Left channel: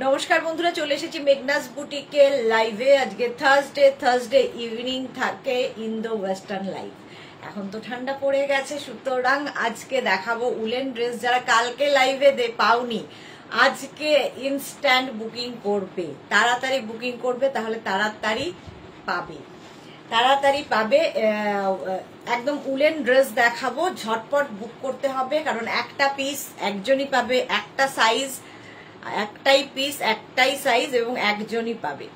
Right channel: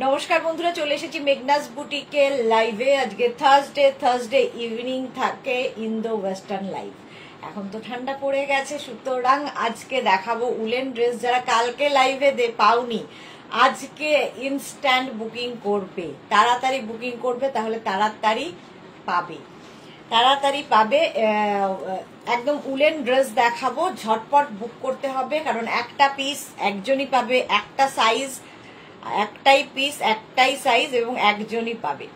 নমস্কার বন্ধুরা, চলে এসেছি মেঘনাস বুটিকে লাইভে। আজকে থার্সডে ইভিনিং থাকে ইন্দো ওয়েস্টার্ন লাইভ। এখন তো ঠান্ডা পড়ে গেছে, সুতরাং আজকে দেখাবো উলেন ড্রেস। যারা কালকে লাইভে পাওনি, আজকে ইনস্ট্যান্ট বুকিং করবে, তাড়াতাড়ি বুকিং করবে, তাহলে তাড়াতাড়ি পাবে। একদম উলেন ড্রেস দেখাবো, ঝটপট বুক করতে হবে, কারণ একটা পিস একজনই পাবে, একটা সাইজ একটাই পিস একটাই সাইজ এবং একজনই পাবে।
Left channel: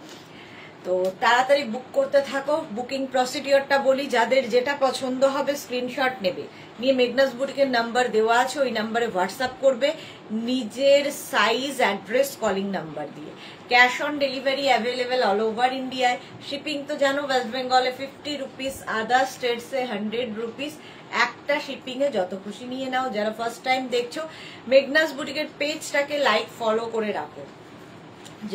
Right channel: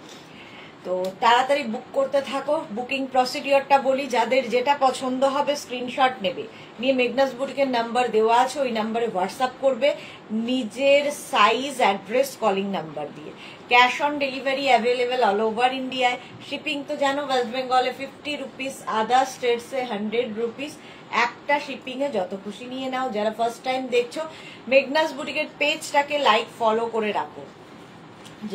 তো তাড়াতাড়ি বুক করতে থাকো। বুকিং প্রসিডিওরটা বলি, যাদের যেটা পছন্দ হবে স্ক্রিনশট নেবে, নিয়ে মেঘনাস বুটিকের নাম্বার দেওয়া আছে, ওই নাম্বারে হোয়াটসঅ্যাপ করবে নিজের সাইজ, অ্যাড্রেস, কলিং নাম্বার দিয়ে। Cash on delivery available all over ইন্ডিয়ায়। শিপিং তো জানো, ওয়েস্ট বেঙ্গলে 50 রুপিস, আদার স্টেটসে 100 রুপিস। একটা শিপিং এ যত খুশি নিয়ে নাও। যারা ফার্স্ট টাইম দেখছো, মেঘনাস বুটিকের পেজটাকে লাইক ফলো করে রাখো,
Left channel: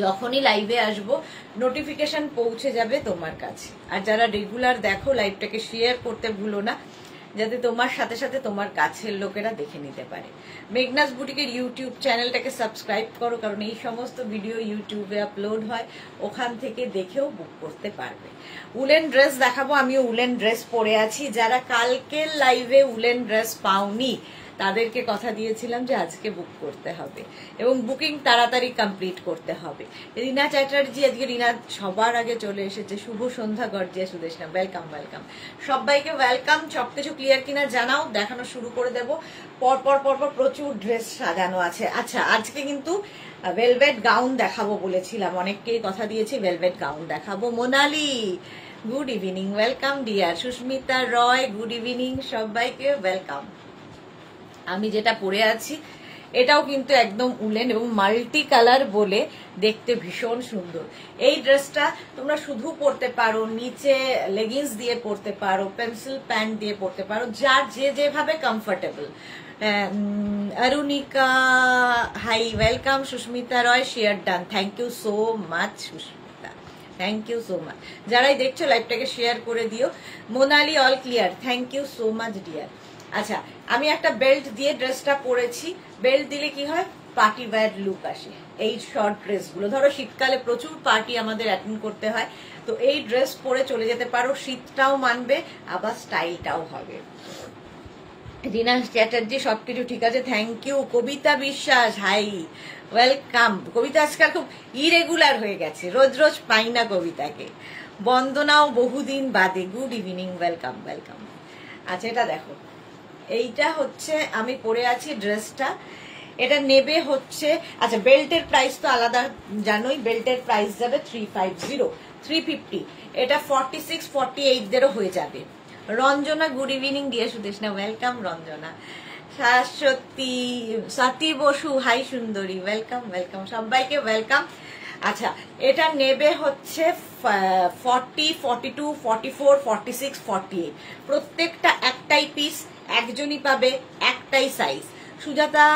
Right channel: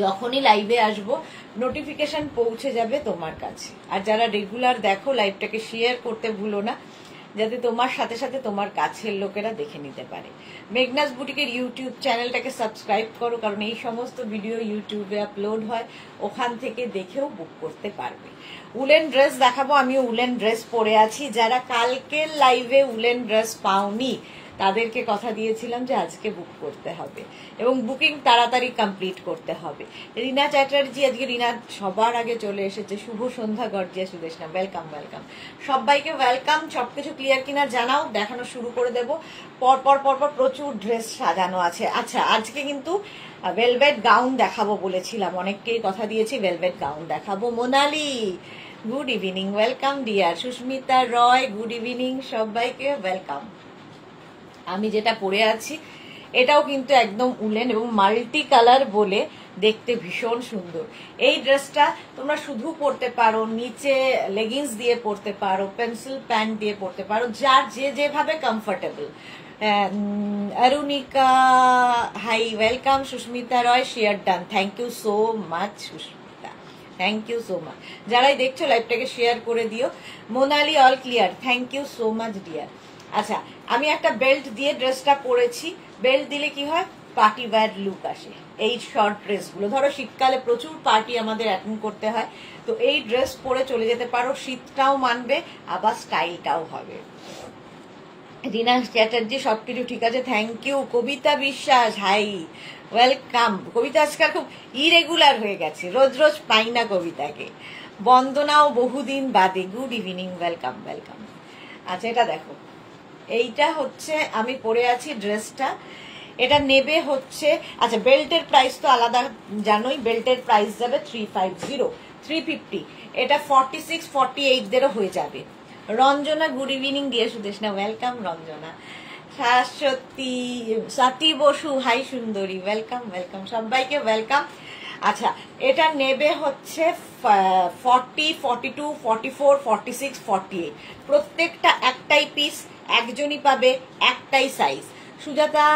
যখনই লাইভে আসবো নোটিফিকেশন পৌঁছে যাবে তোমার কাছে। আর যারা রেগুলার দেখো, লাইভটাকে শেয়ার করতে ভুলো না, যাতে তোমার সাথে সাথে তোমার কাছের লোকেরা দেখে নিতে পারে। মেঘনাস বুটিকের ইউটিউব চ্যানেলটাকে সাবস্ক্রাইব করো, কারণ এই সমস্ত ভিডিও ইউটিউবে আপলোড হয়, ওখান থেকে দেখেও বুক করতে পারবে। উলেন ড্রেস দেখাবো, আমিও উলেন ড্রেস পরে আছি। যারা কালকের লাইভে উলেন ড্রেস পাওনি, তাদেরকে কথা দিয়েছিলাম যে আজকে বুক করতে হবে এবং বুকিং তাড়াতাড়ি কমপ্লিট করতে হবে। রিনা চ্যাটার্জি, আজকে রিনা সবার আগে চলে এসেছে। শুভ সন্ধ্যা গর্জিয়া সুদেশনা, ওয়েলকাম ওয়েলকাম, সবাইকে ওয়েলকাম। সবকিছু ক্লিয়ার কিনা জানাও, দেখানো শুরু করে দেব। পরপর প্রচুর ড্রেস সাজানো আছে। আচ্ছা, আজকে কিন্তু ভেলভেট গাউন দেখাবো বলেছিলাম, অনেককেই কথা দিয়েছি ভেলভেট গাউন দেখাবো। Monali, good evening, welcome dear. Susmita Roy, good evening, সবাইকে ওয়েলকাম। আমি যেটা পরে আছি এটাও কিন্তু একদম উলেন এবং মাল্টি কালার বলে দেখতে ভীষণ সুন্দর। এই ড্রেসটা তোমরা শুধু পরতে পারো, নিচে লেগিংস দিয়ে পরতে পারো, পেন্সিল প্যান্ট দিয়ে পরতে পারো, যার যেভাবে comfortable. Arunika, hi, welcome. Susmita Roy, share done, thank you so much Susmita, thank you so much. যারাই দেখছো লাইভটাকে শেয়ার করে দিও। Monali, all clear, thank you so much dear. আচ্ছা, আমি একটা বেল্ট দিয়ে ড্রেসটা পরেছি। বেল্ট দিলে কি হয়, পার্টি ওয়্যার লুক আসে। এই শর্ট ড্রেসগুলো, ধরো শীতকালে প্রচুর পার্টি আমাদের অ্যাটেন্ড করতে হয়, তো এই ড্রেস পরে চলে যেতে পারো, শীতটাও মানবে আবার স্টাইলটাও হবে। রিনা চ্যাটার্জি, সবকিছু ঠিক আছে, থ্যাংক ইউ। কবিতা বিশ্বাস, হাই, ওয়েলকাম। কবিতা আজকাল খুব ইরেগুলার হয়ে গেছে, রোজ রোজ পাই না কবিতাকে। বন্দনাও বহুদিন বাদে, গুড ইভিনিং, ওয়েলকাম ওয়েলকাম। আচ্ছা, এটা দেখো, এইটা হচ্ছে আমি পরে আছি ড্রেসটা। এটা নেবে হচ্ছে, আচ্ছা বেল্টের প্রাইস তো আলাদা জানোই, বেল্টের প্রাইস যাবে 350, 350। এটা 46, 48 দেরও হয়ে যাবে। রঞ্জনা, গুড ইভিনিং দিয়ে সুদেশনা, ওয়েলকাম রঞ্জনা। শাশ্বতী, সাথী বসু, হাই সুন্দরী, ওয়েলকাম ওয়েলকাম, সবাইকে ওয়েলকাম। আচ্ছা, এটা নেবে হচ্ছে 40, 42, 44, 46, 48। প্রত্যেকটা একটাই পিস, একজনই পাবে, একটাই সাইজ। সুজাতা,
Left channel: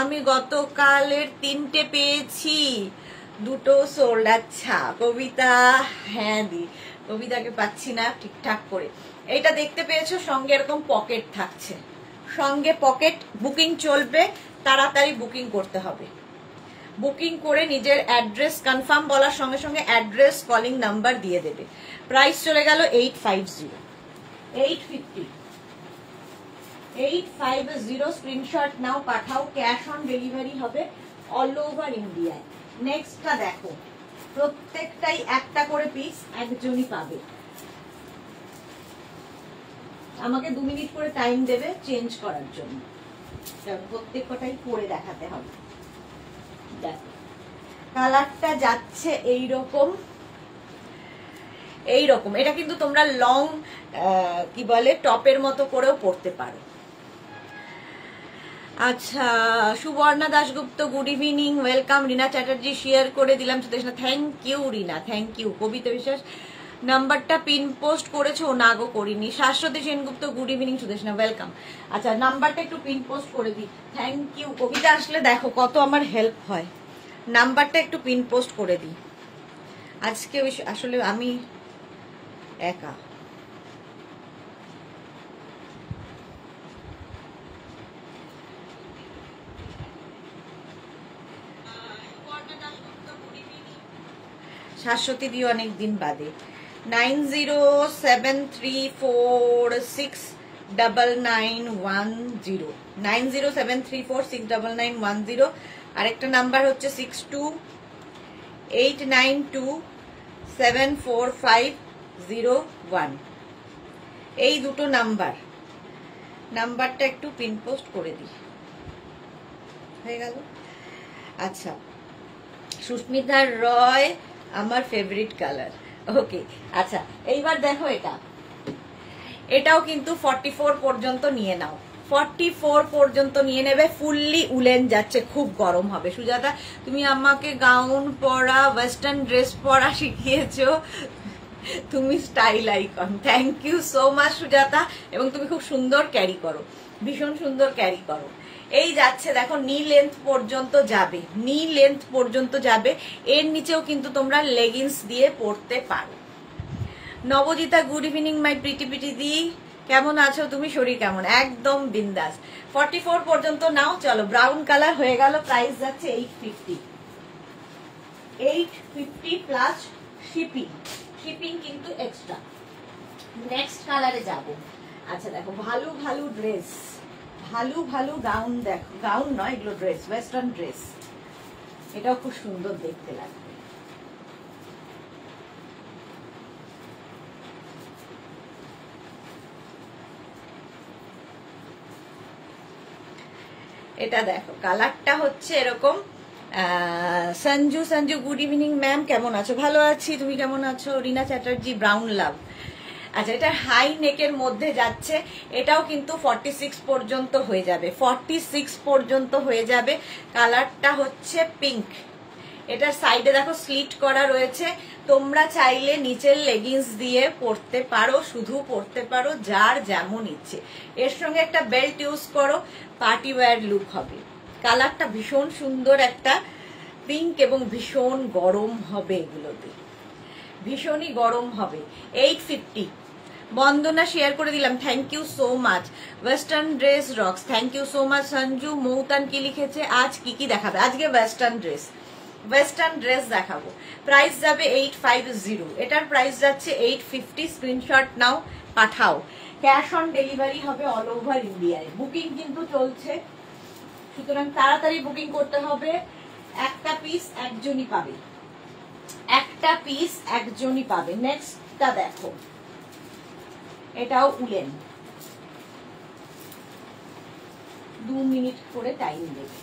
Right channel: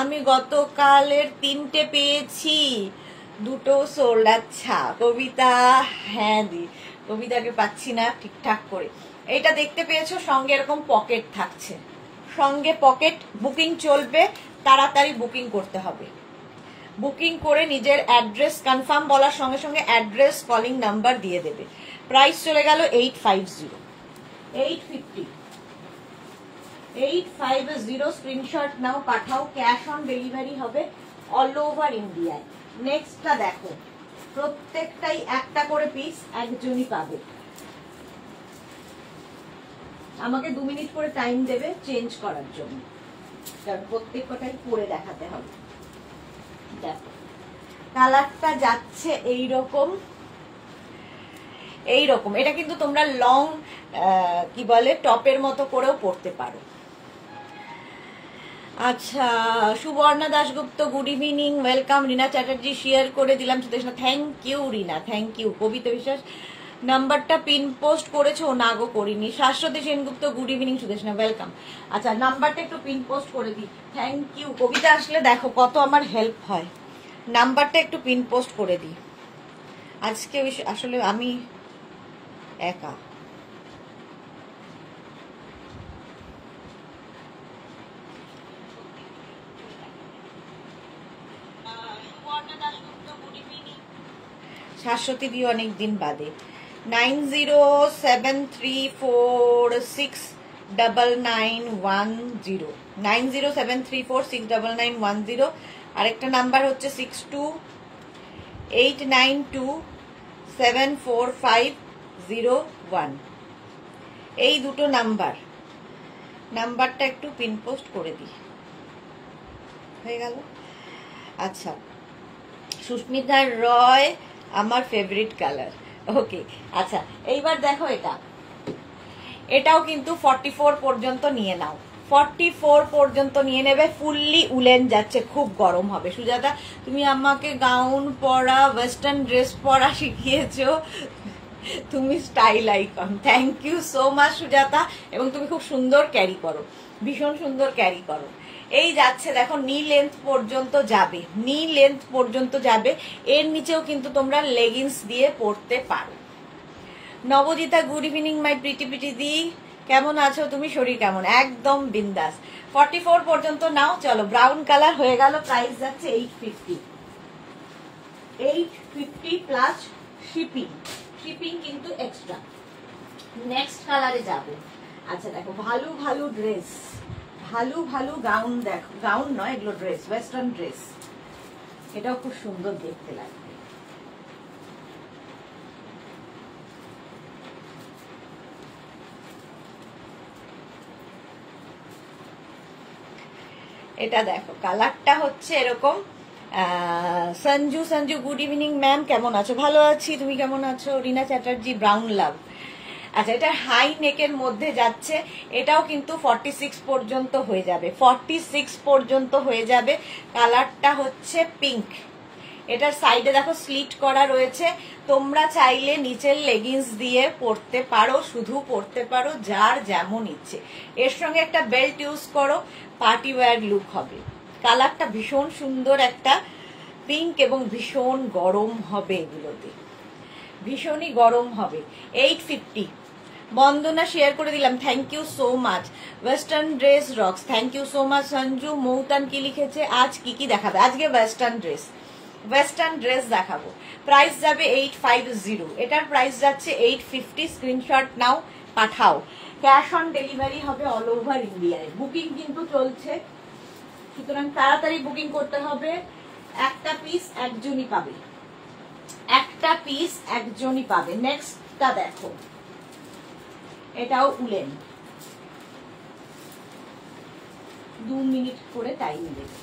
আমি গতকালের 3টে পেয়েছি, 2টো সোল্ড। আচ্ছা কবিতা, হ্যাঁ দি, কবিতাকে পাচ্ছি না ঠিকঠাক করে। এইটা দেখতে পেয়েছো, সঙ্গে এরকম পকেট থাকছে, সঙ্গে পকেট। বুকিং চলবে, তাড়াতাড়ি বুকিং করতে হবে। বুকিং করে নিজের অ্যাড্রেস কনফার্ম বলার সঙ্গে সঙ্গে অ্যাড্রেস, কলিং নাম্বার দিয়ে দেবে। প্রাইস চলে গেল 850, 850, 850। স্ক্রিনশট নাও, পাঠাও। ক্যাশ অন ডেলিভারি হবে অল ওভার ইন্ডিয়ায়। নেক্সটটা দেখো, প্রত্যেকটাই একটা করে পিস, একজনই পাবে। আমাকে 2 মিনিট করে টাইম দেবে চেঞ্জ করার জন্য, কারণ প্রত্যেকটাই পরে দেখাতে হবে। দেখো, কালারটা যাচ্ছে এইরকম এইরকম। এটা কিন্তু তোমরা লং কি বলে টপের মতো করেও পরতে পারো। আচ্ছা, Suborna Dasgupta, good evening, welcome. Rina Chatterjee, share করে দিলাম Sudeshna, thank you Rina, thank you. Kabita Biswas, নাম্বারটা পিন পোস্ট করেছো না গো? করিনি। Shashwati Sengupta, good evening Sudeshna, welcome. আচ্ছা, নাম্বারটা একটু পিন পোস্ট করে দিই, থ্যাংক ইউ। কবিতা আসলে দেখো কত আমার হেল্প হয়, নাম্বারটা একটু পিন পোস্ট করে দিই। আজকে আসলে আমি একা। সুবর্ণা দাশগুপ্ত, শাশ্বতী দিয়ে অনেকদিন বাদে। 9073469910 9073469910। আরেকটা নাম্বার হচ্ছে 6289274501। এই দুটো নাম্বারটা একটু পিন পোস্ট করে দিই, হয়ে গেল। আচ্ছা, সুস্মিতা রয় আমার ফেভারিট কালার। ওকে, আচ্ছা এইবার দেখো এটাও কিন্তু 44 পর্যন্ত নিয়ে নাও, 44 পর্যন্ত নিয়ে নেবে। ফুললি উলেন যাচ্ছে, খুব গরম হবে। সুজাতা, তুমি আমাকে গাউন পরা, ওয়েস্টার্ন ড্রেস পরা শিখিয়েছো, তুমি style icon. Thank you so much Sujata. এবং তুমি খুব সুন্দর ক্যারি করো, ভীষণ সুন্দর ক্যারি করো। এই যাচ্ছে দেখো, নি লেন্থ পর্যন্ত যাবে, নি লেন্থ পর্যন্ত যাবে। এর নিচেও কিন্তু তোমরা লেগিংস দিয়ে পরতে পারো। Nabajita, good evening my pretty pretty দি, কেমন আছো তুমি, শরীর কেমন? একদম বিন্দাস। 44 পর্যন্ত নাও। চলো, ব্রাউন কালার হয়ে গেল, প্রাইস যাচ্ছে 850 প্লাস শিপিং, শিপিং কিন্তু এক্সট্রা। নেক্সট কালারে যাব। আচ্ছা দেখো, ভালো ভালো ড্রেস, ভালো ভালো গাউন দেখো, গাউন নয় এগুলো ড্রেস, ওয়েস্টার্ন ড্রেস। এটাও খুব সুন্দর দেখতে লাগে। এটা দেখো, কালারটা হচ্ছে এরকম। সঞ্জু, গুড ইভিনিং ম্যাম, কেমন আছো? ভালো আছি, তুমি কেমন আছো? রিনা চ্যাটার্জি, ব্রাউন লাভ। আচ্ছা, এটা হাই নেকের মধ্যে যাচ্ছে, এটাও কিন্তু 46 পর্যন্ত হয়ে যাবে, 46 পর্যন্ত হয়ে যাবে। কালারটা হচ্ছে পিঙ্ক। এটার সাইডে দেখো স্লিট করা রয়েছে, তোমরা চাইলে নিচের লেগিংস দিয়ে পরতে পারো, শুধু পরতে পারো, যার যেমন ইচ্ছে। এর সঙ্গে একটা বেল্ট ইউজ করো, পার্টি ওয়্যার লুক হবে। কালারটা ভীষণ সুন্দর একটা পিঙ্ক এবং ভীষণ গরম হবে, এগুলোতে ভীষণই গরম হবে। 850। বন্দনা শেয়ার করে দিলাম, thank you so much. Western dress rocks, thank you so much Sanju. Moutan কি লিখেছে, আজ কি দেখাবে? আজকে ওয়েস্টার্ন ড্রেস, ওয়েস্টার্ন ড্রেস দেখাবো। প্রাইস যাবে 850, এটার প্রাইস যাচ্ছে 850। স্ক্রিনশট নাও, পাঠাও। ক্যাশ অন ডেলিভারি হবে অল ওভার ইন্ডিয়ায়। বুকিং কিন্তু চলছে, সুতরাং তাড়াতাড়ি বুকিং করতে হবে। একটা পিস একজনই পাবে, একটা পিস একজনই পাবে। নেক্সটটা দেখো, এটাও উলেন। 2 মিনিট করে টাইম দেবে।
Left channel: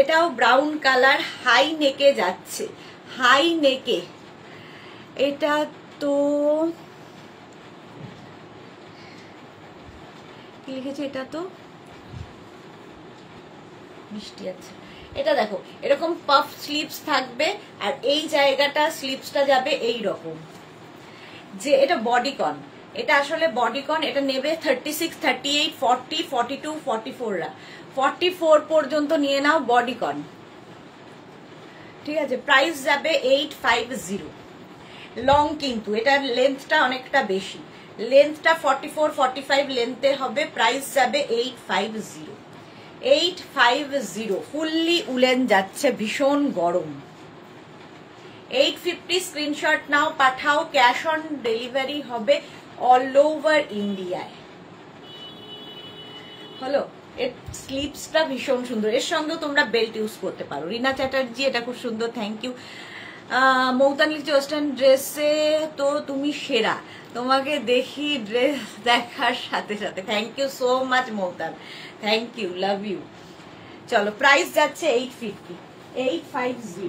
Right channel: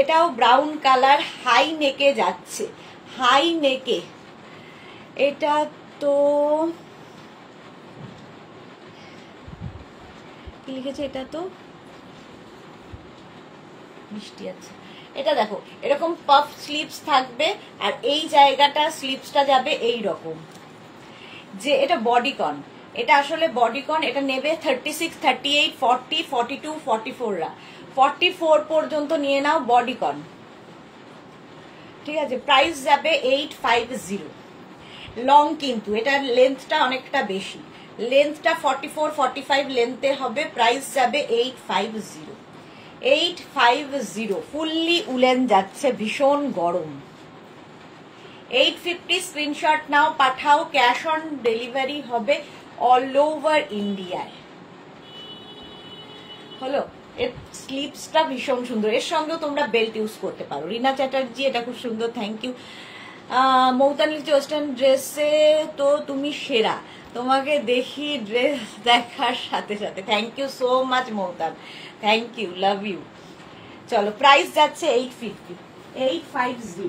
এটাও ব্রাউন কালার, হাই নেকে যাচ্ছে, হাই নেকে। এটা তো লিখেছে, এটা তো মিষ্টি আছে। এটা দেখো, এরকম পাফ স্লিভস থাকবে, আর এই জায়গাটা স্লিভসটা যাবে এই রকম। যে এটা বডিকন, এটা আসলে বডিকন। এটা নেবে 36, 38, 40, 42, 44 রা। 44 পর্যন্ত নিয়ে নাও, বডিকন। ঠিক আছে, প্রাইস যাবে 850। লং কিন্তু এটার লেন্থটা অনেকটা বেশি, লেন্থটা 44, 45 লেন্থের হবে। প্রাইস যাবে 850, 850। ফুললি উলেন যাচ্ছে, ভীষণ গরম। 850 স্ক্রিনশট নাও, পাঠাও। ক্যাশ অন ডেলিভারি হবে অল ওভার ইন্ডিয়ায়। হলো, এর স্লিভসটা ভীষণ সুন্দর, এর সঙ্গে তোমরা বেল্ট ইউজ করতে পারো। রিনা চ্যাটার্জি, এটা খুব সুন্দর, থ্যাংক ইউ। মৌতান লিখছে, ওয়েস্টার্ন ড্রেসে তো তুমি সেরা, তোমাকে দেখি ড্রেস দেখার সাথে সাথে। Thank you so much Moutan, thank you, love you. চলো, প্রাইস যাচ্ছে 850, 850।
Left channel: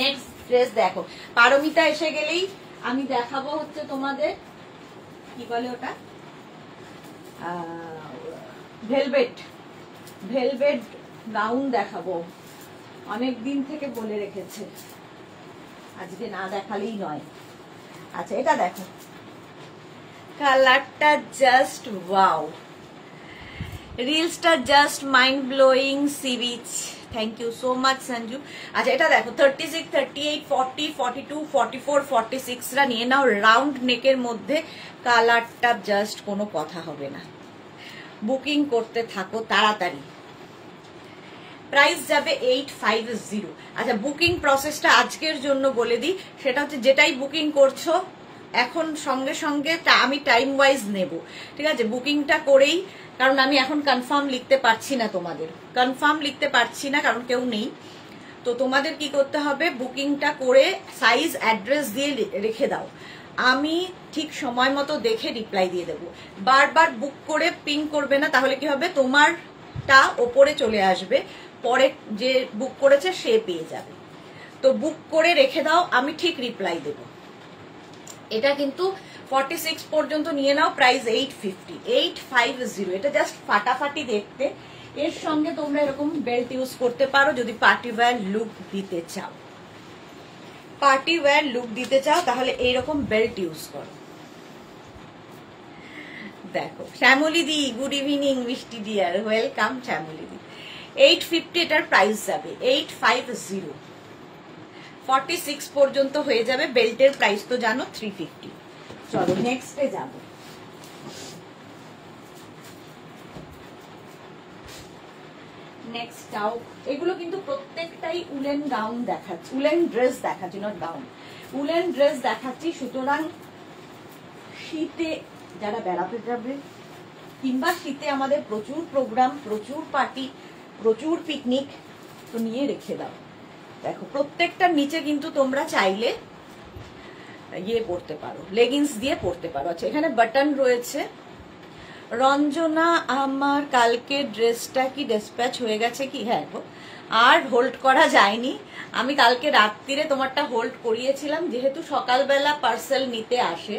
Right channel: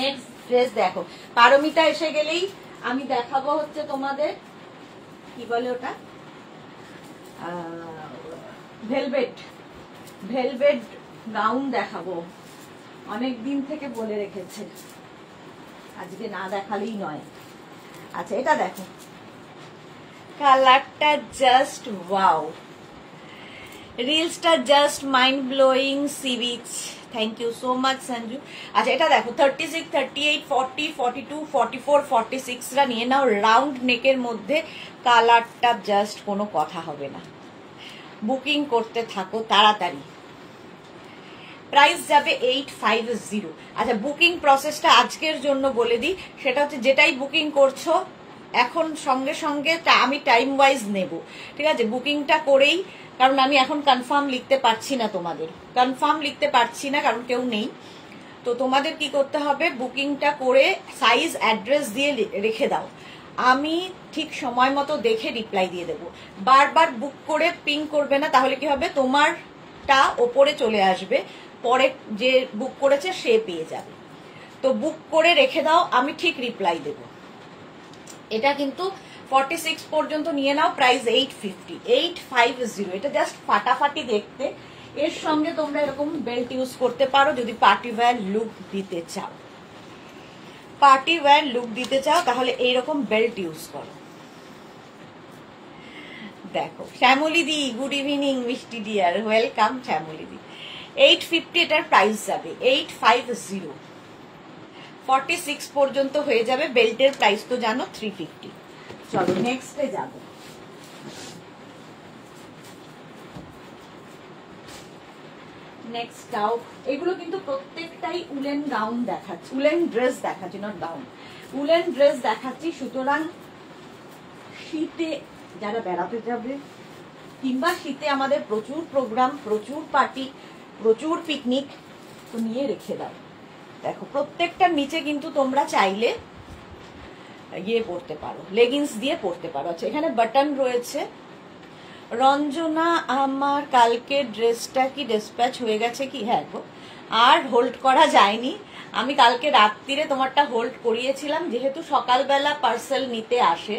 নেক্সট ড্রেস দেখো, পারমিতা এসে গেলেই আমি দেখাবো হচ্ছে তোমাদের, কি বলে ওটা, ভেলভেট, ভেলভেট গাউন দেখাবো। অনেক দিন থেকে বলে রেখেছে, আজকে না দেখালেই নয়। আচ্ছা, এটা দেখো, কালারটা জাস্ট ওয়াও, রিলসটা just mind blowing. Sea beach, thank you so much Sanju. আচ্ছা এটা দেখো 36, 38, 40, 42, 44, 46রা নিয়ে নাও। রাউন্ড নেকের মধ্যে কালারটা জাস্ট কোনো কথা হবে না। বুকিং করতে থাকো তাড়াতাড়ি। প্রাইস যাবে 850। আচ্ছা বুকিং প্রসেসটা আজকের জন্য বলে দিই, সেটা হচ্ছে যেটাই বুকিং করছো এখন সঙ্গে সঙ্গে আমি টাইম ওয়াইজ নেব, ঠিক আছে? বুকিংটা করেই, কারণ আমি এখন কনফার্ম লিখতে পারছি না, তোমাদের কনফার্ম লিখতে পারছি না কারণ কেউ নেই। তো তোমাদের কি করতে হবে, বুকিংটা করে সাইজ অ্যাড্রেস দিয়ে রেখে দাও, আমি ঠিক সময় মতো দেখে রিপ্লাই দিয়ে দেবো। বারবার বুক করে পিং করবে না, তাহলে কি হবে, তোমারটা ওপরে চলে আসবে, পরে যে বুক করেছে সে পেয়ে যাবে। তো বুক করে রেখে দাও, আমি ঠিক রিপ্লাই দেব। এটা কিন্তু 46 পর্যন্ত নিয়ে নাও। প্রাইস 850, 850। এটা জাস্ট ফাটাফাটি দেখতে। এর সঙ্গে তোমরা এরকম বেল্ট ইউজ করতে পারো যদি পার্টি ওয়্যার লুক দিতে চাও। পার্টি ওয়্যার লুক দিতে চাও তাহলে এইরকম বেল্ট ইউজ করো। দেখো শ্যামলী দি, গুড ইভিনিং মিষ্টি ডিয়ার, ওয়েলকাম শ্যামলী দি। 850 এটার প্রাইস যাবে 850। 46 পর্যন্ত হয়ে যাবে। বেল্টের প্রাইস তো জানো 350। চলো নেক্সটে যাবো। নেক্সট আউট, এগুলো কিন্তু প্রত্যেকটাই উলেন গাউন দেখাচ্ছি, উলেন ড্রেস দেখাচ্ছি, নট গাউন, উলেন ড্রেস দেখাচ্ছি। সুতরাং শীতে যারা বেড়াতে যাবে কিংবা শীতে আমাদের প্রচুর প্রোগ্রাম, প্রচুর পার্টি, প্রচুর পিকনিক, তো নিয়ে রেখে দাও। দেখো প্রত্যেকটার নিচে কিন্তু তোমরা চাইলে ইয়ে পড়তে পারো, লেগিংস দিয়ে পড়তে পারো। আচ্ছা এখানে বাটন রয়েছে। রঞ্জনা, আমার কালকে ড্রেসটা কি ডিসপ্যাচ হয়ে গেছে কি? হ্যাঁ গো, আর হোল্ড করা যায়নি। আমি কালকে রাত্রিরে তোমারটা হোল্ড করিয়েছিলাম, যেহেতু সকালবেলা পার্সেল নিতে আসে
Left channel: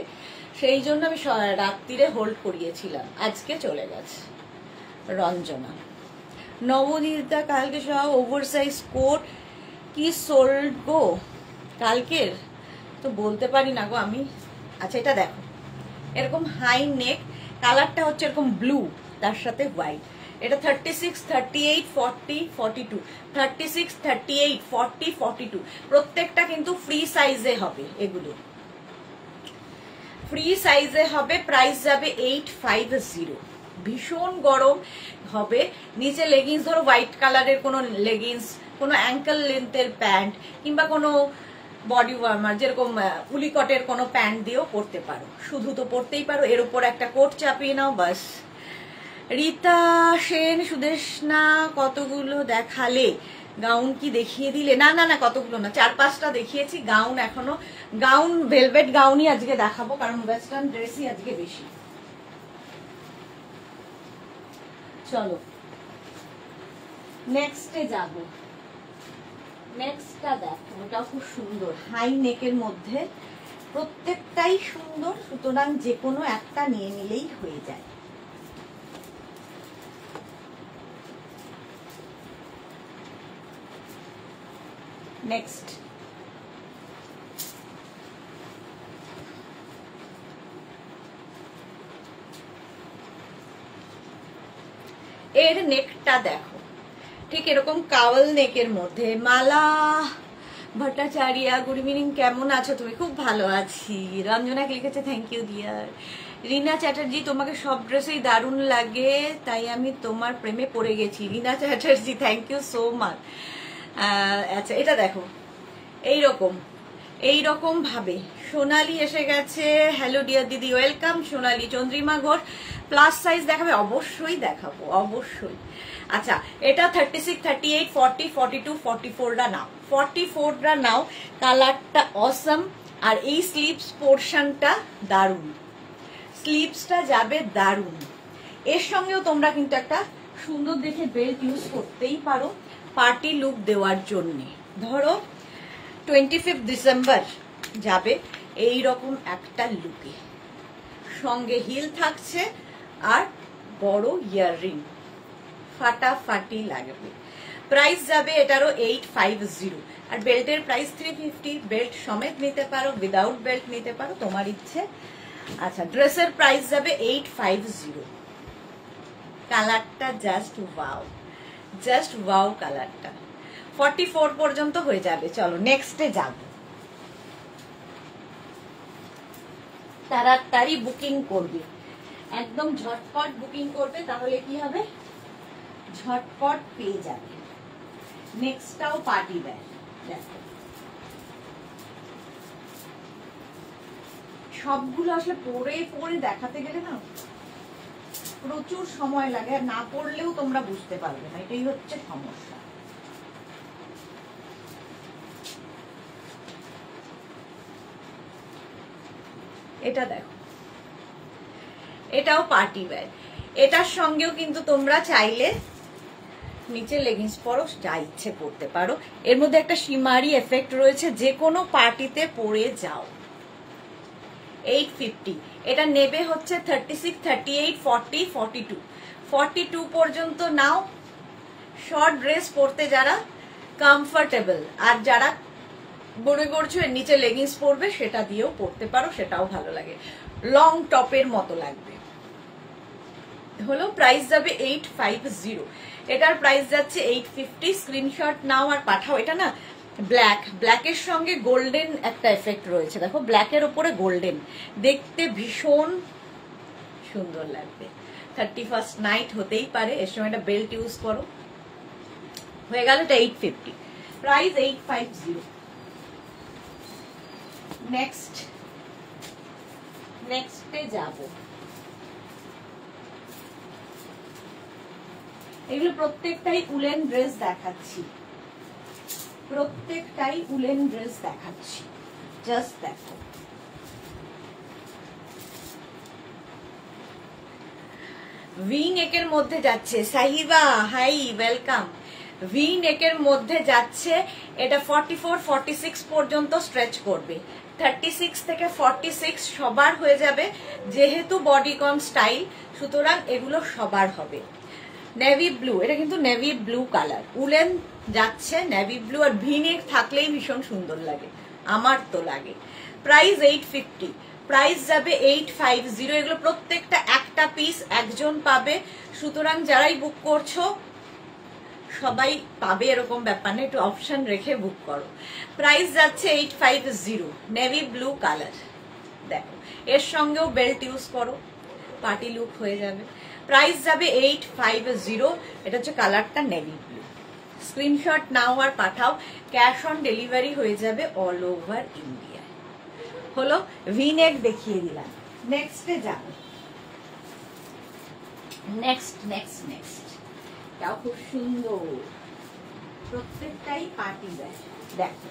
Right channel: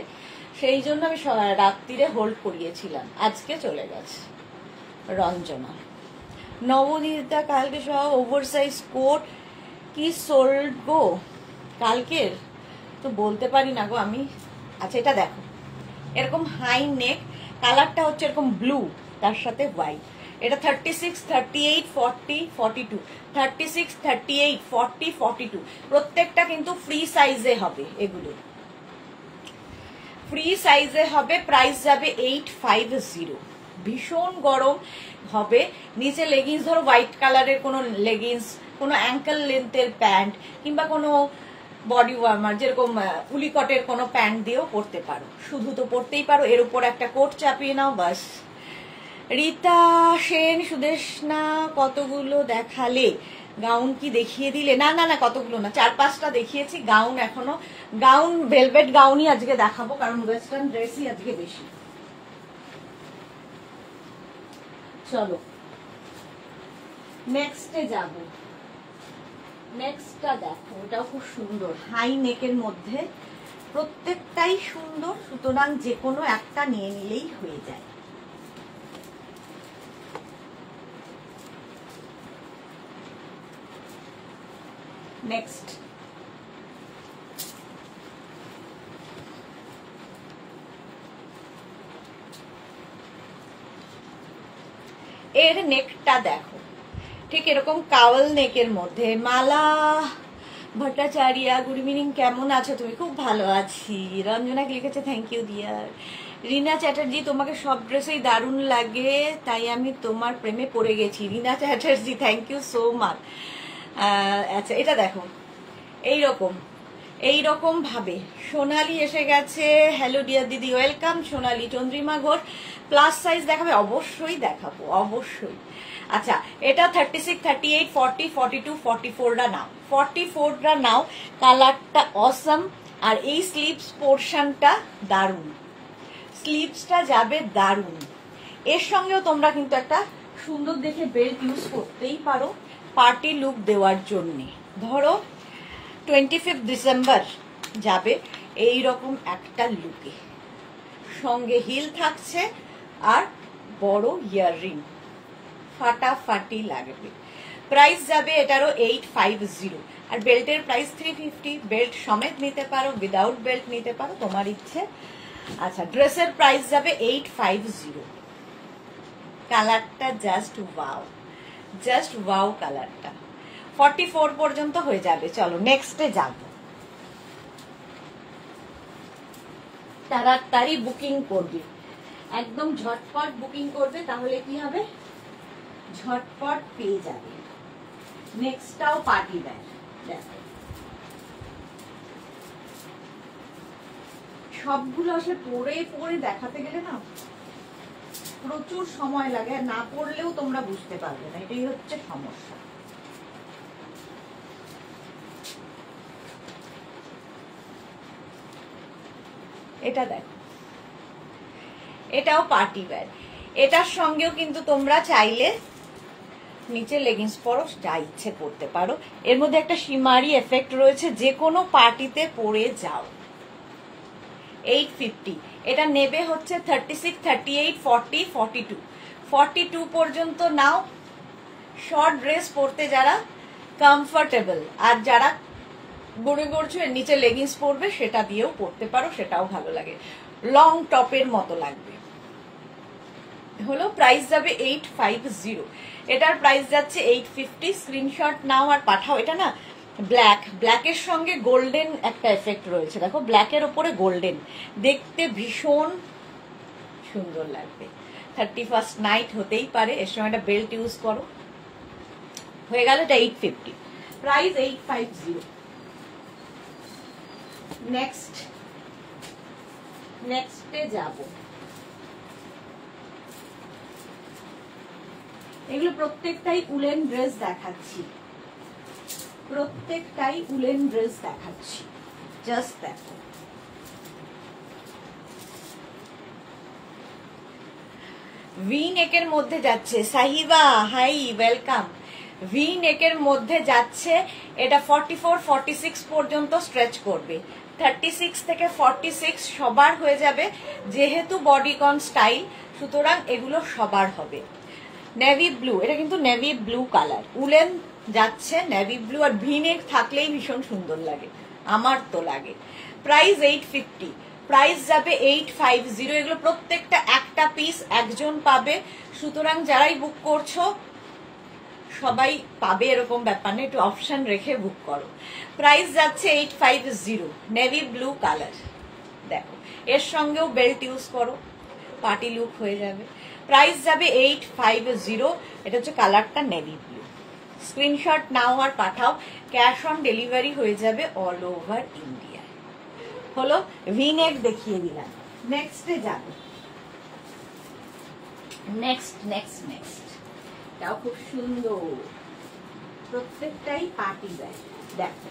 সেই জন্য আমি রাত্রিরে হোল্ড করিয়েছিলাম, আজকে চলে গেছে। রঞ্জনা, নবদীতা, কালকে সব ওভারসাইজ কোট কি সোল্ড গো কালকের? তো বলতে পারি না গো আমি। আচ্ছা এটা দেখো, এরকম হাই নেক, কালারটা হচ্ছে এরকম ব্লু, তার সাথে হোয়াইট। এটা 36, 38, 40, 42, 36, 38, 40, 42। প্রত্যেকটা কিন্তু ফ্রি সাইজে হবে, এগুলো ফ্রি সাইজে হবে। প্রাইস যাবে 850। ভীষণ গরম হবে। নিচে লেগিংস, ধরো হোয়াইট কালারের কোনো লেগিংস, কোনো অ্যাঙ্কেল লেন্থের প্যান্ট কিংবা কোনো বডি ওয়ার্মার, যেরকম উলিকটের কোনো প্যান্ট দিয়েও পরতে পারো, শুধু তো পরতেই পারো, এর উপর একটা কোট চাপিয়ে নাও, বাস। রীতা সেন, সুদেশনা, কতগুলো দেখালে? গাউন কি দেখিয়ে দিলে? না না না, কতগুলো না, 4-5টা দেখিয়েছি। গাউন এখনো, গাউন ভেলভেট গাউনই আজকে দেখাবো, কারণ ওয়েস্টার্ন ড্রেসই আজকে বেশি। চলো নেক্সটে যাবো। নেক্সটটা দেখো, এটাও খুব সুন্দর, হাই নেকের মধ্যে, প্রত্যেকটাই সুন্দর, সুতরাং যে কোনো একটা নিয়ে নিলেই হয়ে যায়। নেক্সট, এর নেকটা দেখো, ঠিক এরকম কাওয়াল নেকের মধ্যে। মালা ভট্টাচার্য, গুড ইভিনিং, কেমন আছো তুমি? খুব ভালো আছি। রঞ্জনা লিখেছে থ্যাংক ইউ ডিয়ার। রিনা চ্যাটার্জি, তোমাকে সব ড্রেসেই দারুণ লাগে, তাই আমি তোমার প্রেমে পড়ে গেছি। Rina Chatterjee, thank you so much. আচ্ছা এটা দেখো, এইরকম এইরকম ভাবে সোনালি এসে গেছে। হ্যালো ডিয়ার দিদি, welcome Sonali. Chandrima Ghosh, plus size দেখাবে? অবশ্যই দেখাবো, অবশ্যই। আচ্ছা এটা 36, 38, 40, 42, 44টা নাও, 44টা নাও। কালারটা অসম, আর এই স্লিভস পোর্শনটা দারুণ, স্লিভসটা যাবে দারুণ। এর সঙ্গেও তোমরা কিন্তু একটা সুন্দর দেখে বেল্ট ইউজ করতেই পারো পার্টি লুক দেওয়ার জন্য। ধরো 25 ডিসেম্বর যাবে এই রকম একটা লুকে, সঙ্গে হিল থাকছে আর বড় ইয়াররিং, ফাটাফাটি লাগবে। প্রাইস যাবে এটারও 850, আর বেল্টের প্রাইস 350। বেল্ট সমেত নিতে পারো, উইদাউট বেল্ট নিতে পারো, তোমার ইচ্ছে। আচ্ছা ড্রেসের প্রাইস যাবে 850। কালারটা জাস্ট ওয়াও, জাস্ট ওয়াও কালারটা। 44 পর্যন্ত হয়ে যাবে। চলো নেক্সটে যাব। তাড়াতাড়ি বুকিং করবে, একদম ঝটপট বুকিং করবে, তাহলে কি হবে, ঝটপট পেয়ে যাবে। নেক্সটটাও পার্টি ওয়্যার। দেখো সবগুলো আসলে পরে পরে দেখাতে গেলে না প্রচুর সময় লাগে, আর না পড়লেও তোমরা বুঝতে পারবে না, এটাই হচ্ছে সমস্যা। এটা দেখো, এটাও পার্টি ওয়্যার। এটার সঙ্গেও কিন্তু তোমরা চাইলে নিচে লেগিংস পরো, যা ইচ্ছে পরতে পারো। এর মধ্যে একটা শিমারি এফেক্ট রয়েছে, যে কোনো পার্টিতে পরে যাও। 850। এটা নেবে হচ্ছে 36, 38, 40, 42। 42 পর্যন্ত নাও। শর্ট ড্রেস পরতে যারা কমফোর্টেবল, আর যারা গড়ে গড়ছো এর নিচে লেগিংস পরবে, সেটা দিয়েও পরতে পারো, সেটাও ভালো লাগে, লং টপের মতো লাগবে। হলো প্রাইস যাবে 850। এটার প্রাইস যাচ্ছে 850। স্ক্রিনশট নাও আর পাঠাও। এটা না ব্ল্যাকের সঙ্গে গোল্ডেন একটা এফেক্ট রয়েছে, দেখো ব্ল্যাকের উপরে গোল্ডেন, দেখতে ভীষণ সুন্দর লাগবে। 31st নাইট হতেই পারে, এর সঙ্গে একটা বেল্ট ইউজ করো, হয়ে গেল। এটা 850, প্রাইস 850। নেক্সটে যাব। এগুলো প্রত্যেকটাই উলেন ড্রেস দেখাচ্ছি, প্রত্যেকটাই উলেন ড্রেস দেখাচ্ছি, জাস্ট দেখো। ভি নেকের মধ্যে যাচ্ছে, সাহিবা হাই ওয়েলকাম। ভি নেকের মধ্যে যাচ্ছে, এটা 44, 46 পর্যন্ত স্ট্রেচ করবে। 36 থেকে 46 সবার হয়ে যাবে, যেহেতু বডিকন স্টাইল, সুতরাং এগুলো সবার হবে। নেভি ব্লু, এটা কিন্তু নেভি ব্লু কালার, উলেন যাচ্ছে নেভি ব্লু, আর ভি নেক থাকলেই ভীষণ সুন্দর লাগে, আমার তো লাগে। প্রাইস 850, প্রাইস যাবে 850। এগুলো প্রত্যেকটা একটা পিস, একজন পাবে, সুতরাং যারাই বুক করছো সবাই পাবে এরকম ব্যাপার না, একটু অপশন রেখে বুক করো। প্রাইস যাচ্ছে 850, নেভি ব্লু কালার। দেখো এর সঙ্গেও বেল্ট ইউজ করো, পার্টি লুক হয়ে যাবে। প্রাইস যাবে 850। এটা হচ্ছে কালারটা নেভি ব্লু। স্ক্রিনশট নাও আর পাঠাও, ক্যাশ অন ডেলিভারি হয়ে যাবে অল ওভার ইন্ডিয়া। হলো ভি নেক দেখিয়ে দিলাম। নেক্সটে যাবে। নেক্সট এটাও খুব সুন্দর, প্রত্যেকটাই পার্টি ওয়্যার। দেখো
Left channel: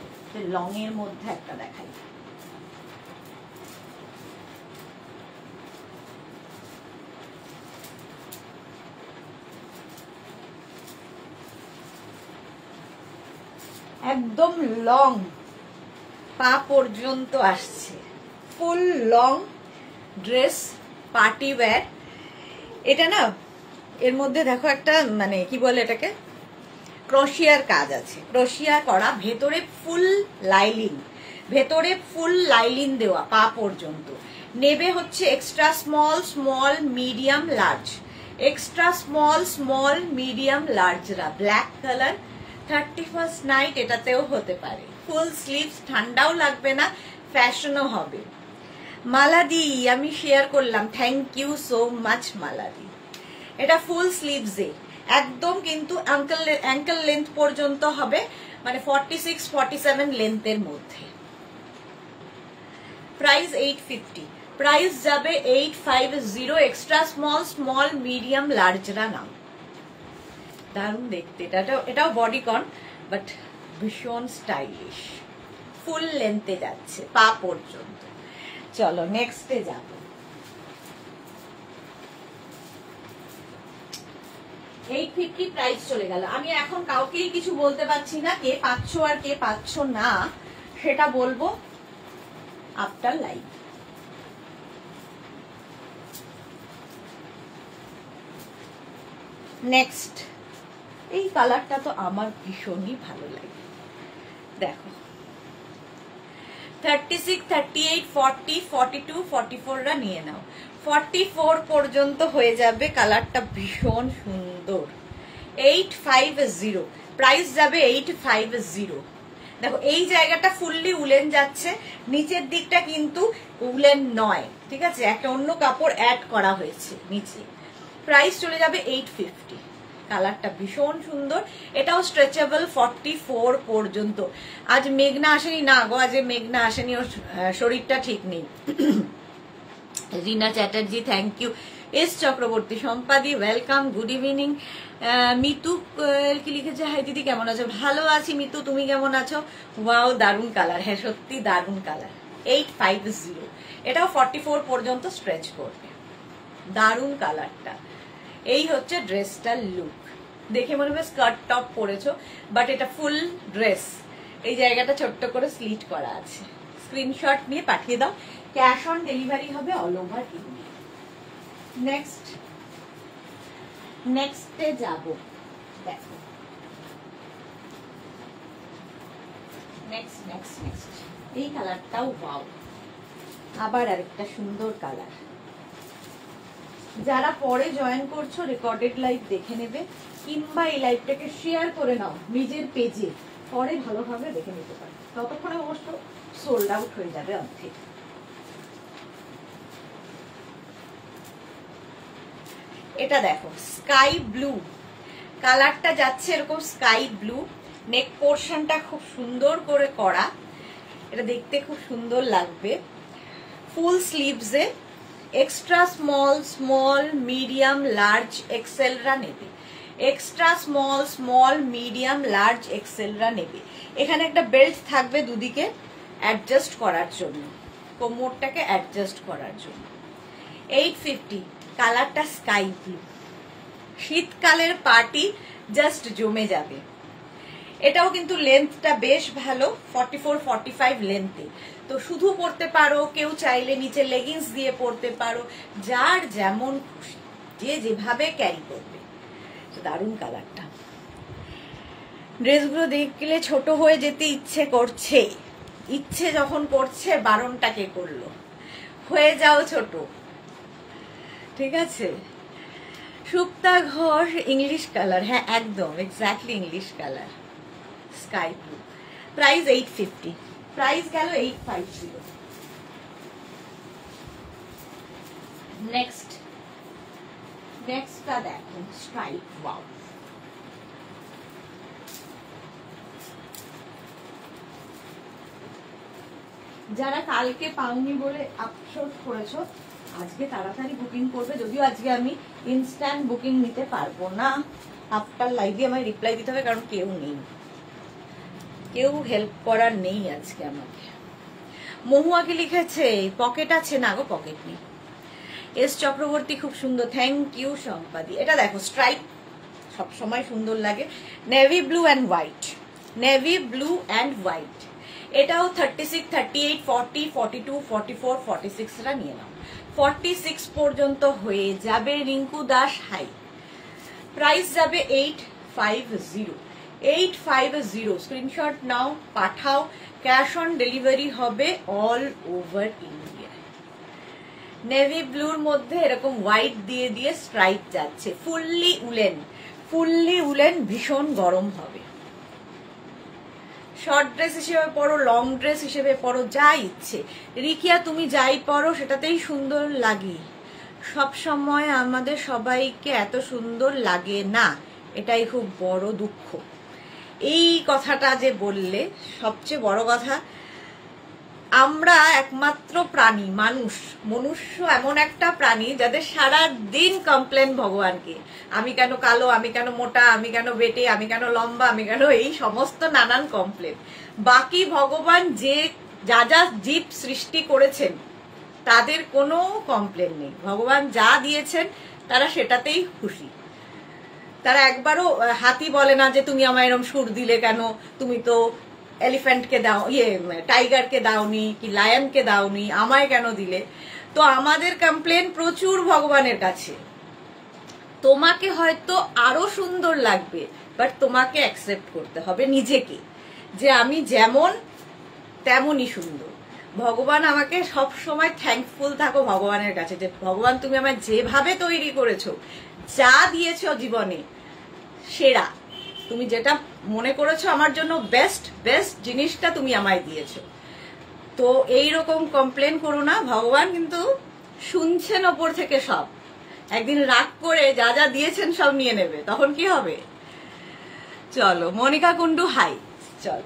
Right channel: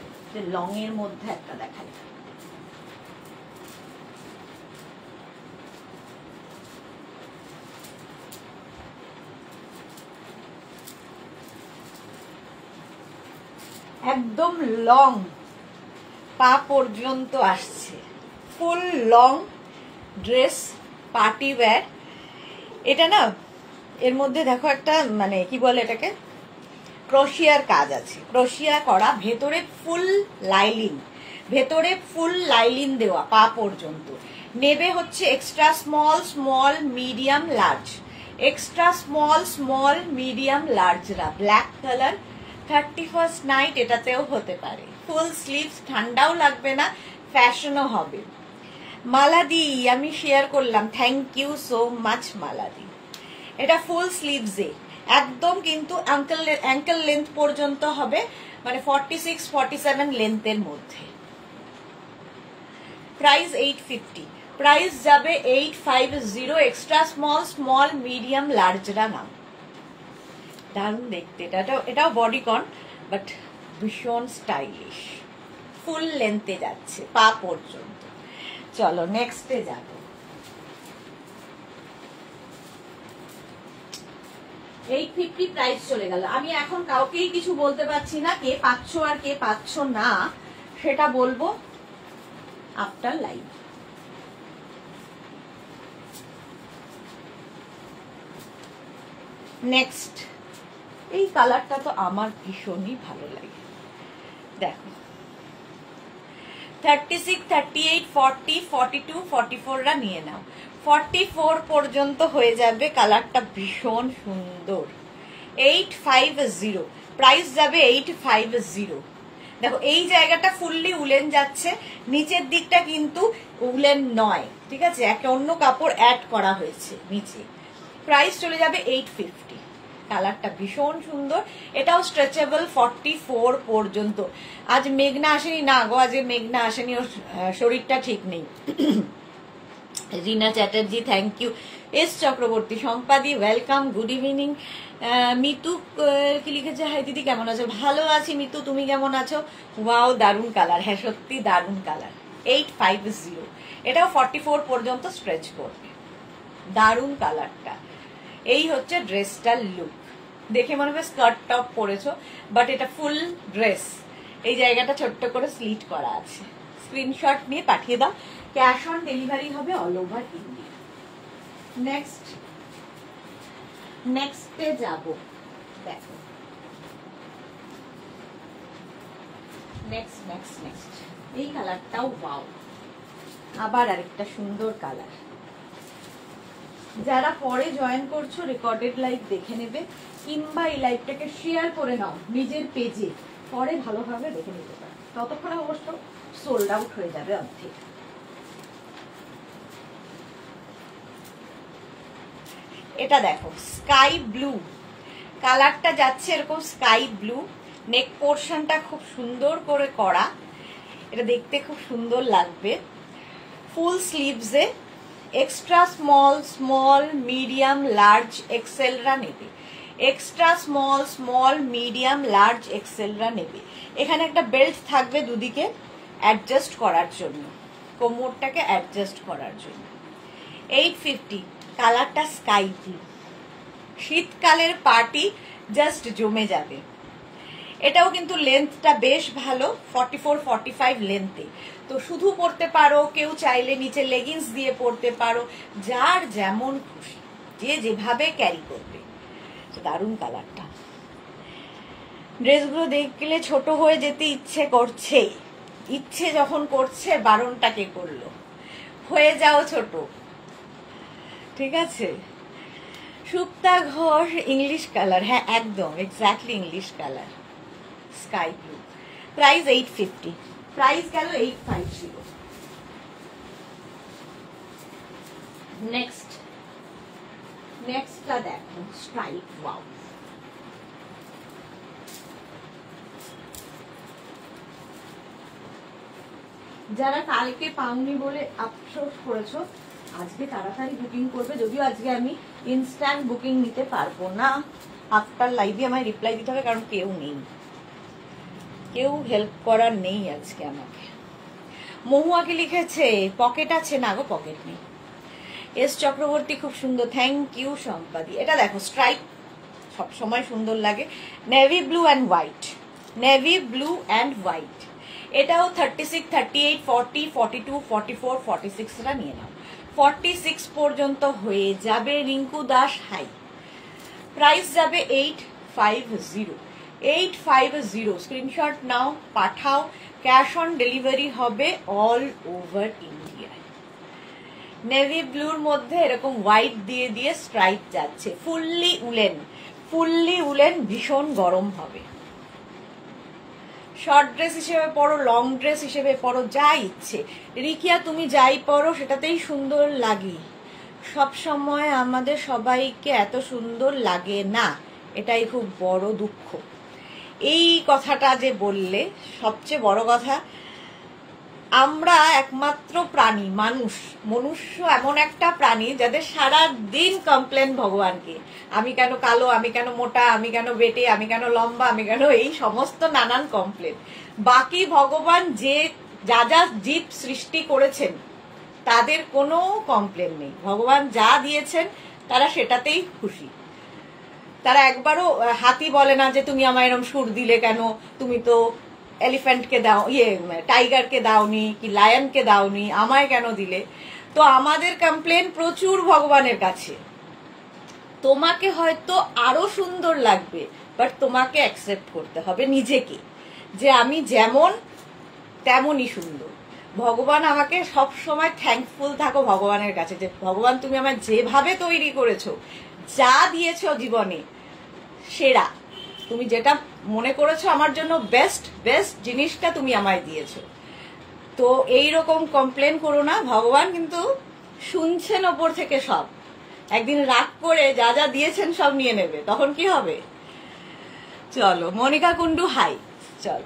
লং এর মধ্যে একটা দেখাই, একদম লং পা পর্যন্ত আসছে, full long dress, party wear. এটা না এর মধ্যে দেখো একটা মানে কি বলে এটাকে, ক্রোশিয়ার কাজ আছে, ক্রোশিয়া করা, ভেতরে ফুল লাইলিন দেওয়া পা পর্যন্ত। নেবে হচ্ছে extra small, small, medium, large. Extra small, small, medium, লার্জরা ব্ল্যাক কালার। 31st নাইট এটাতেও হতে পারে। ফুল স্লিভস, ঠান্ডাও লাগবে না, ফ্যাশনও হবে। মালাদি আমি শেয়ার করলাম, থ্যাংক ইউ সো মাচ মালাদি। এটা ফুল স্লিভসে একদম কিন্তু অ্যাঙ্কেল লেন্থ পর্যন্ত হবে, মানে 46, 47 লেন্থের মধ্যে। প্রাইস 850, প্রাইস যাবে 850। এক্সট্রা স্মল, স্মল, মিডিয়াম, লার্জরা নাম। দারুণ দেখতে, এটাও বডিকন, বাট ভীষণ স্টাইলিশ, ফুল লেন্থে যাচ্ছে পা পর্যন্ত। চলো নেক্সটে যাব। $850 প্রাইস চলে গেল। আমি এখন কাউকেই কিছু বলতে পারছি না, কে পাচ্ছ আর কে পাচ্ছ না সেটা বলবো আফটার লাইভ। নেক্সট, এই কালারটা তো আমার ভীষণই ভালো লাগে। দেখো 36, 38, 40, 42, 44রা নিয়ে নাও। 44 পর্যন্ত হয়ে যাবে, কালারটা ভীষণ সুন্দর। 850, প্রাইস যাবে 850। দেখো এই জায়গাটা ফুললি উলেন যাচ্ছে, নিচের দিকটা কিন্তু উলেন নয়, ঠিক আছে, একটা অন্য কাপড় অ্যাড করা হয়েছে নিচে। প্রাইস চলে যাবে 850। কালারটা ভীষণ সুন্দর, এটাও স্ট্রেচেবল 44 পর্যন্ত। আজ মেঘনা আসেনি না গো, আজ মেঘনা আসেনি, ওর শরীরটা ঠিক নেই। Rina Chatterjee thank you, S Chakraborty, Sampadi welcome, good evening. Mitu কি লিখেছে, হাই দিদি কেমন আছো? ভালো আছি মিতু, তুমি কেমন আছো? ওয়াও দারুন কালার, হ্যাঁ সত্যি দারুন কালার। 850, এটাও 44 পর্যন্ত স্ট্রেচ করবে। দারুন কালারটা। এই হচ্ছে ড্রেসটার লুক। দেখে মনে হবে স্কার্ট টপ পরেছো, বাট এটা ফুল ড্রেস। এই জায়গাটা ছোট্ট করে স্লিট করা আছে। স্ক্রিনশট নিয়ে পাঠিয়ে দাও, ক্যাশ অন ডেলিভারি হবে অল ওভার ইন্ডিয়া। নেক্সটে যাব, দেখো নেক্সট এই কালারটাও ওয়াও, আবার আরেকটা সুন্দর কালার। যারা পরে জয়েন করছো রেকর্ডেড লাইভ দেখে নেবে, কিংবা এই লাইভটাকে শেয়ার করে নাও নিজের পেজে, পরে ভালোভাবে দেখে নিতে পারো। ততক্ষণে অবশ্য সোল্ড আউট হয়ে যাবে অর্ধেক। এটা দেখো স্কাই ব্লু কালারটা যাচ্ছে, এরকম স্কাই ব্লু। নেক পোর্শনটা খুব সুন্দর করে করা, এটা দেখতে খুব সুন্দর লাগবে। ফুল স্লিভসে এক্সট্রা স্মল মিডিয়াম লার্জ এক্সেলরা নেবে, এক্সট্রা স্মল মিডিয়াম লার্জ এক্সেলরা নেবে। এখানে একটা বেল্ট থাকবে দুদিকে অ্যাডজাস্ট করার জন্য, কোমরটাকে অ্যাডজাস্ট করার জন্য। 850, কালারটা স্কাই ব্লু। শীতকালের পার্টি জাস্ট জমে যাবে। এটাও কিন্তু লেন্থটা বেশ ভালো, 44-45 লেন্থে। তো শুধু পরতে পারো, কেউ চাইলে নিচে লেগিংস দিয়ে পরতে পারো, যার যেমন খুশি, যে যেভাবে ক্যারি করবে। দারুণ কালারটা। ড্রেসগুলো দেখলে ছোট হয়ে যেতে ইচ্ছে করছে, ইচ্ছে যখন করছে বারণটাকে করলো, হয়ে যাও ছোট, ঠিক আছে। সুপ্তা ঘোষ ইংলিশ কালার, হ্যাঁ একদম exactly English colour, sky blue. Price 850, price গেল 850। নেক্সটটা দেখো স্ট্রাইপ, ওয়াও। যারা কালকে পাওনি বলে আফসোস করেছো, আজকে তাড়াতাড়ি বুকিং করবে। যদিও আজকে আমি ইনস্ট্যান্ট বুকিং নিতে পারবো না, আফটার লাইভে আমায় রিপ্লাই দিতে হবে, কারণ কেউ নেই, কেউ হেল্প করার নেই আজকে আমাকে। মহুয়া কি লিখেছে, পকেট আছে না গো, পকেট নেই। এস চক্রবর্তী খুব সুন্দর, থ্যাংক ইউ সম্পাদি। এটা দেখো স্ট্রাইপ সবসময় সুন্দর লাগে, navy blue and white, navy blue and white. এটাও 36, 38, 40, 42, 44, 46রা নিয়ে নাও, 46 পর্যন্ত হয়ে যাবে। রিঙ্কু দাস হাই। প্রাইস যাবে 850, 850। স্ক্রিনশট নাও, পাঠাও, ক্যাশ অন ডেলিভারি হবে অল ওভার ইন্ডিয়া। নেভি ব্লুর মধ্যে এরকম হোয়াইট দিয়ে দিয়ে স্ট্রাইপ যাচ্ছে, ফুললি উলেন, ভীষণ গরম হবে। শর্ট ড্রেস হিসেবে পরো, লং ড্রেস হিসেবে পরো, যা ইচ্ছে। রিকিয়া তুমি যাই পরো সেটাতেই সুন্দর লাগে, সব সময় আমাদের সবাইকে এত সুন্দর লাগে না, এটাই খুব বড় দুঃখ। এই কথাটা যে বললে, সবচেয়ে বড় কথা, আমরা একমাত্র প্রাণী, মনুষ্য এমন একটা প্রাণী যাদের সারা দিন কমপ্লেন ভগবানকে, আমি কেন কালো, আমি কেন মোটা, আমি কেন বেটে, আমি কেন লম্বা, আমি কেন, এই সমস্ত নানান কমপ্লেন। বাকি ভগবান যা জীব সৃষ্টি করেছেন তাদের কোনো কমপ্লেন নেই, ভগবান যা দিয়েছেন তারা সেটাতেই খুশি। তারা একবারও হাতি বলে না যে তুমি আমায় এরকম সুর দিলে কেন, তুমি তো এলিফ্যান্টকে দাও, টাইগারকে দাওনি, কি লায়নকে দাওনি, আমায় কেন দিলে। তো আমাদের কমপ্লেন প্রচুর ভগবানের কাছে। তোমাকে হয়তো আরো সুন্দর লাগবে, বাট তোমাকে অ্যাকসেপ্ট করতে হবে নিজেকে, যে আমি যেমন তেমনই সুন্দর। ভগবান আমাকে সব সময় থ্যাঙ্কফুল থাকো ভগবানের কাছে, যে ভগবান তুমি আমায় যেভাবে তৈরি করেছো, যা দিয়েছো জীবনে সেরা, তুমি যেটা মনে করেছো আমার জন্য বেস্ট জিনিসটা তুমি আমায় দিয়েছো। তো এইরকম কমপ্লেন করো না, ভগবান কিন্তু শুনছেন ওপর থেকে সব। একদিন রাগ করে যা যা দিয়েছেন সব নিয়ে নেবে, তখন কি হবে? চলো মনিকা কুন্ডু হাই। চল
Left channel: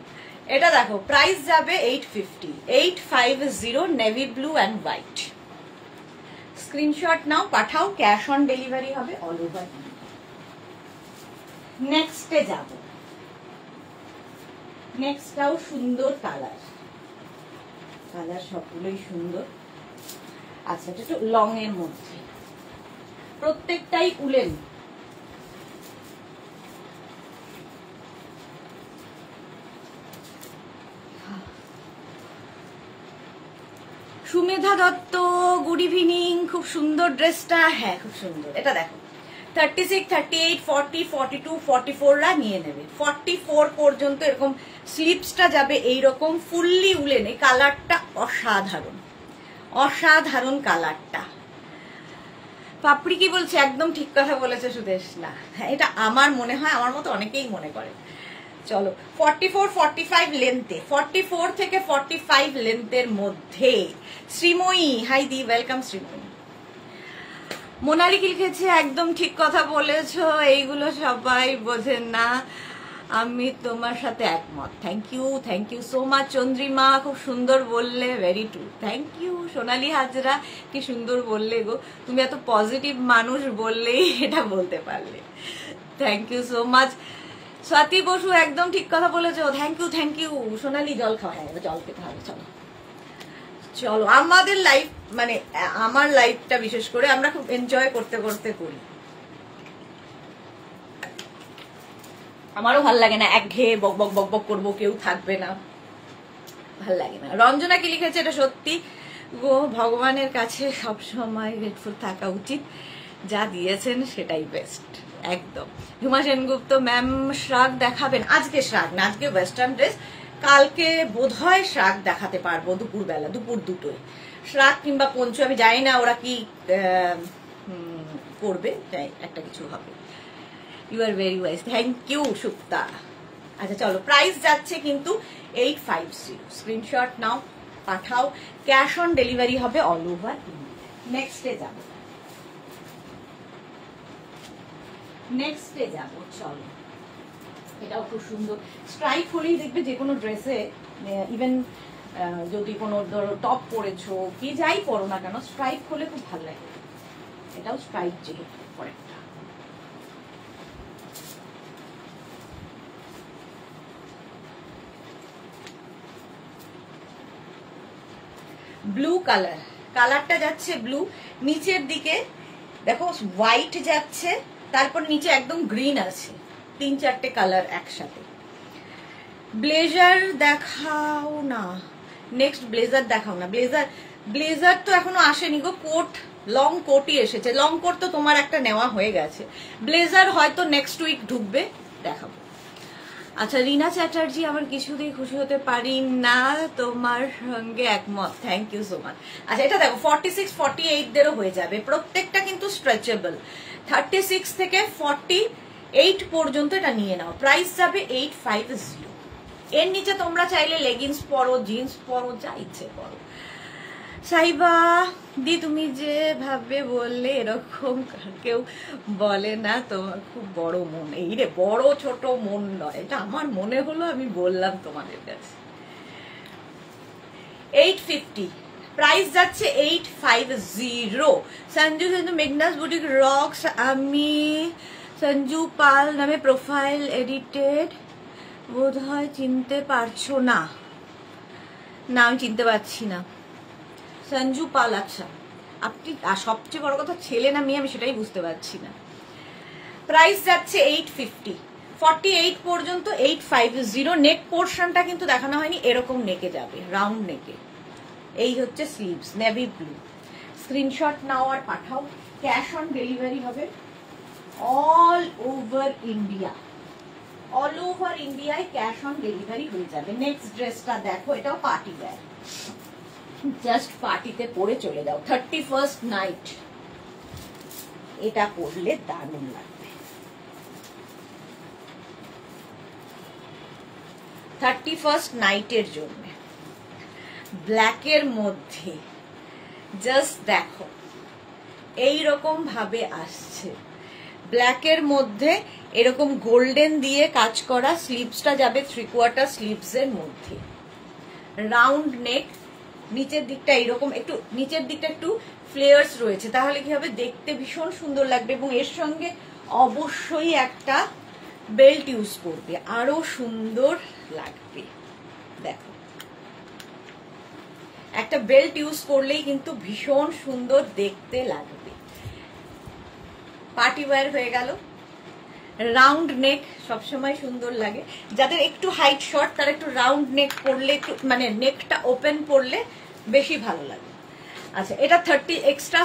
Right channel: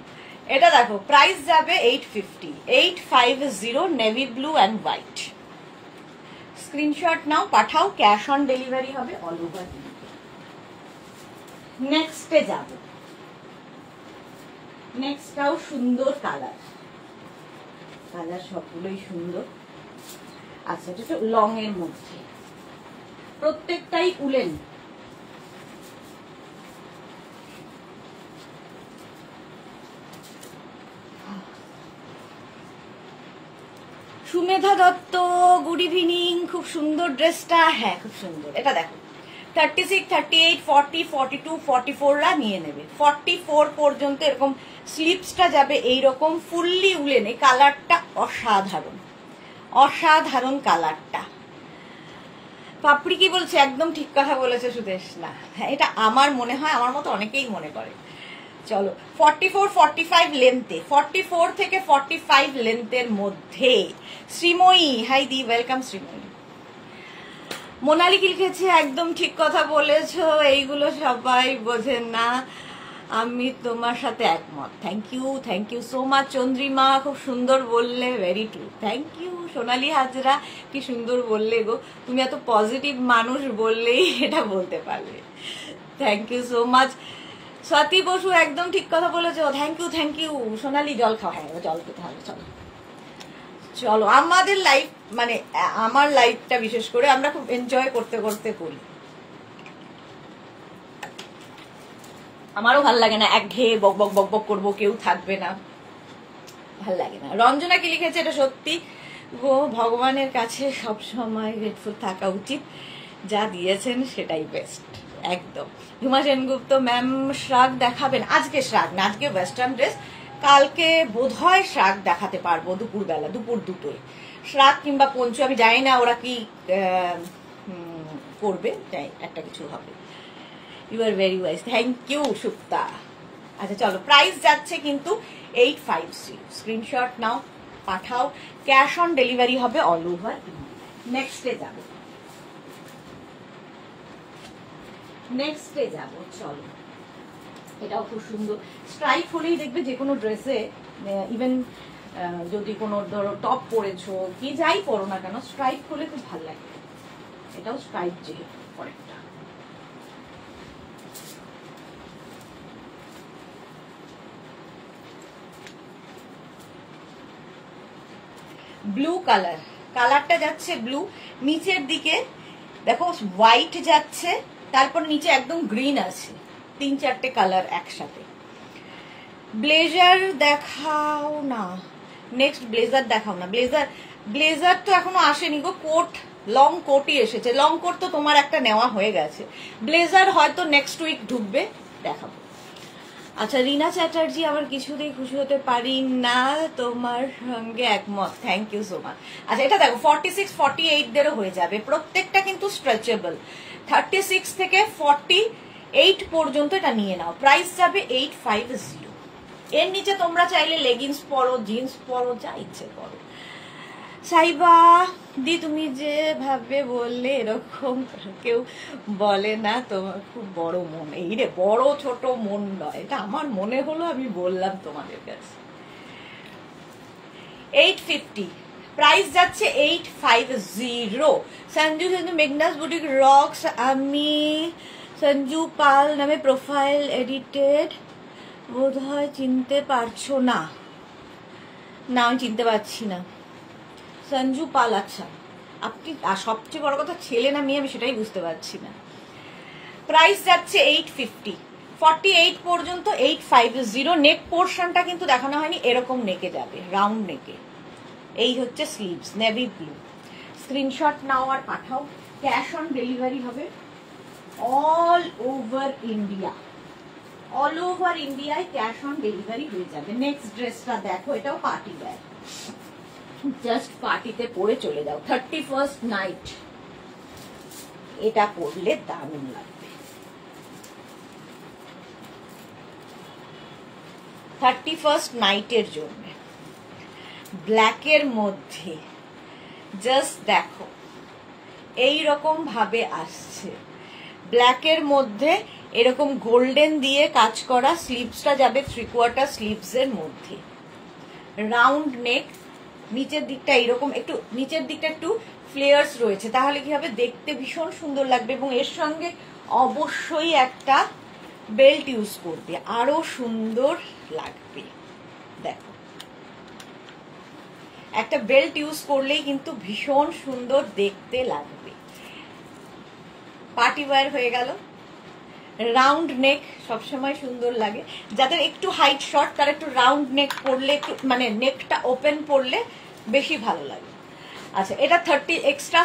এটা দেখো, প্রাইস যাবে 850, 850, navy blue and white. Screenshot নাও, পাঠাও, ক্যাশ অন ডেলিভারি হবে অল ওভার। নেক্সটে যাব, নেক্সটটাও সুন্দর কালার, কালার সবগুলোই সুন্দর। আচ্ছা একটু লং এর মধ্যে, প্রত্যেকটাই woollen. Sumedha Dutta good evening, খুব সুন্দর ড্রেসটা। হ্যাঁ খুব সুন্দর। এটা দেখো 36, 38, 40, 42, 44রা নিয়ে নেবে। 44 পর্যন্ত এরকম স্লিপসটা যাবে এইরকম ফুললি উলেনে। কালারটা অসাধারণ, অসাধারণ কালারটা। পাপড়ি কি বলছে? একদম ঠিক কথা বলেছে সুদেশ। না হ্যাঁ, এটা আমার মনে হয়, আমার মতো অনেকেই মনে করে। চলো 44, 45 লেন্থে, 44 থেকে 45 লেন্থের মধ্যে। শ্রীময়ী হাই দি, ওয়েলকাম শ্রীময়ী। মোনালি কি লিখেছে? একদম ঠিক কথা বলেছো, এইগুলো সবাই বোঝেন না, আমি তোমার সাথে একমত। Thank you so much Chandrima, খুব সুন্দর বললে, very true. Thank you Sonali Hazra, কি সুন্দর বললে গো, তুমি এত পজিটিভ মানুষ বললেই এটা বলতে পারলে। Thank you so much Swati Basu, একদম ঠিক কথা বলেছো। Thank you Sonali. জল খাও, হ্যাঁ জল খেতে হবে। চলো চলো, আমাদের লাইফ মানে আমার লাইফটা বিশেষ করে আমরা খুব এনজয় করতে করতে করি। আমারও ভাল লাগে না একঘেয়ে বক বক বক বক করবো, কেউ থাকবে না, ভাল লাগে না। রঞ্জনা কি লিখেছে? এটা সত্যি গো, ভগবানের কাছে সবসময় গ্রেটফুল থাকা উচিত, যা দিয়েছেন সেটাই বেস্ট। একদম। ঝুমা সেনগুপ্ত ম্যাম, শ্রাগ দেখাবেন? আজকে শ্রাগ না, আজকে ওয়েস্টার্ন ড্রেস। কালকে বোধহয় শ্রাগ দেখাতে পারবো দুপুরবেলা, দুপুর 2টোয়। শ্রাগ কিংবা পঞ্চু আমি জানি না ওরা কি করবে, একটা কিছু হবে। You are very wise, thank you Sukta. আচ্ছা চলো, প্রাইস যাচ্ছে কিন্তু 850। স্ক্রিনশট নাও, পাঠাও, ক্যাশ অন ডেলিভারি হবে অল ওভার। নেক্সটে যাব, চলো এটাও খুব সুন্দর। স্ট্রাইপ হলেই দেখবে যে কোনো ড্রেসে, ইভেন যদি কোনো ধরো টপ পরেছো কি যাই পরো না কেন, স্ট্রাইপ হলে খুব ভালো লাগে। এটাও স্ট্রাইপ যেহেতু পরেরটা। ব্লু কালার, কালারটা যাচ্ছে ব্লু, নিচের দিকে দেখো হোয়াইট যাচ্ছে, তারপর নিচে একদম গ্রিন আছে, 3-4টে কালার একসাথে। ব্লেজার দেখাও না, নেক্সট ব্লেজার দেখাও না। ব্লেজার তো এখনো আসেনি গো, কোট, লং কোটই এসেছে। লং কোট তো তোমার একটা নেওয়া হয়ে গেছে, ব্লেজার হয়তো নেক্সট উইক ঢুকবে, দেখাবো। আচ্ছা রীনা চ্যাটার্জি, আমার কিছুতেই খুশি হতে পারি না, তোমার সঙ্গে একমত। Thank you so much. আচ্ছা এটা দেখো 46, 48দেরও হয়ে যাবে, প্রত্যেকটা কিন্তু স্ট্রেচেবল। 36 থেকে 48 পর্যন্ত এটা নিয়ে নাও। প্রাইস যাবে 850। এর নিচে তোমরা চাইলে লেগিংস পরো, জিন্স পরো, যা ইচ্ছে পরো। সাইবা দি, তুমি যেভাবে বললে এরকম কেউ বলে না, তোমার খুব বড় মন। এই রে, বড় ছোট মন নয়, এটা আমার মনে হলো, আমি বললাম তোমাদের কাছে। 850, প্রাইস যাচ্ছে 850। সঞ্জু মেঘনাস বুটিক রক্স, আমি সঞ্জু পাল নামে প্রোফাইল এডিটেড, বোধহয় চিনতে পারছো না। না আমি চিনতে পারছি না। সঞ্জু পাল, আচ্ছা আপনি, সবচেয়ে বড় কথা ছেলে না মেয়ে আমি সেটাই বুঝতে পারছি না। প্রাইস যাচ্ছে 850, 48 পর্যন্ত 850। নেক পোর্শনটা কিন্তু দেখানো হয়নি, এরকম নেকে যাবে, রাউন্ড নেকে। এই হচ্ছে স্লিভস, নেভি ব্লু। স্ক্রিনশট নাও আর পাঠাও, ক্যাশ অন ডেলিভারি হবে all over India. All over ইন্ডিয়ায় ক্যাশ অন ডেলিভারি হয়ে যাবে। নেক্সট ড্রেসটা দেখো, এটাও পার্টি ওয়্যার, জাস্ট পার্টিতে পরে চলে যাও। 31st নাইট এটা পরলে দারুণ লাগবে। 31st নাইটের জন্য ব্ল্যাকের মধ্যে জাস্ট দেখো এই রকম ভাবে আসছে। ব্ল্যাকের মধ্যে এরকম গোল্ডেন দিয়ে কাজ করা, স্লিভসটা যাবে 3/4 স্লিভস এর মধ্যে, রাউন্ড নেক, নিচের দিকটা এইরকম একটু, নিচের দিকটা একটু ফ্লেয়ার্স রয়েছে, তাহলে কি হবে দেখতে ভীষণ সুন্দর লাগবে। এবং এর সঙ্গে অবশ্যই একটা বেল্ট ইউজ করবে, আরো সুন্দর লাগবে। দেখো একটা বেল্ট ইউজ করলেই কিন্তু ভীষণ সুন্দর দেখতে লাগবে। পার্টি ওয়্যার হয়ে গেল। রাউন্ড নেক সবসময় সুন্দর লাগে, যাদের একটু হাইট শর্ট তারা একটু রাউন্ড নেক পরলে, একটু মানে নেকটা ওপেন পরলে বেশি ভালো লাগে। আচ্ছা, এটা 30 এক্সট্রা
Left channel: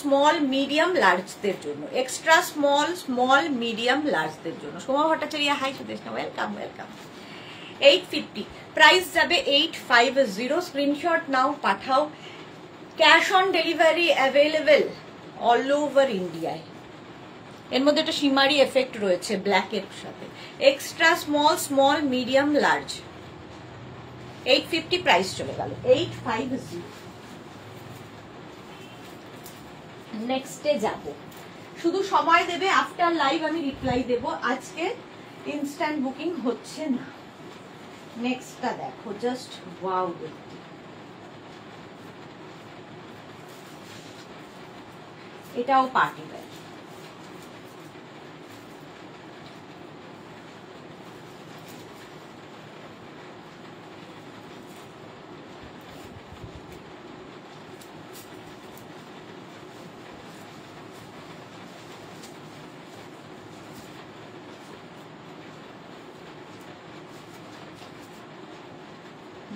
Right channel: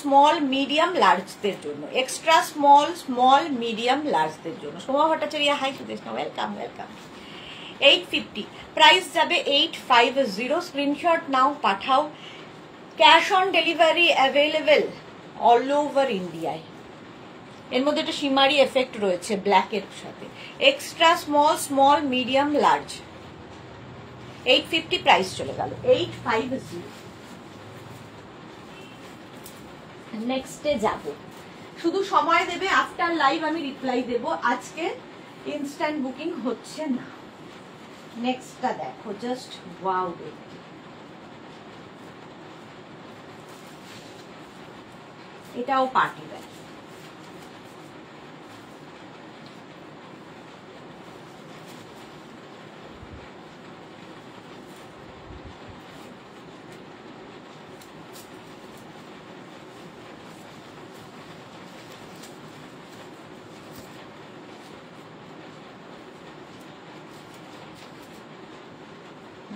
স্মল মিডিয়াম লার্জদের জন্য, এক্সট্রা স্মল মিডিয়াম লার্জদের জন্য। Soma Bhattacharya, hi Sudeshna, welcome welcome. 850 price যাবে 850। স্ক্রিনশট নাও, পাঠাও। Cash on delivery available all over ইন্ডিয়ায়। এর মধ্যে একটা শিমারি এফেক্ট রয়েছে ব্ল্যাকের সাথে। Extra small medium large 850 price চলে গেল 850। নেক্সটে যাব, শুধু সময় দেবে, আফটার লাইভ আমি রিপ্লাই দেব, আজকে ইনস্ট্যান্ট বুকিং হচ্ছে না। নেক্সটটা দেখো, জাস্ট ওয়াও দেখতে। এটাও পার্টি ওয়্যার।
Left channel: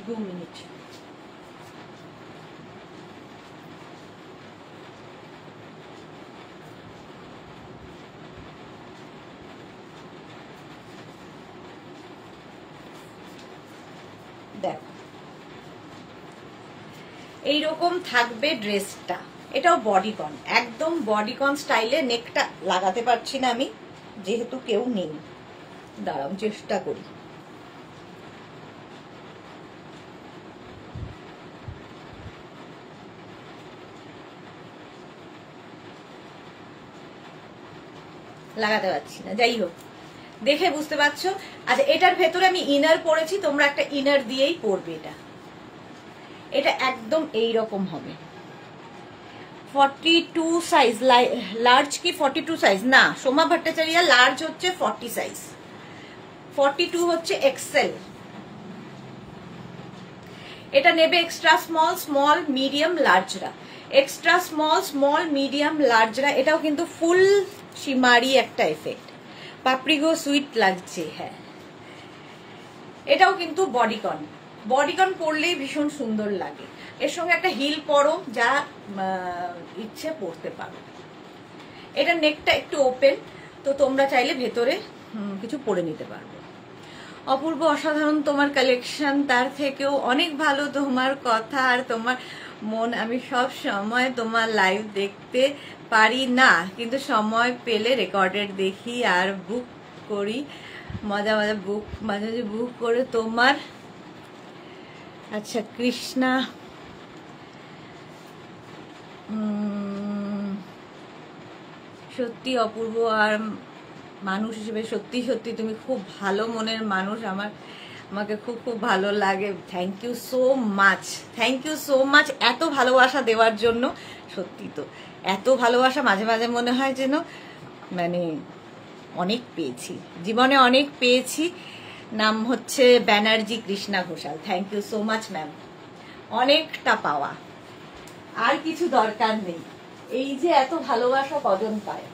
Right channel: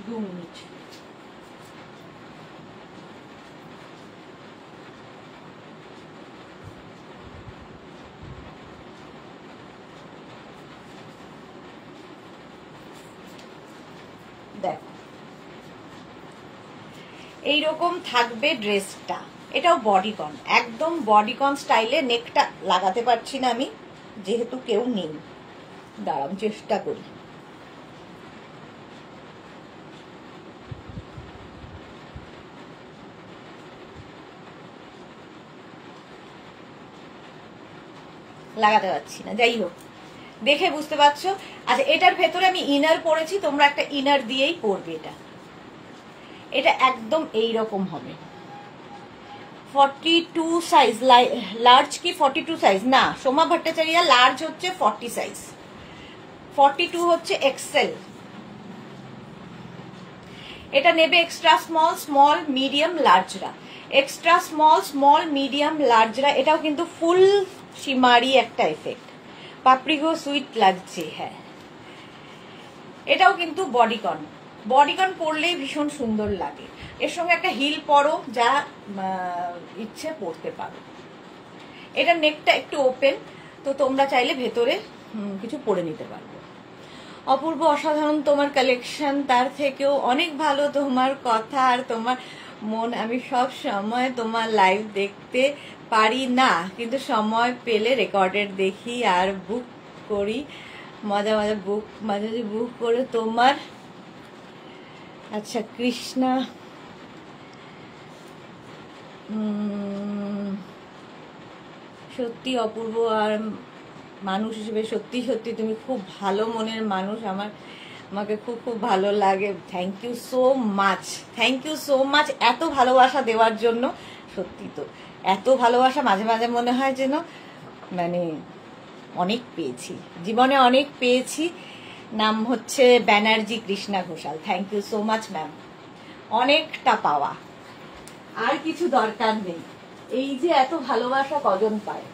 দু মিনিট। দেখো এইরকম থাকবে ড্রেসটা, এটাও বডিকন, একদম বডিকন স্টাইলে। নেকটা লাগাতে পারছি না আমি যেহেতু কেউ নেই, দাঁড়াও চেষ্টা করি। লাগাতে পারছি না, যাই হোক দেখে বুঝতে পারছো। আচ্ছা, এটার ভেতরে আমি ইনার পরেছি, তোমরা একটা ইনার দিয়েই পরবে। এটা একদম এইরকম হবে। 42 সাইজ, লার্জ কি 42 সাইজ? না সোমা ভট্টাচার্য, লার্জ হচ্ছে 40 সাইজ, 42 হচ্ছে এক্সেল। এটা নেবে এক্সট্রা স্মল মিডিয়াম লার্জরা, এক্সট্রা স্মল মিডিয়াম লার্জরা। এটাও কিন্তু ফুল শিমারি একটা এফেক্ট, পাপড়িগো সুইট লাগছে। হ্যাঁ, এটাও কিন্তু বডিকন পরলেই ভীষণ সুন্দর লাগে। এর সঙ্গে একটা হিল পরো, যা ইচ্ছে পরতে পারো। এটা নেকটা একটু ওপেন, তো তোমরা চাইলে ভেতরে কিছু পরে নিতে পারবে। অপূর্ব, অসাধারণ তোমার কালেকশন, তার থেকেও অনেক ভালো তোমার কথা আর তোমার মন। আমি সব সময় তোমার লাইভ দেখতে পারি না, কিন্তু সময় পেলে রেকর্ডেড দেখি আর বুক করি, মাঝে মাঝে বুক করে তোমার। আচ্ছা কৃষ্ণা, সত্যি অপূর্ব, আর মানুষ হিসেবে সত্যি সত্যি তুমি খুব ভালো মনের মানুষ, আমাকে খুব খুব ভালো লাগে। থ্যাংক ইউ সো মাচ এত ভালোবাসা দেওয়ার জন্য। সত্যি তো এত ভালোবাসা মাঝে মাঝে মনে হয় যেন মানে অনেক পেয়েছি, জীবনে অনেক পেয়েছি। নাম হচ্ছে Banerjee Krishna Ghoshal. Thank you so much ma'am, অনেকটা পাওয়া, আর কিছু দরকার নেই। এই যে এত ভালোবাসা কজন পায়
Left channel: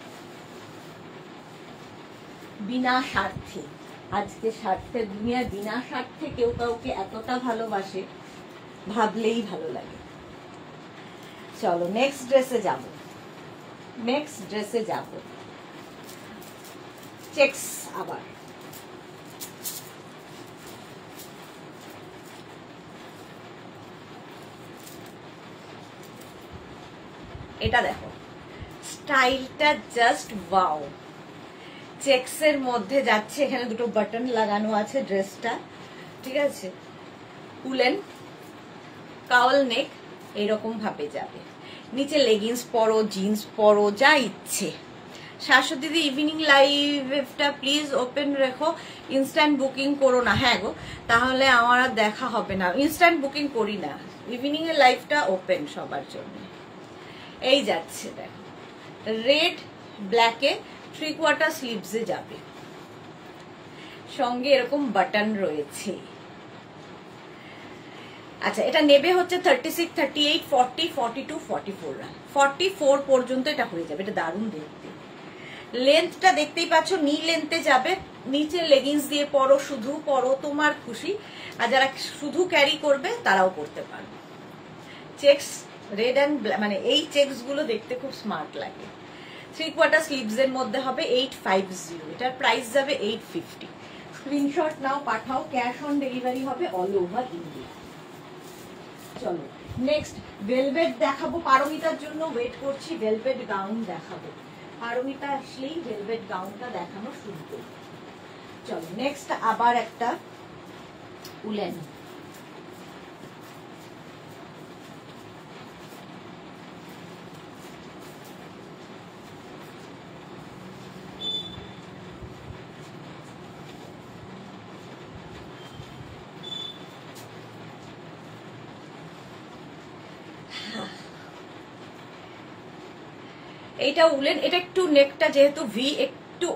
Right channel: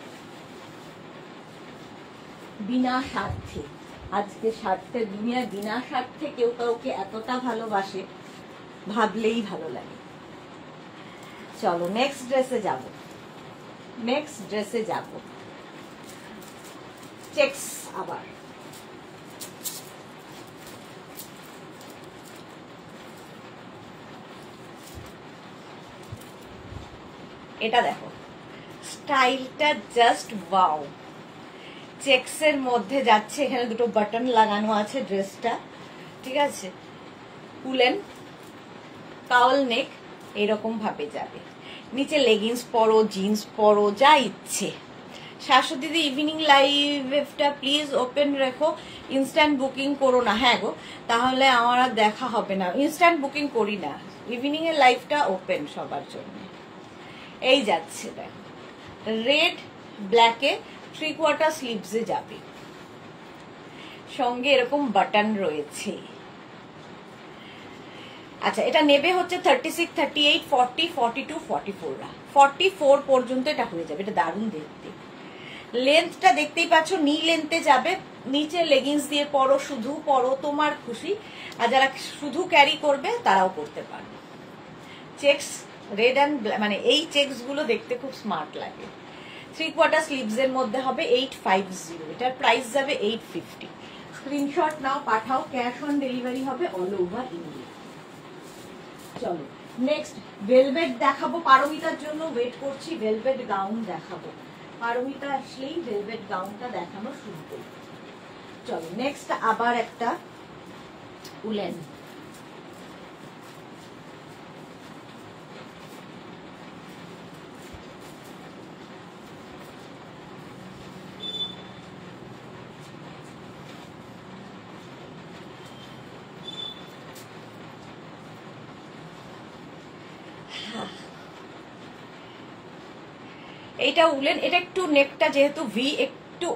বিনা স্বার্থে। আজকে স্বার্থের দুনিয়া, বিনা স্বার্থে কেউ কাউকে এতটা ভালোবাসে, ভাবলেই ভালো লাগে। চলো নেক্সট ড্রেসে যাব। চেকস আবার। এটা দেখো, স্টাইলটা জাস্ট ওয়াও। চেকসের মধ্যে যাচ্ছে, এখানে দুটো বাটন লাগানো আছে ড্রেসটা, ঠিক আছে, উলেন কাউল নেক এরকম ভাবে যাবে, নিচে লেগিংস পরো, জিন্স পরো, যা ইচ্ছে। শাশ্বতী দিদি ইভিনিং লাইভটা প্লিজ ওপেন রেখো, ইনস্ট্যান্ট বুকিং করো না। হ্যাঁ গো, তাহলে আমার আর দেখা হবে না, ইনস্ট্যান্ট বুকিং করি না, ইভিনিং এর লাইভটা ওপেন সবার জন্য। এই যাচ্ছে দেখো, রেড ব্ল্যাকে 3/4 স্লিভসে যাবে, সঙ্গে এরকম বাটন রয়েছে। আচ্ছা, এটা নেবে হচ্ছে 36, 38, 40, 42, 44 44 পর্যন্ত এটা হয়ে যাবে। এটা দারুণ দেখতে। লেন্থটা দেখতেই পাচ্ছ, নি লেন্থে যাবে, নিচে লেগিংস দিয়ে পরো, শুধু পরো, তোমার খুশি। আর যারা শুধু ক্যারি করবে তারাও করতে পারবে। চেকস রেড অ্যান্ড মানে এই চেকস গুলো দেখতে খুব স্মার্ট লাগে। 3/4 স্লিভস এর মধ্যে হবে 850, এটার প্রাইস যাবে 850। স্ক্রিনশট নাও, পাঠাও, ক্যাশ অন ডেলিভারি হবে অল ওভার ইন্ডিয়া। চলো নেক্সট ভেলভেট দেখাবো, পারমিতার জন্য ওয়েট করছি, ভেলভেট গাউন দেখাবো। পারমিতা আসলেই ভেলভেট গাউনটা দেখানো শুরু করবো। চলো নেক্সট আবার একটা উলেন, এইটা উলেন। এটা একটু নেকটা যেহেতু ভি, একটু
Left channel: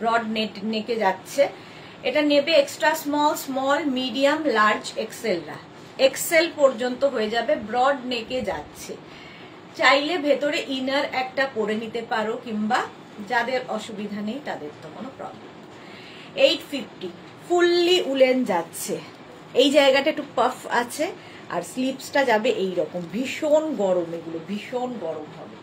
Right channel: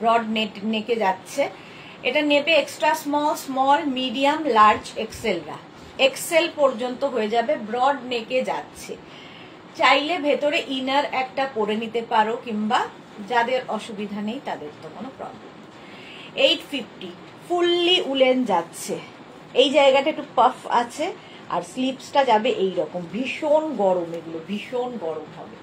ব্রড নেকে যাচ্ছে। এটা নেবে extra small, small, medium, large, এক্সেলরা, এক্সেল পর্যন্ত হয়ে যাবে, ব্রড নেকে যাচ্ছে। চাইলে ভেতরে ইনার একটা পরে নিতে পারো, কিংবা যাদের অসুবিধা নেই তাদের তো কোনো প্রবলেম। 850 ফুললি উলেন যাচ্ছে, এই জায়গাটা একটু পাফ আছে, আর স্লিভসটা যাবে এইরকম, ভীষণ গরম, এগুলো ভীষণ গরম হবে।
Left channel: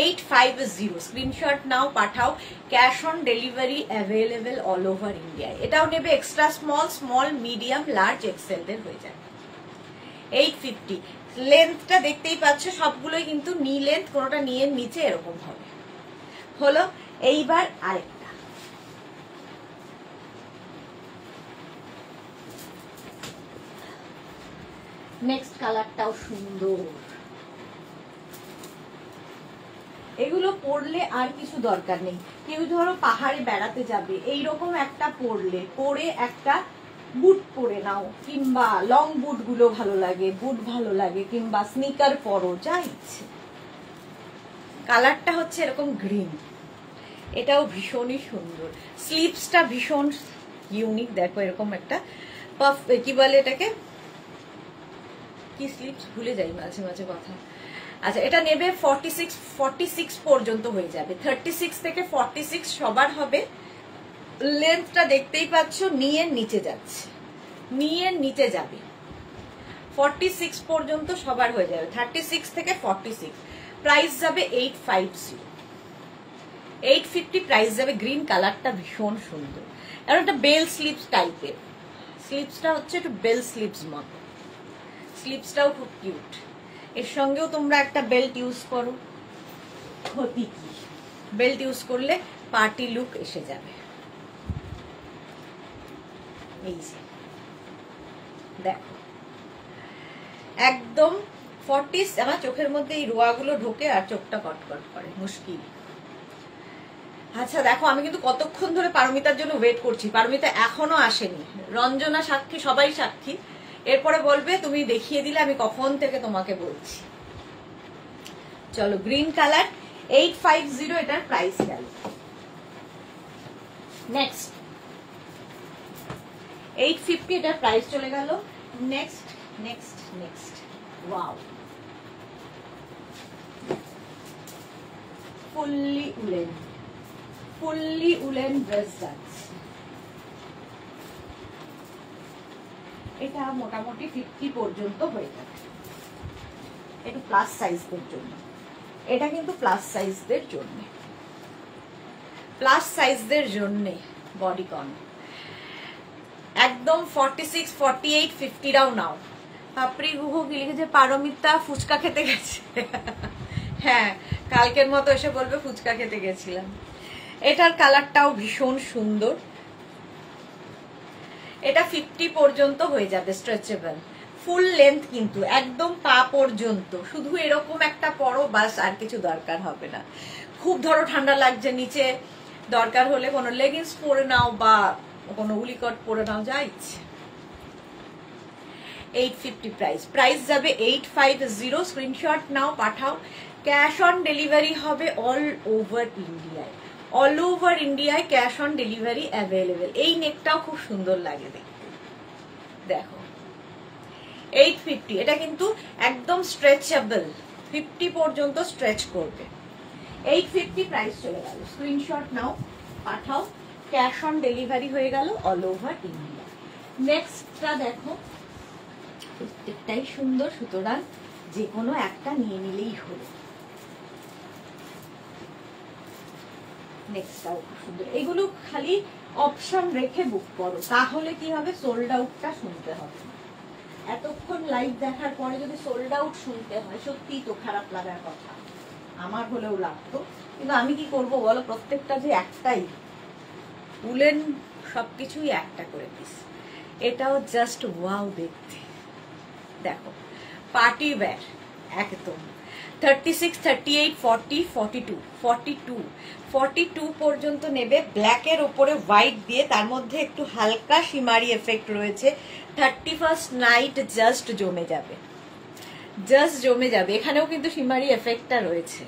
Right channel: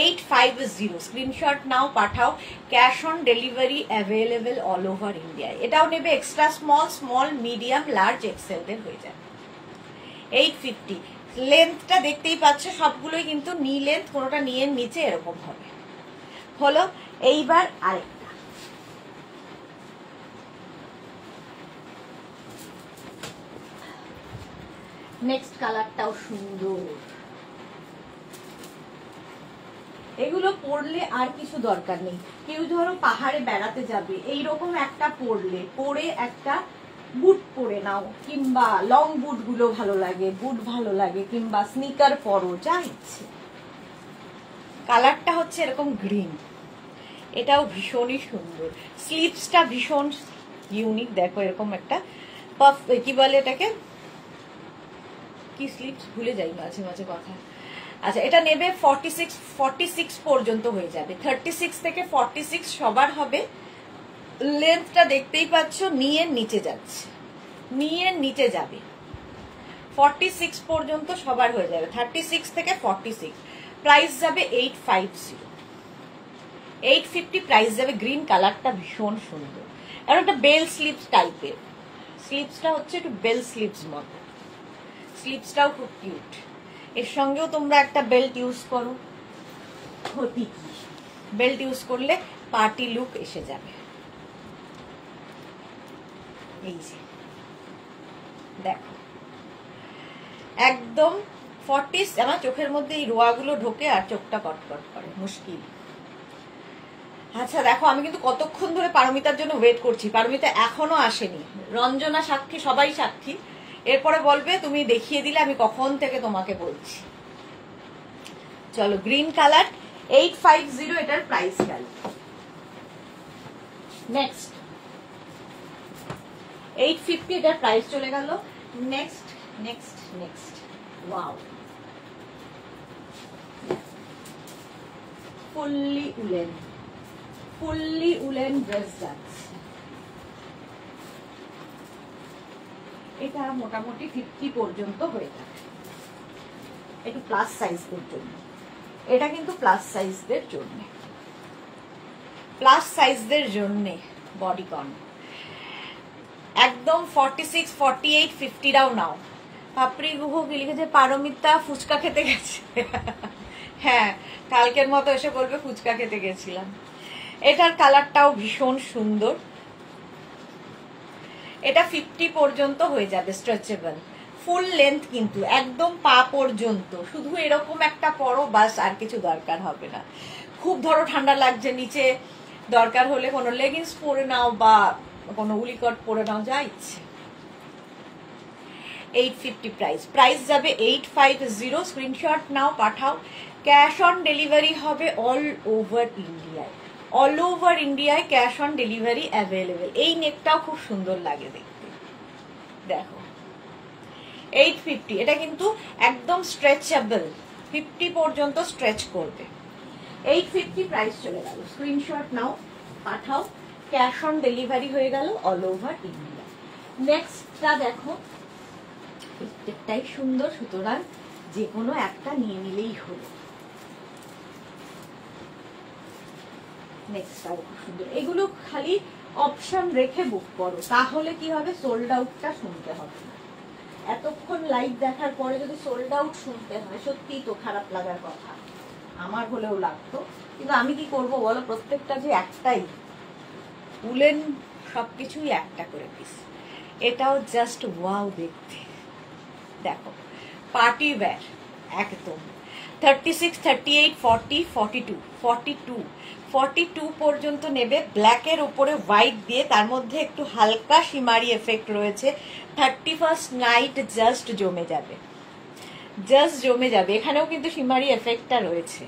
850 স্ক্রিনশট নাও, পাঠাও, cash on delivery available all over India. এটাও নেবে extra small, small, medium, large, এক্সেলদের হয়ে যায়। 850 লেন্থটা দেখতেই পাচ্ছ, সবগুলোই কিন্তু নি লেন্থ, কোনোটা নিয়ে নিচে এরকম হবে। হলো, এইবার আরেকটা নেক্সট কালারটাও সুন্দর। এগুলো পরলে আর কিছু দরকার নেই। কেউ ধরো পাহাড়ে বেড়াতে যাবে, এইরকম একটা পরলে, পরে একটা বুট পরে নাও, কিংবা লং বুট গুলো ভালো লাগে, বুট ভালো লাগে, কিংবা স্নিকার পরো, যা ইচ্ছে। কালারটা হচ্ছে এরকম গ্রিন, এটাও ভীষণই সুন্দর। স্লিভসটা ভীষণ ইউনিক, দেখো এরকম একটা পাফ, কি বলে এটাকে, কি স্লিভস ভুলে যাই মাঝে মাঝে কথা। আচ্ছা, এটা নেবে 46 পর্যন্ত হয়ে যাবে, 36 থেকে 46 সবার হবে। লেন্থটা দেখতেই পাচ্ছ, নিয়ের নিচে যাচ্ছে, নিয়ের নিচে যাবে, 46 পর্যন্ত সবার হয়ে যাবে, 36 থেকে 46। প্রাইস যাবে 850, 850 প্রাইস যাবে। গ্রিন কালারটা ভীষণ সুন্দর, কারণ এটা বেল স্লিভস টাইপের, স্লিভসটা হচ্ছে একটু বেল স্লিভস মতো, স্লিভসটাও খুব কিউট। এর সঙ্গেও তোমরা একটা বেল্ট ইউজ করো, ক্ষতি কি, বেল্ট ইউজ করলে পার্টি লুক এসে যাবে। এই যে দেখো, একদম 40, আমার চোখের মধ্যে এই রোয়াগুলো ঢোকে আর চোখটা কটকট করে, মুশকিল। আচ্ছা দেখো, আমি কিন্তু কতক্ষণ ধরে পারমিতার জন্য ওয়েট করছি, পারমিতা এখনো আসেনি, রঞ্জনা সাক্ষী, সবাই সাক্ষী। এরপরে বলবে তুমি দেখিয়ে দিলে আমি কখন থেকে তোমাকে বলছি। চলো, গ্রিন কালার 850, এটার প্রাইস গেল। নেক্সট 850, এটার প্রাইস চলে গেল। Next next next wow, fully woollen, fully woollen dress যাচ্ছে। এটা মোটামুটি 50 পর্যন্ত হয়ে যাবে, একটু প্লাস সাইজদের জন্য। এটা কিন্তু প্লাস সাইজদের জন্য, প্লাস সাইজদের জন্য বডিকন। একদম 46, 48, 50রাও নাও। পাপড়ি গুহু কি লিখেছে, পারমিতা ফুচকা খেতে গেছে। হ্যাঁ, কালকের মতো এসে বলবে ফুচকা খেতে গেছিলাম। এটার কালারটাও ভীষণ সুন্দর, এটা 50 পর্যন্ত হয়ে যাবে স্ট্রেচেবল, ফুল লেন্থ কিন্তু একদম পা পর্যন্ত। শুধু এরকম একটা পরো, বাস, আর কিছু দরকার হবে না। খুব ধরো ঠান্ডা লাগছে নিচে, দরকার হলে কোনো লেগিংস পরে নাও বা কোনো উলিকট পরে নাও, যা ইচ্ছে। 850 প্রাইস যাবে 850। স্ক্রিনশট নাও, পাঠাও। ক্যাশ অন ডেলিভারি হবে অল ওভার ইন্ডিয়ায়, অল ওভার ইন্ডিয়ায় ক্যাশ অন ডেলিভারি অ্যাভেলেবেল। এই নেকটাও খুব সুন্দর লাগে দেখতে, দেখো 850। এটা কিন্তু একদম স্ট্রেচেবল, 50 পর্যন্ত স্ট্রেচ করবে। 850 প্রাইস চলে গেল। স্ক্রিনশট নাও, পাঠাও। ক্যাশ অন ডেলিভারি হয়ে গেল অল ওভার ইন্ডিয়া। নেক্সটটা দেখো, প্রত্যেকটাই সুন্দর, সুতরাং যে কোনো একটা নিয়ে নিলেই হলো। নেক্সটটাও খুব সুন্দর। এগুলো খালি অপশন রেখে বুক করো, তাহলে কি হবে, সোল্ড আউটটা শুনতে হবে না। এতক্ষণ লাইভ দেখার পরে যদি সোল্ড আউট শুনতে হয়, সত্যি তো খারাপ লাগার কথা, আমার হলেও লাগতো। কিন্তু আমি কি করব বলো, প্রত্যেকটা যে একটাই উলেন, সবকিছুই একটা করে পিস। এটাও জাস্ট ওয়াও দেখতে, দেখো পার্টি ওয়্যার একদম। 36, 38, 40, 42, 42, 42 পর্যন্ত নেবে। ব্ল্যাকের উপরে হোয়াইট দিয়ে, তার মধ্যে একটু হালকা শিমারি এফেক্ট রয়েছে। 31st নাইট জাস্ট জমে যাবে, জাস্ট জমে যাবে। এখানেও কিন্তু শিমারি এফেক্টটা রয়েছে।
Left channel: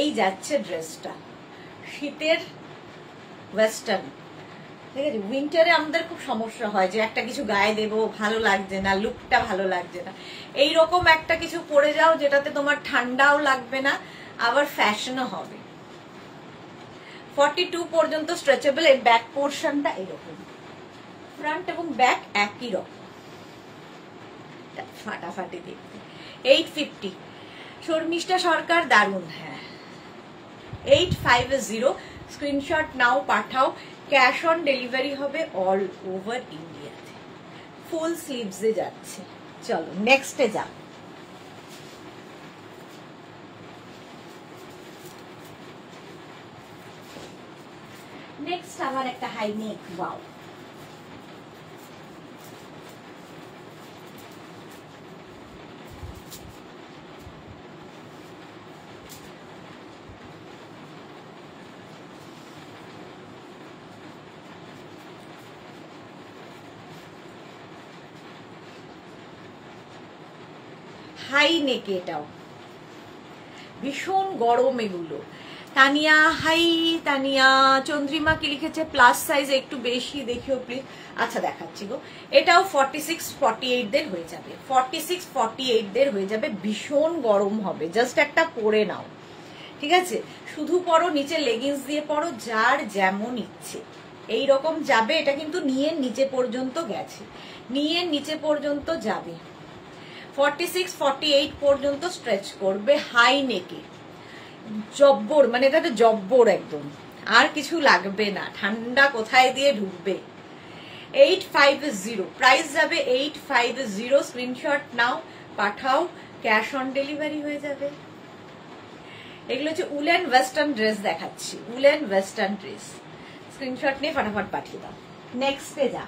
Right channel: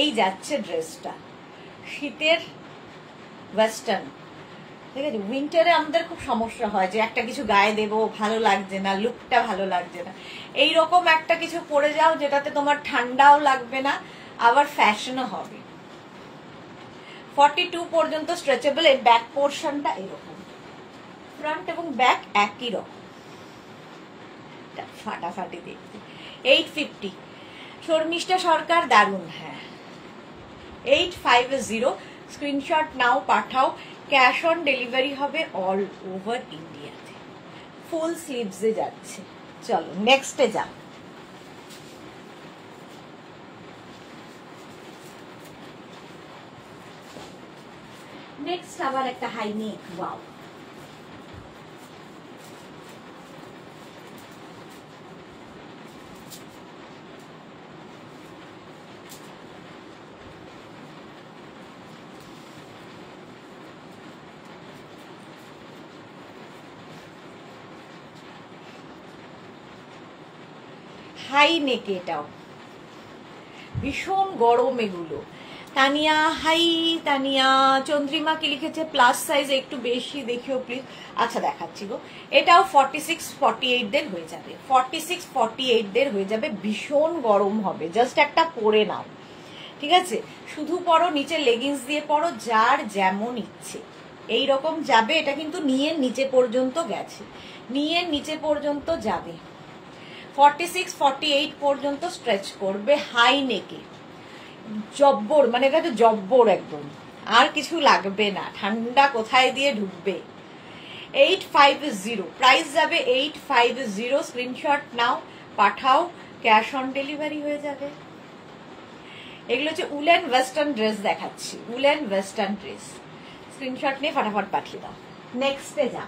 এই যাচ্ছে ড্রেসটা, শীতের ওয়েস্টার্ন, ঠিক আছে। উইন্টারে আমাদের খুব সমস্যা হয় যে একটা কিছু গায়ে দেবো, ভালো লাগছে না, লুকটা ভালো লাগছে না। এইরকম একটা কিছু পরে যাও যেটাতে তোমার ঠান্ডাও লাগবে না, আবার ফ্যাশনও হবে। 42 পর্যন্ত স্ট্রেচেবল। এর ব্যাক পোর্শনটা এরকম, ফ্রন্ট এবং ব্যাক একই রকম, ফাটাফাটি দেখতে। 850। শর্মিষ্ঠা সরকার, দারুন। হ্যাঁ, 850। স্ক্রিনশট নাও, পাঠাও। ক্যাশ অন ডেলিভারি হবে অল ওভার ইন্ডিয়াতে, ফুল স্লিভসে যাচ্ছে। চলো নেক্সটে যাও। নেক্সট আবার একটা হাই নেক, ওয়াও। হাই নেকে, এটাও ভীষণ গরম। এগুলো তানিয়া, হাই তানিয়া। চন্দ্রিমা কি লিখেছে, প্লাস সাইজ একটু বেশি দেখিও প্লিজ। আচ্ছা দেখাচ্ছি গো। এটাও 46, 48 দের হয়ে যাবে, 46, 48 দের হয়ে যাবে। ভীষণ গরম হবে, জাস্ট একটা পরে নাও, ঠিক আছে। শুধু পরো, নিচে লেগিংস দিয়ে পরো, যার যেমন ইচ্ছে এইরকম যাবে। এটা কিন্তু নিয়ের নিচে পর্যন্ত গেছে, নিয়ের নিচে পর্যন্ত যাবে। 46, 48 পর্যন্ত স্ট্রেচ করবে। হাই নেকে, জব্বর, মানে এটা তো জব্বর একদম, আর কিছু লাগবে না। ঠান্ডা কোথায় দিয়ে ঢুকবে। 850 প্রাইস যাবে, 850। স্ক্রিনশট নাও, পাঠাও। ক্যাশ অন ডেলিভারি হয়ে যাবে। এগুলো হচ্ছে উলেন ওয়েস্টার্ন ড্রেস দেখাচ্ছি, উলেন ওয়েস্টার্ন ড্রেস। স্ক্রিনশট নিয়ে ফটাফট পাঠিয়ে দাও। নেক্সটে যা।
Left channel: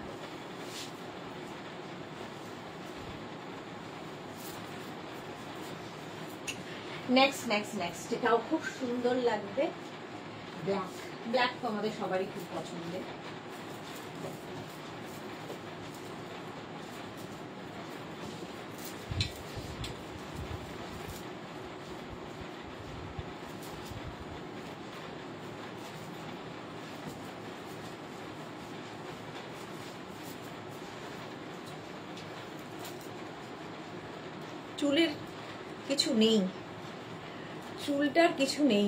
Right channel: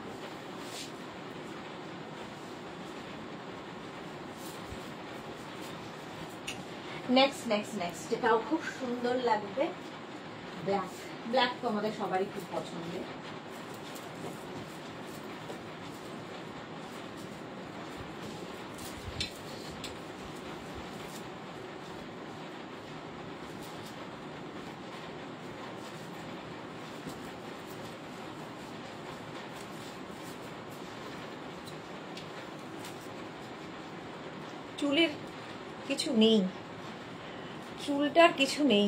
নেক্সট এটাও খুব সুন্দর লাগবে। ব্ল্যাক, ব্ল্যাক তো আমাদের সবারই খুব পছন্দের। চুলের কিছু নেই, চুলটার কিছু নেই।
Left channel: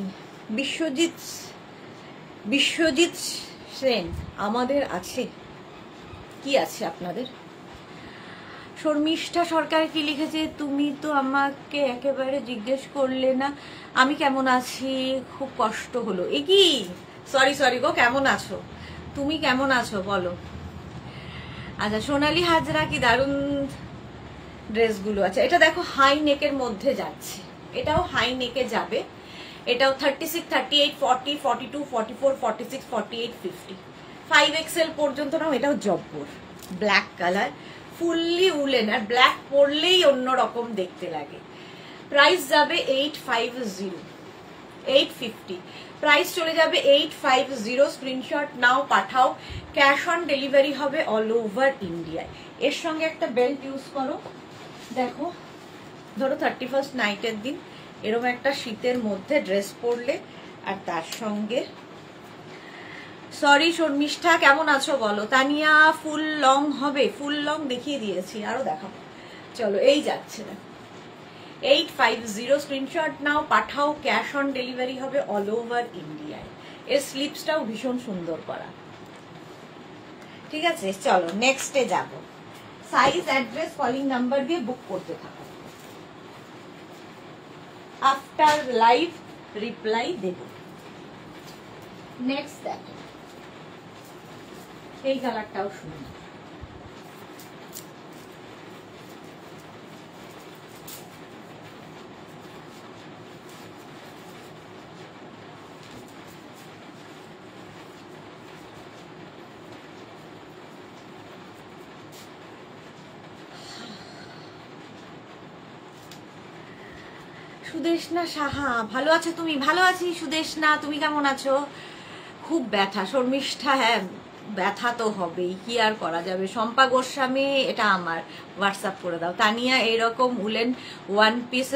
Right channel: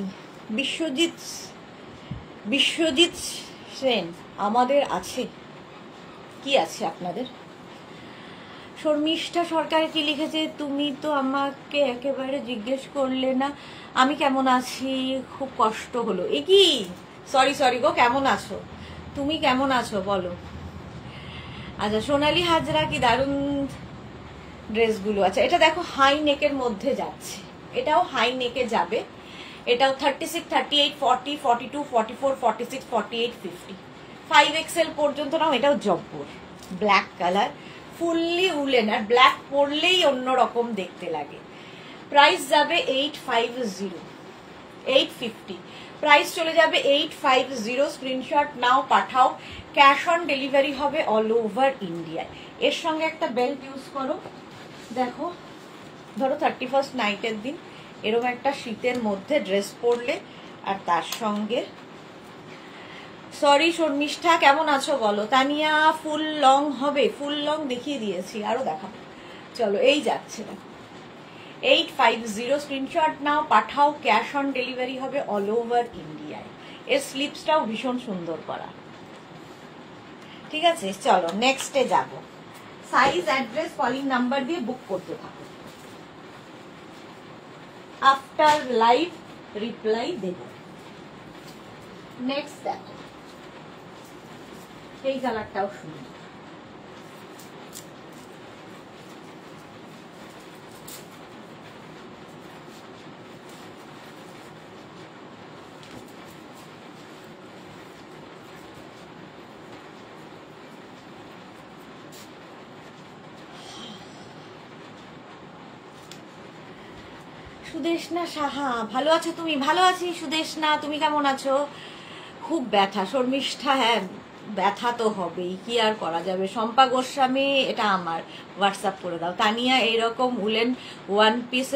বিশ্বজিৎ সেন আমাদের আছে, কি আছে আপনাদের? শর্মিষ্ঠা সরকার কি লিখেছে, তুমি তো আমাকে একেবারে জিজ্ঞেস করলে না আমি কেমন আছি, খুব কষ্ট হলো। এ কি, সরি গো, কেমন আছো তুমি, কেমন আছো বলো। আচ্ছা, সোনালী হাজরা, কি দারুন ড্রেসগুলো। আচ্ছা, এটা দেখো হাই নেকের মধ্যে যাচ্ছে, এটাও হাই নেকে যাবে। এটাও 36, 38, 40, 42, 44, 46, 48, 50। 5XL পর্যন্ত নাও, এটাও জব্বর ব্ল্যাক কালার, ফুললি উলেন, আর ব্ল্যাক পরলেই অন্যরকম দেখতে লাগে। প্রাইস যাবে 850, প্রাইস চলে যাবে 850। স্ক্রিনশট নাও, পাঠাও, ক্যাশ অন ডেলিভারি হবে অল ওভার ইন্ডিয়ায়। এর সঙ্গে একটা বেল্ট ইউজ করো, দেখো ধরো 31st নাইটের দিন এরকম একটা শীতের মধ্যে ড্রেস পরলে, আর তার সঙ্গে সরি শর্মিষ্ঠা কেমন আছো বলো। তানিয়া ফুল লং হবে, ফুল লং দেখিয়ে দিয়েছি, আরো দেখাবো, চলো এই যাচ্ছে না। 850 স্ক্রিনশট নাও, পাঠাও, ক্যাশ অন ডেলিভারি হবে অল ওভার ইন্ডিয়ায়। এর স্লিপসটাও ভীষণ সুন্দর করা, ঠিক আছে। চলো নেক্সটে যাব, সাইজ অ্যাড্রেস কলিং নাম্বার দিয়ে বুক করতে থাকো, আফটার লাইভ রিপ্লাই দেব। নেক্সট দেখো, এই কালারটাও সুন্দর, সুদেশনা সাহা ভালো আছো তুমি? ভালো আছি সুদেশনা, তুমি কেমন আছো? খুব ব্যথা শর্মিষ্ঠা, হ্যাঁ ব্যথা তো হবেই, কি আর করা যাবে। শম্পা গোস্বামী এটা আমার হোয়াটসঅ্যাপ করে দাও। তানিয়া এইরকম woollen one piece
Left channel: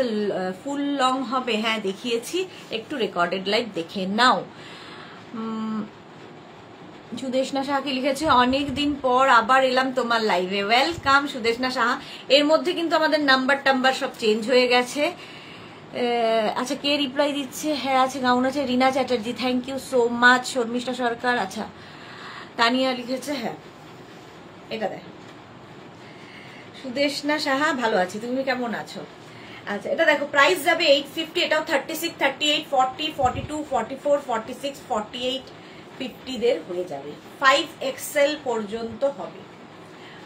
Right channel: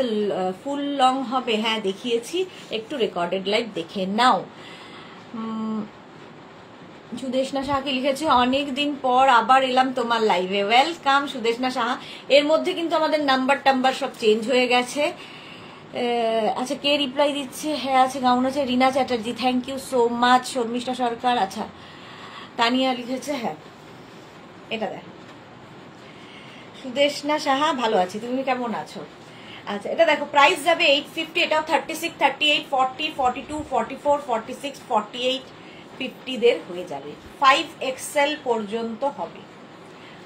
full long হবে, হ্যাঁ দেখিয়েছি, একটু রেকর্ডেড লাইভ দেখে নাও। সুদেশনা সাহাকে লিখেছে অনেকদিন পর আবার এলাম তোমার লাইভে, ওয়েলকাম সুদেশনা সাহা। এর মধ্যে কিন্তু আমাদের নাম্বার টাম্বার সব চেঞ্জ হয়ে গেছে। আচ্ছা কে রিপ্লাই দিচ্ছে? হ্যাঁ আছে, গাউন আছে, Rina Chatterjee, thank you so much. Sharmistha Sarkar, আচ্ছা তানিয়া লিখেছে, হ্যাঁ এটা দেখ। সুদেশনা সাহা ভালো আছি, তুমি কেমন আছো? আচ্ছা এটা দেখো, প্রাইস যাবে 850, এটাও 36, 38, 40, 42, 44, 46, 48, 50 দের হয়ে যাবে। 5XL পর্যন্ত হবে,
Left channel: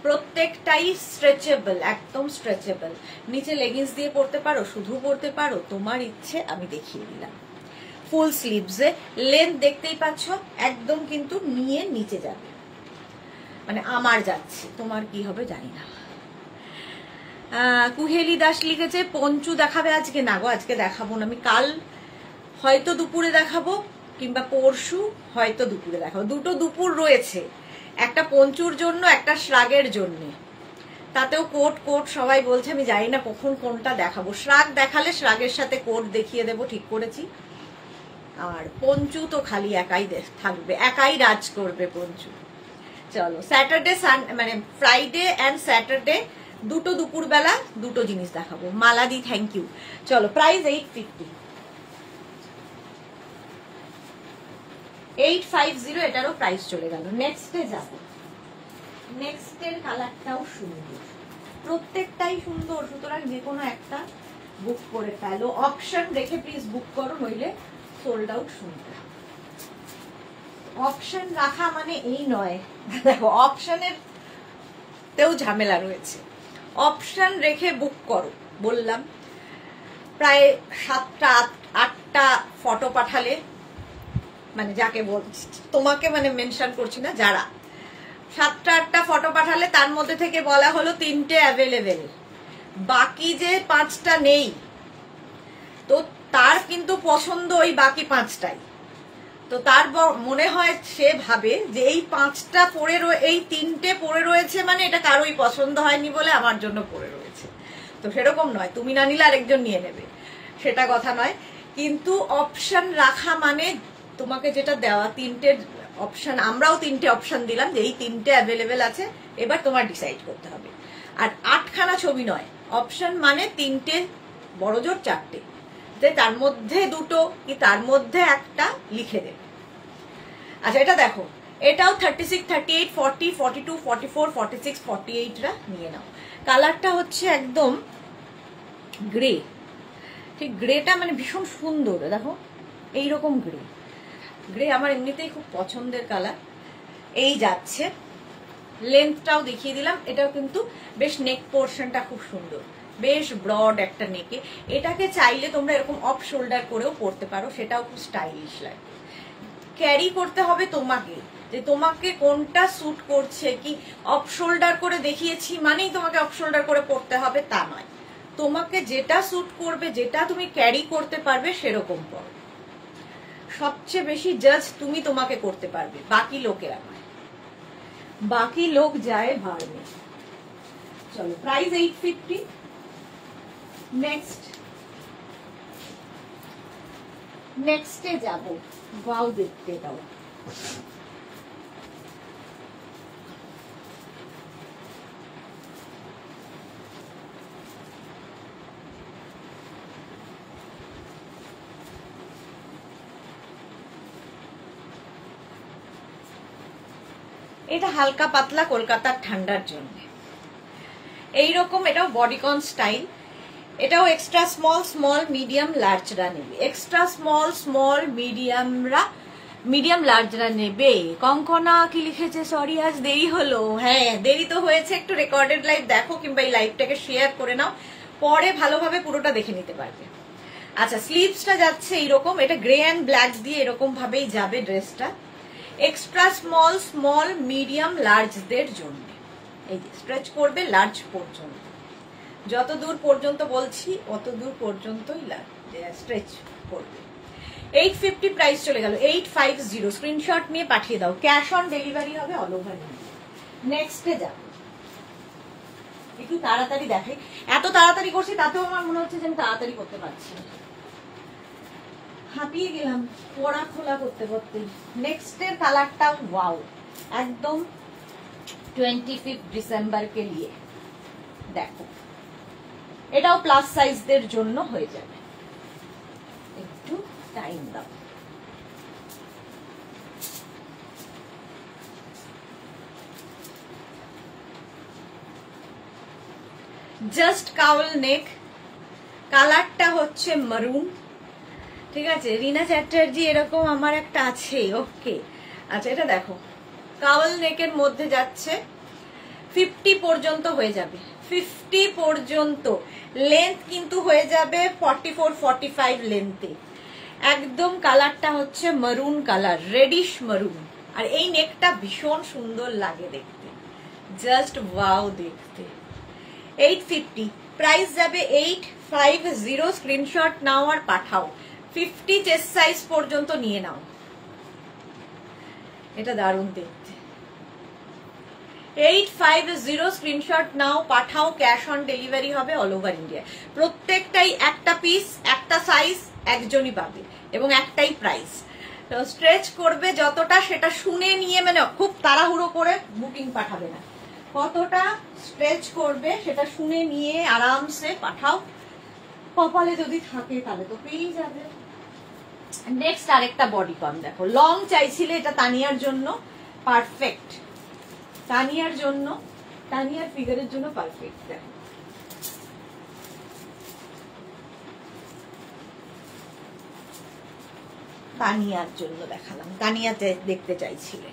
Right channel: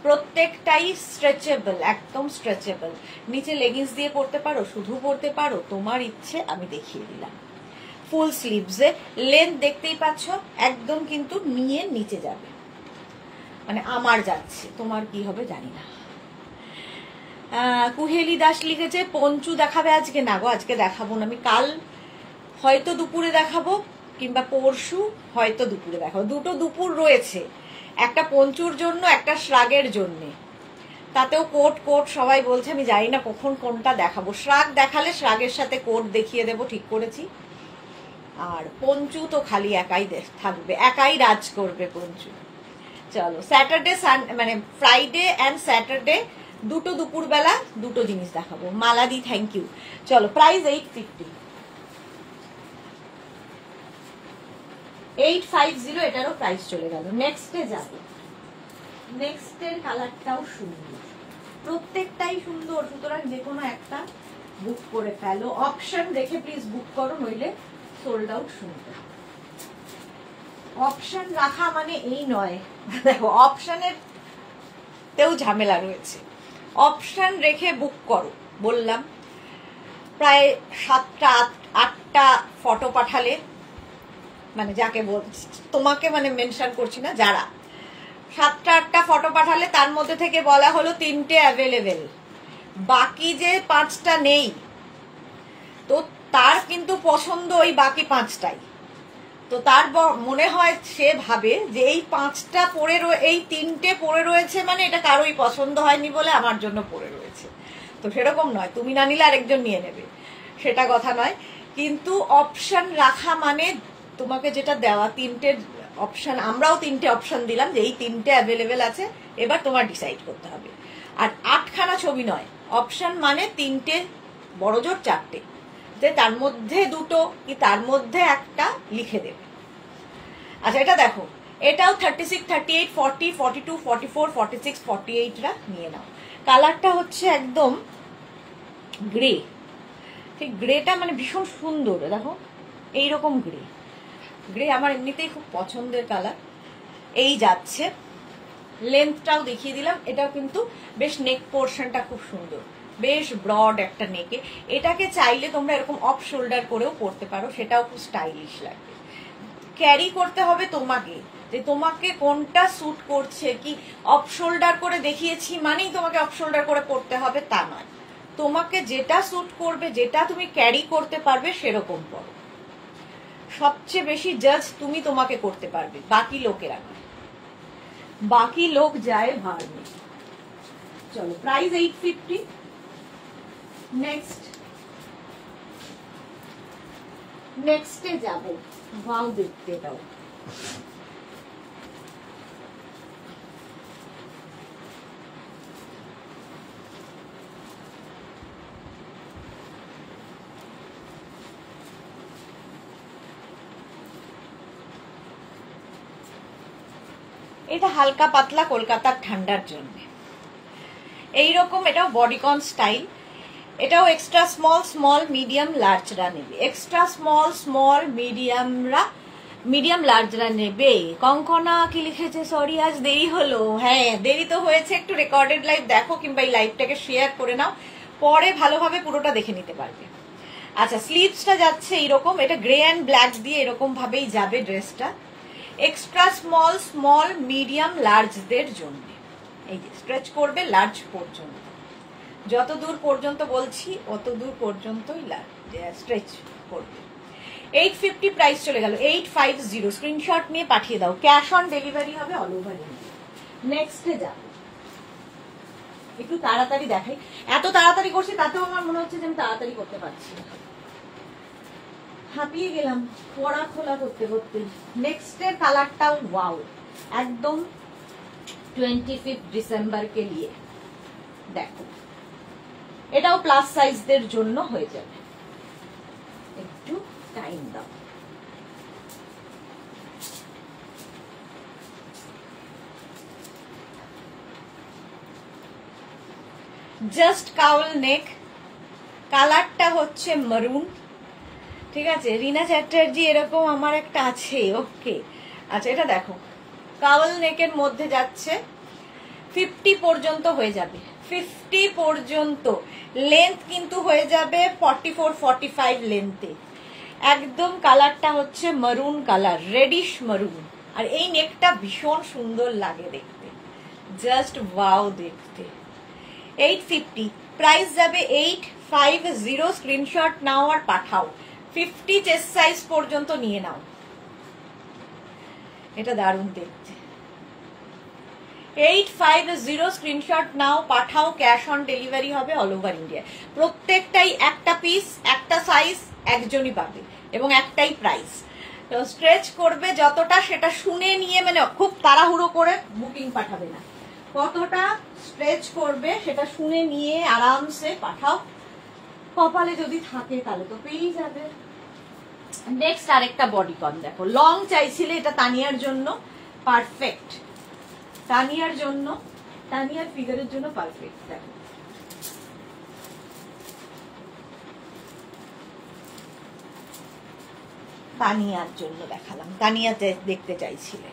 প্রত্যেকটাই স্ট্রেচেবল, একদম স্ট্রেচেবল। নিচে লেগিংস দিয়ে পরতে পারো, শুধু পরতে পারো, তোমার ইচ্ছে, আমি দেখিয়ে দিলাম। ফুল স্লিভসে, লেন্থ দেখতেই পাচ্ছ, একদম কিন্তু নিয়ে নিচে যাবে, মানে আমার যাচ্ছে, তোমার কি হবে জানি না। কুহেলি দাস লিখেছে পঞ্চু দেখাবে আজকে, না গো আজকে দেখাবো না, আমি কাল হয়তো দুপুরে দেখাবো, কিংবা পরশু হয়তো দুপুরে দেখাবো। দুটো দুপুর রয়েছে, একটা পঞ্চুর জন্য, একটা শ্রাগের জন্য। তাতেও কোট কোট সবাই বলছে, আমি জানি না কখন কোনটা দেখাবো। শ্রাগ দেখালে শ্রাগের সাথে কোট দেখিয়ে দেবো, ঠিক করেছি। আর পঞ্চু তো খালি একাই থাকবে, একাই রাজ করবে পঞ্চু। চলো স্যাটারডে মানে ফ্রাইডে অ্যান্ড স্যাটারডে দুটো দুপুর বেলা দুটো জিনিস দেখাবো। মালাদি থ্যাংক ইউ। চলো প্রাইস 850, 850, এটারও প্রাইস চলে গেল। নেক্সটে যাবো, নেক্সটের কালারটাও সুন্দর, প্রত্যেকটাই সুন্দর, সুতরাং যে কোনো একটা বুক করে ফেলো। অপশন দেখে প্লিজ বুক করো, নইলে সোল্ড আউট শুনতে হবে। অপশন রাখা মানে এই নয়, দেখো অপশনের তেও ঝামেলা রয়েছে। অপশন রেখে বুক করো, বললাম প্রায় 7টা 8টা ফটো পাঠালে, মানে যাকে তোমাকে মানে মেনশন করছি না, যারা 7টা 8টা ফটো পাঠালে তার মধ্যে থেকে বলা হলো 3টে অ্যাভেলেবেল, বাকি যে 5টা নেই, তো তার কিন্তু পছন্দ ওই বাকি 5টাই। তো তার মনে হয়, সে ভাবে যে এই 5টা পড়ে এই 3টে পড়ে রয়েছে, মানে এটা কারোই পছন্দ হয়নি বলে আমার জন্য পড়ে রয়েছে। তো সেরকম নয়, তুমি না নিলে আরেকজন নিয়ে নেবে, সেটা কথা নয়। কিন্তু অপশন রাখা মানে তোমাকে যেটা দেওয়া, 3টে অপশন, আমরাও 3টে অপশন দিলাম যে এই 3টে অ্যাভেলেবেল আছে, এবার তোমার ডিসাইড করতে হবে। আর 8খানা ছবি নয়, অপশন মানে 3টে, বড় জোর 4টে, তার মধ্যে 2টো কি তার মধ্যে একটা লিখে দেবে। আচ্ছা এটা দেখো, এটাও 36, 38, 40, 42, 44, 46, 48রা নিয়ে নাও। কালারটা হচ্ছে একদম গ্রে, ঠিক গ্রেটা মানে ভীষণ সুন্দর, দেখো এইরকম গ্রে। গ্রে আমার এমনিতেই খুব পছন্দের কালার। এই যাচ্ছে, লেন্থটাও দেখিয়ে দিলাম। এটাও কিন্তু বেশ, নেক পোর্শনটা খুব সুন্দর, বেশ ব্রড একটা নেকে। এটাকে চাইলে তোমরা এরকম অফ শোল্ডার করেও পরতে পারো, সেটাও খুব স্টাইলিশ লাগবে। ক্যারি করতে হবে তোমাকে, যে তোমাকে কোনটা স্যুট করছে। কি অফ শোল্ডার করে দেখিয়েছি মানেই তোমাকে অফ শোল্ডার করে পড়তে হবে তা নয়, তোমাকে যেটা স্যুট করবে, যেটা তুমি ক্যারি করতে পারবে সেরকম পড়ো। সবচেয়ে বেশি জাজ তুমি তোমাকে করতে পারবে, বাকি লোকেরা নয়। বাকি লোক যায় ভার নেই। চলো, প্রাইস 850। নেক্সটে যাব। ওয়াও, দেখতে দাও। এটা হালকা পাতলা কলকাতার ঠান্ডার জন্য এইরকম। এটাও বডিকন স্টাইল। এটাও এক্সট্রা স্মল মিডিয়াম লার্জরা নেবে। এক্সট্রা স্মল মিডিয়াম লার্জরা নেবে। কঙ্কনা কি লিখেছে? সরি আজ দেরি হলো। হ্যাঁ, দেরি তো হয়েছে। একটু রেকর্ডেড লাইভ দেখো কিংবা এই লাইভটাকে শেয়ার করে নাও, পরে ভালোভাবে পুরোটা দেখে নিতে পারবে। আচ্ছা, স্লিভসটা যাচ্ছে এইরকম। এটা গ্রে অ্যান্ড ব্ল্যাক দিয়ে এরকম ভাবেই যাবে ড্রেসটা। এক্সট্রা স্মল মিডিয়াম লার্জদের জন্য। এই যে স্ট্রেচ করবে লার্জ পর্যন্ত, যত দূর পর্যন্ত বলছি অত দূর পর্যন্তই স্ট্রেচ করবে। 850 প্রাইস চলে গেল। 850 স্ক্রিনশট নিয়ে পাঠিয়ে দাও। ক্যাশ অন ডেলিভারি হবে অল ওভার ইন্ডিয়া। নেক্সটে যাব। একটু তাড়াতাড়ি দেখাই। এত তাড়াতাড়ি করছি তাতেও আমার মনে হচ্ছে যে আমি তাড়াতাড়ি করতে পারছি না, হাঁপিয়ে গেলাম পড়া খোলা করতে করতে। নেক্সটের কালারটা ওয়াও, একদম 25 ডিসেম্বর কে লিয়ে। দেখো, এটাও প্লাস সাইজদের জন্য হয়ে যাবে। একটু টাইম দাও। জাস্ট কাউল নেক, কালারটা হচ্ছে মারুন। ঠিক আছে, রিনা চ্যাটার্জি এরকম আমার একটা আছে। ওকে, আচ্ছা এটা দেখো, কাউল নেকের মধ্যে যাচ্ছে। 50 পর্যন্ত হয়ে যাবে। 50 পর্যন্ত লেন্থ কিন্তু হয়ে যাবে 44-45 লেন্থে। একদম কালারটা হচ্ছে মারুন কালার, রেডিশ মারুন। আর এই নেকটা ভীষণ সুন্দর লাগে দেখতে, জাস্ট ওয়াও দেখতে। 850 প্রাইস যাবে। 850 স্ক্রিনশট নাও আর পাঠাও। 50 চেস্ট সাইজ পর্যন্ত নিয়ে নাও। এটা দারুণ দেখতে। 850 স্ক্রিনশট নাও, পাঠাও। ক্যাশ অন ডেলিভারি হবে অল ওভার ইন্ডিয়া। প্রত্যেকটাই একটা পিস, একটা সাইজ, একজনই পাবে এবং একটাই প্রাইস। তো স্ট্রেচ করবে যতটা সেটা শুনে নিয়ে, মানে খুব তাড়াহুড়ো করে বুকিং পাঠাবে না। কতটা স্ট্রেচ করবে সেটা শুনে নিয়ে আরামসে পাঠাও। কপালে যদি থাকে তাহলে তো পেয়ে যাবে। নেক্সট আরেকটা বডিকন দেখো, লং চাইছিলে, এটা তানিয়ার জন্য পারফেক্ট। তানিয়ার জন্য, তানিয়ার ফিগারের জন্য পারফেক্ট। দেখো, তানিয়ার জন্য দেখালাম। তানিয়া দেখতে চাইছিলে।